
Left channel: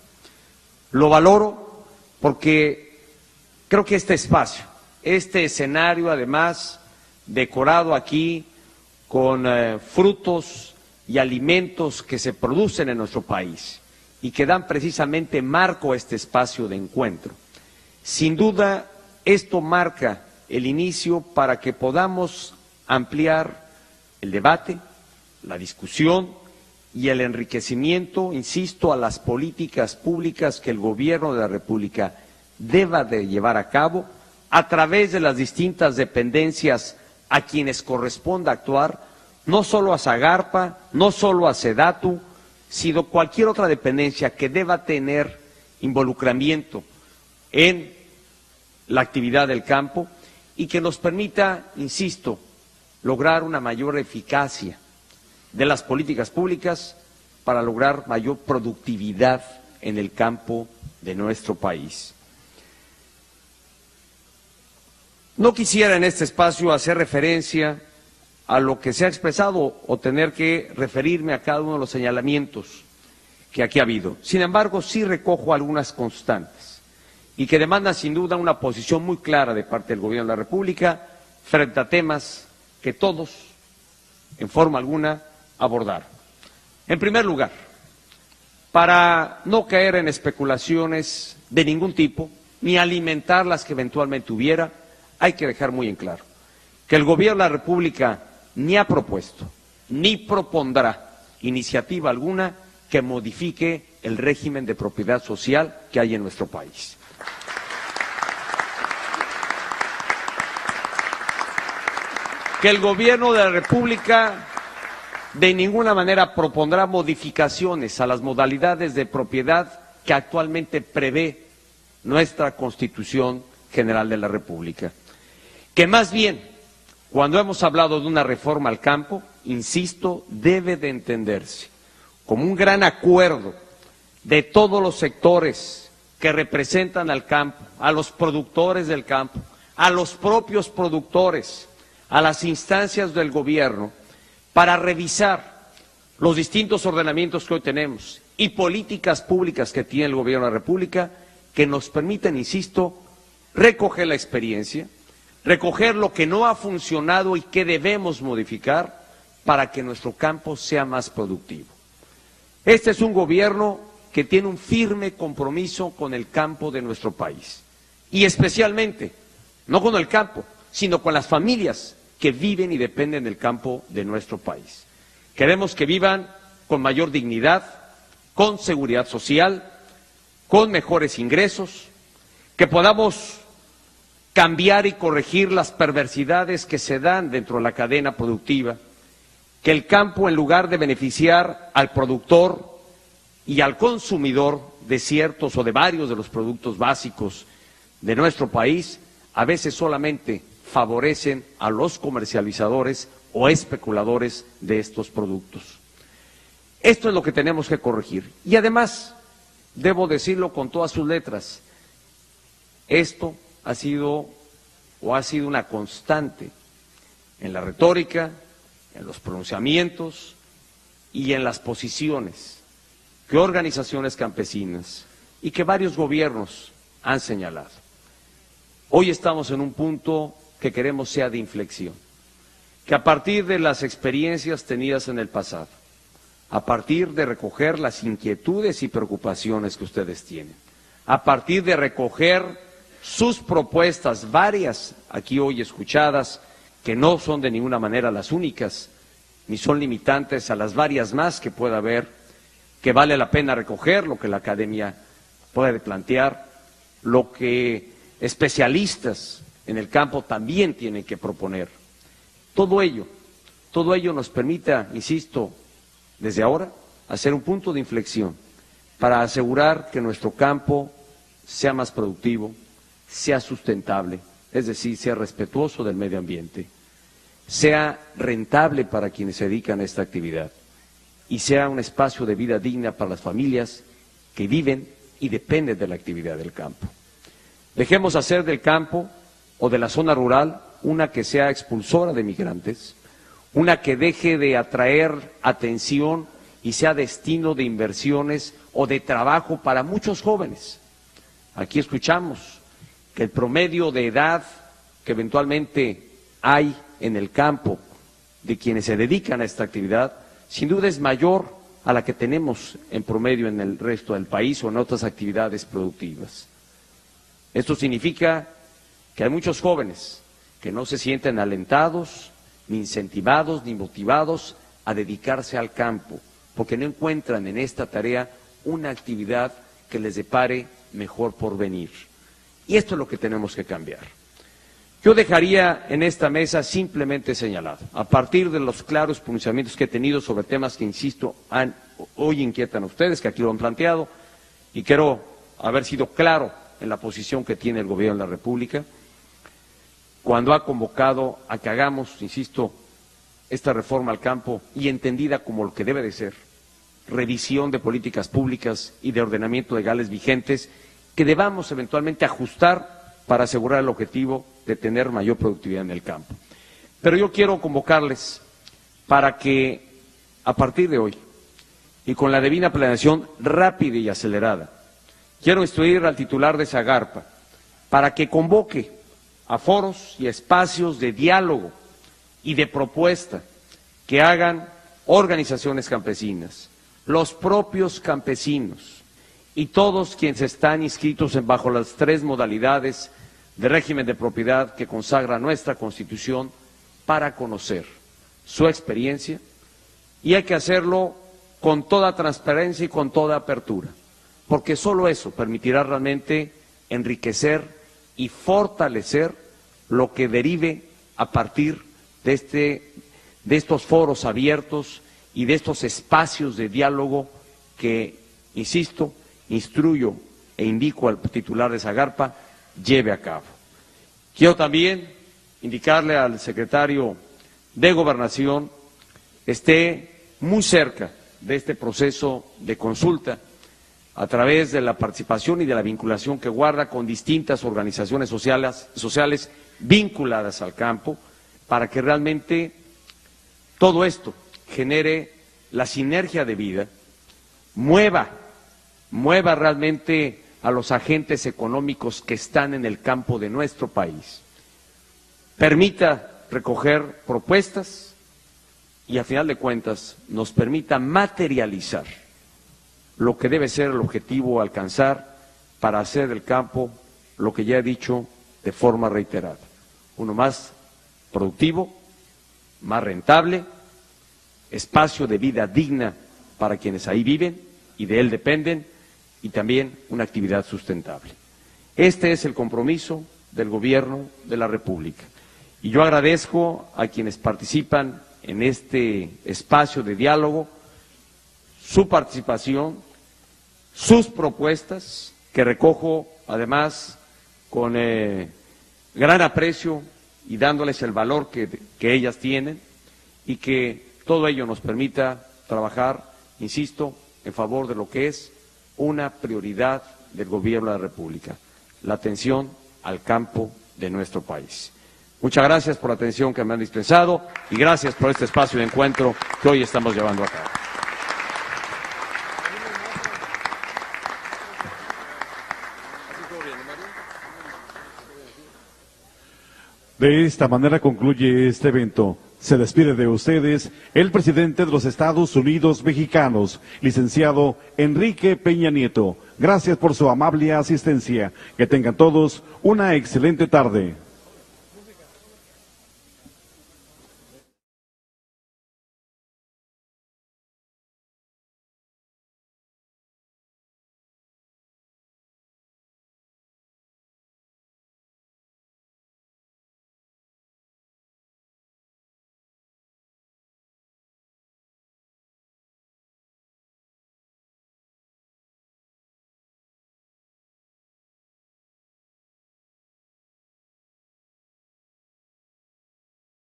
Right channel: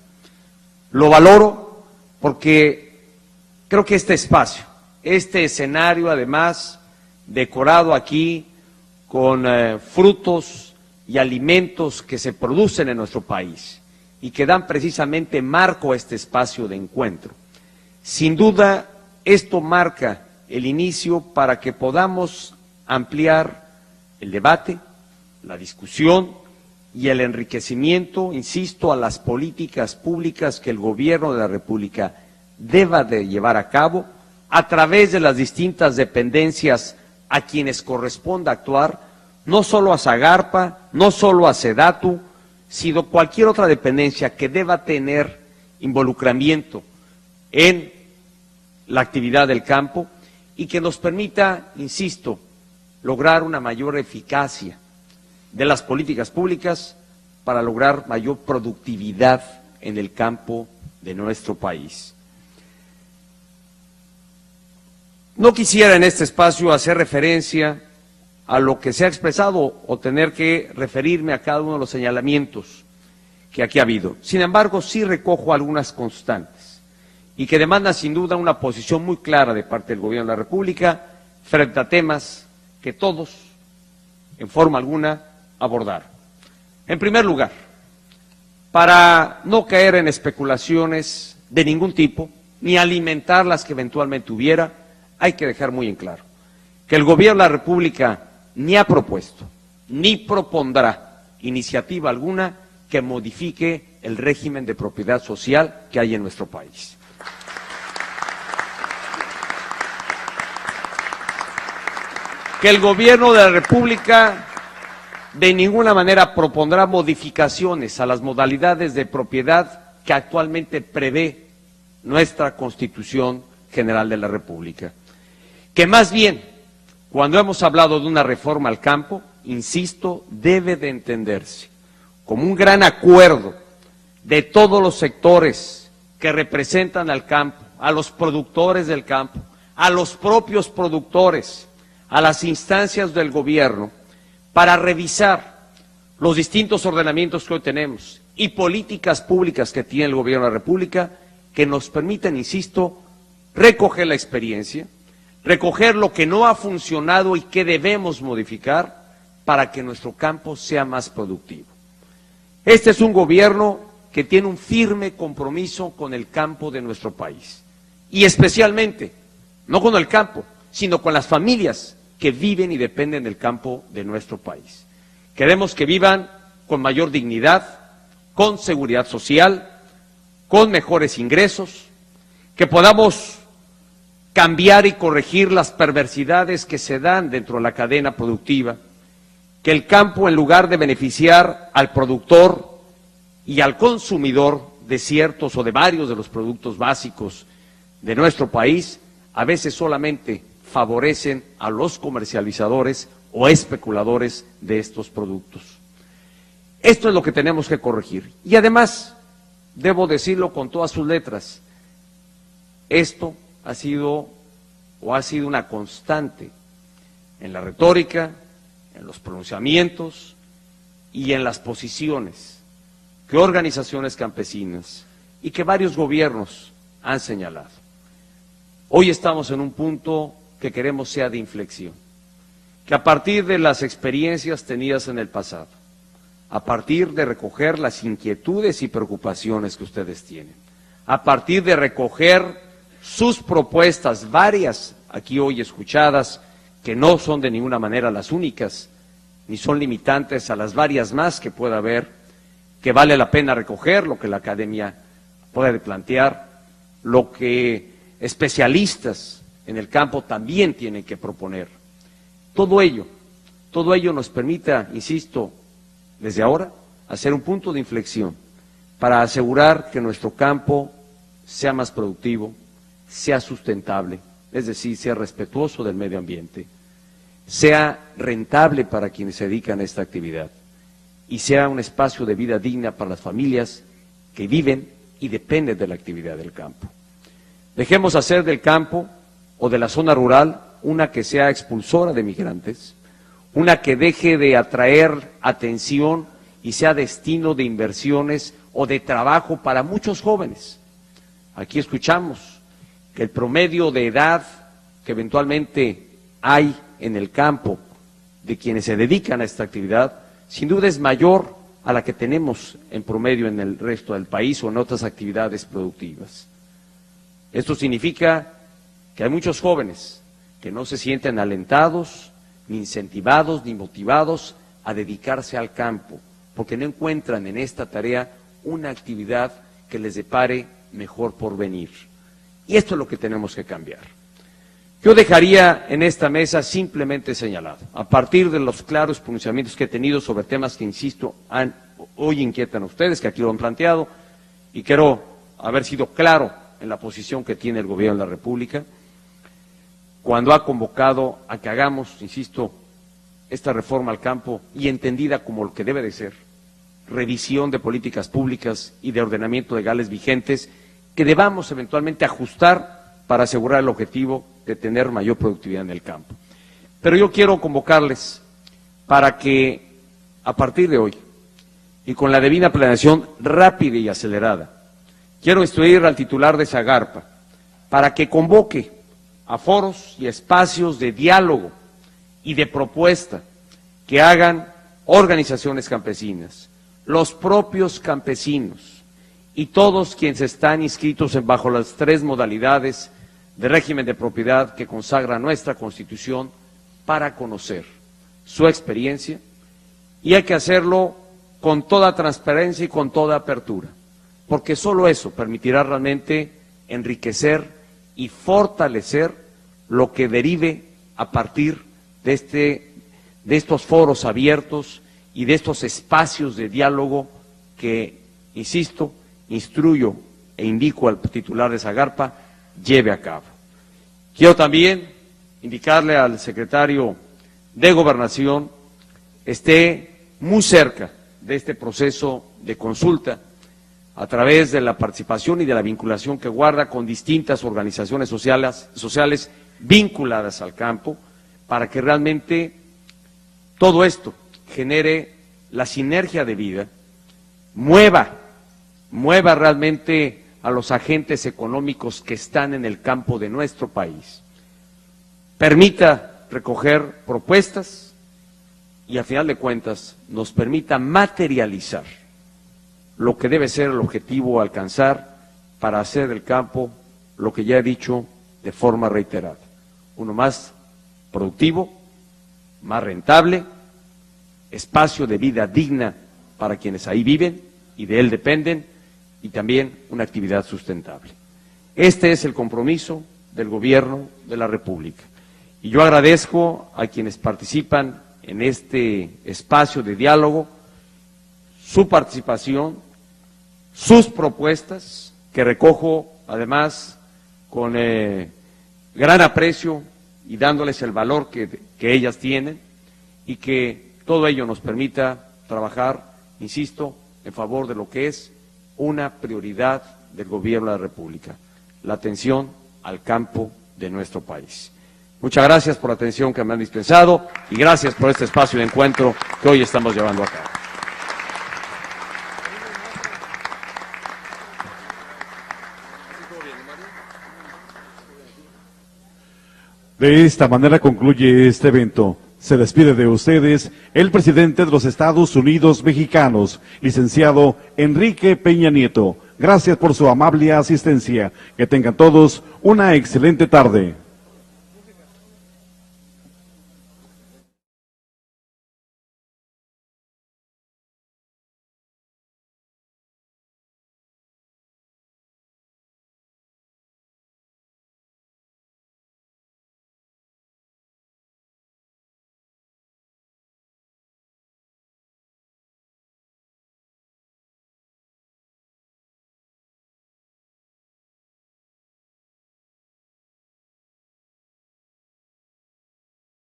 Lo valoro porque creo que este espacio este escenario además decorado aquí con frutos y alimentos que se producen en nuestro país y que dan precisamente marco a este espacio de encuentro. Sin duda, esto marca el inicio para que podamos ampliar el debate, la discusión y el enriquecimiento, insisto, a las políticas públicas que el Gobierno de la República deba de llevar a cabo a través de las distintas dependencias a quienes corresponda actuar, no solo a Zagarpa, no solo a SEDATU, sino cualquier otra dependencia que deba tener involucramiento en la actividad del campo y que nos permita, insisto, lograr una mayor eficacia de las políticas públicas para lograr mayor productividad en el campo de nuestro país. No quisiera en este espacio hacer referencia a lo que se ha expresado o tener que referirme a cada uno de los señalamientos que aquí ha habido. Sin embargo, sí recojo algunas constantes y que demandan sin duda una posición muy clara de parte del Gobierno de la República frente a temas que todos, en forma alguna, abordaron. En primer lugar, para no caer en especulaciones de ningún tipo, ni alimentar las que eventualmente hubiera, hay que dejar muy en claro que el Gobierno de la República ni ha propuesto, ni propondrá iniciativa alguna que modifique el régimen de propiedad social que hay en nuestro país. Que el Gobierno de la República de ninguna manera propondrá modificaciones a las modalidades de propiedad que actualmente prevé nuestra Constitución General de la República. Que más bien, cuando hemos hablado de una reforma al campo, insisto, debe de entenderse como un gran acuerdo de todos los sectores que representan al campo, a los productores del campo, a los propios productores, a las instancias del gobierno, para revisar los distintos ordenamientos que hoy tenemos y políticas públicas que tiene el Gobierno de la República que nos permitan, insisto, recoger la experiencia, recoger lo que no ha funcionado y que debemos modificar para que nuestro campo sea más productivo. Este es un gobierno que tiene un firme compromiso con el campo de nuestro país y especialmente, no con el campo, sino con las familias que viven y dependen del campo de nuestro país. Queremos que vivan con mayor dignidad, con seguridad social, con mejores ingresos, que podamos cambiar y corregir las perversidades que se dan dentro de la cadena productiva, que el campo, en lugar de beneficiar al productor y al consumidor de ciertos o de varios de los productos básicos de nuestro país, a veces solamente favorecen a los comercializadores o especuladores de estos productos. Esto es lo que tenemos que corregir. Y además, debo decirlo con todas sus letras, esto ha sido una constante en la retórica, en los pronunciamientos y en las posiciones que organizaciones campesinas y que varios gobiernos han señalado. Hoy estamos en un punto que queremos sea de inflexión, que a partir de las experiencias tenidas en el pasado, a partir de recoger las inquietudes y preocupaciones que ustedes tienen, a partir de recoger sus propuestas, varias aquí hoy escuchadas, que no son de ninguna manera las únicas, ni son limitantes a las varias más que pueda haber, que vale la pena recoger lo que la academia puede plantear, lo que especialistas en el campo también tienen que proponer. Todo ello nos permita, insisto, desde ahora, hacer un punto de inflexión para asegurar que nuestro campo sea más productivo, sea sustentable, es decir, sea respetuoso del medio ambiente, sea rentable para quienes se dedican a esta actividad y sea un espacio de vida digna para las familias que viven y dependen de la actividad del campo. Dejemos hacer del campo o de la zona rural una que sea expulsora de migrantes, una que deje de atraer atención y sea destino de inversiones o de trabajo para muchos jóvenes. Aquí escuchamos que el promedio de edad que eventualmente hay en el campo de quienes se dedican a esta actividad, sin duda es mayor a la que tenemos en promedio en el resto del país o en otras actividades productivas. Esto significa que hay muchos jóvenes que no se sienten alentados, ni incentivados, ni motivados a dedicarse al campo, porque no encuentran en esta tarea una actividad que les depare mejor porvenir. Y esto es lo que tenemos que cambiar. Yo dejaría en esta mesa simplemente señalado, a partir de los claros pronunciamientos que he tenido sobre temas que, insisto, hoy inquietan a ustedes, que aquí lo han planteado, y quiero haber sido claro en la posición que tiene el Gobierno de la República, cuando ha convocado a que hagamos, insisto, esta reforma al campo y entendida como lo que debe de ser, revisión de políticas públicas y de ordenamiento legales vigentes que debamos eventualmente ajustar para asegurar el objetivo de tener mayor productividad en el campo. Pero yo quiero convocarles para que a partir de hoy y con la debida planeación rápida y acelerada, quiero instruir al titular de Zagarpa para que convoque a foros y espacios de diálogo y de propuesta que hagan organizaciones campesinas, los propios campesinos y todos quienes están inscritos bajo las 3 modalidades de régimen de propiedad que consagra nuestra Constitución para conocer su experiencia, y hay que hacerlo con toda transparencia y con toda apertura, porque solo eso permitirá realmente enriquecer y fortalecer lo que derive a partir de estos foros abiertos y de estos espacios de diálogo que, insisto, instruyo e indico al titular de Zagarpa lleve a cabo. Quiero también indicarle al secretario de Gobernación esté muy cerca de este proceso de consulta a través de la participación y de la vinculación que guarda con distintas organizaciones sociales vinculadas al campo, para que realmente todo esto genere la sinergia de vida, mueva realmente a los agentes económicos que están en el campo de nuestro país, permita recoger propuestas y, a final de cuentas, nos permita materializar lo que debe ser el objetivo a alcanzar para hacer del campo lo que ya he dicho de forma reiterada: uno más productivo, más rentable, espacio de vida digna para quienes ahí viven y de él dependen, y también una actividad sustentable. Este es el compromiso del Gobierno de la República. Y yo agradezco a quienes participan en este espacio de diálogo su participación, sus propuestas, que recojo además con gran aprecio y dándoles el valor que ellas tienen, y que todo ello nos permita trabajar, insisto, en favor de lo que es una prioridad del Gobierno de la República: la atención al campo de nuestro país. Muchas gracias por la atención que me han dispensado y gracias por este espacio de encuentro que hoy estamos llevando a cabo. De esta manera concluye este evento. Se despide de ustedes el presidente de los Estados Unidos mexicanos, licenciado Enrique Peña Nieto. Gracias por su amable asistencia. Que tengan todos una excelente tarde.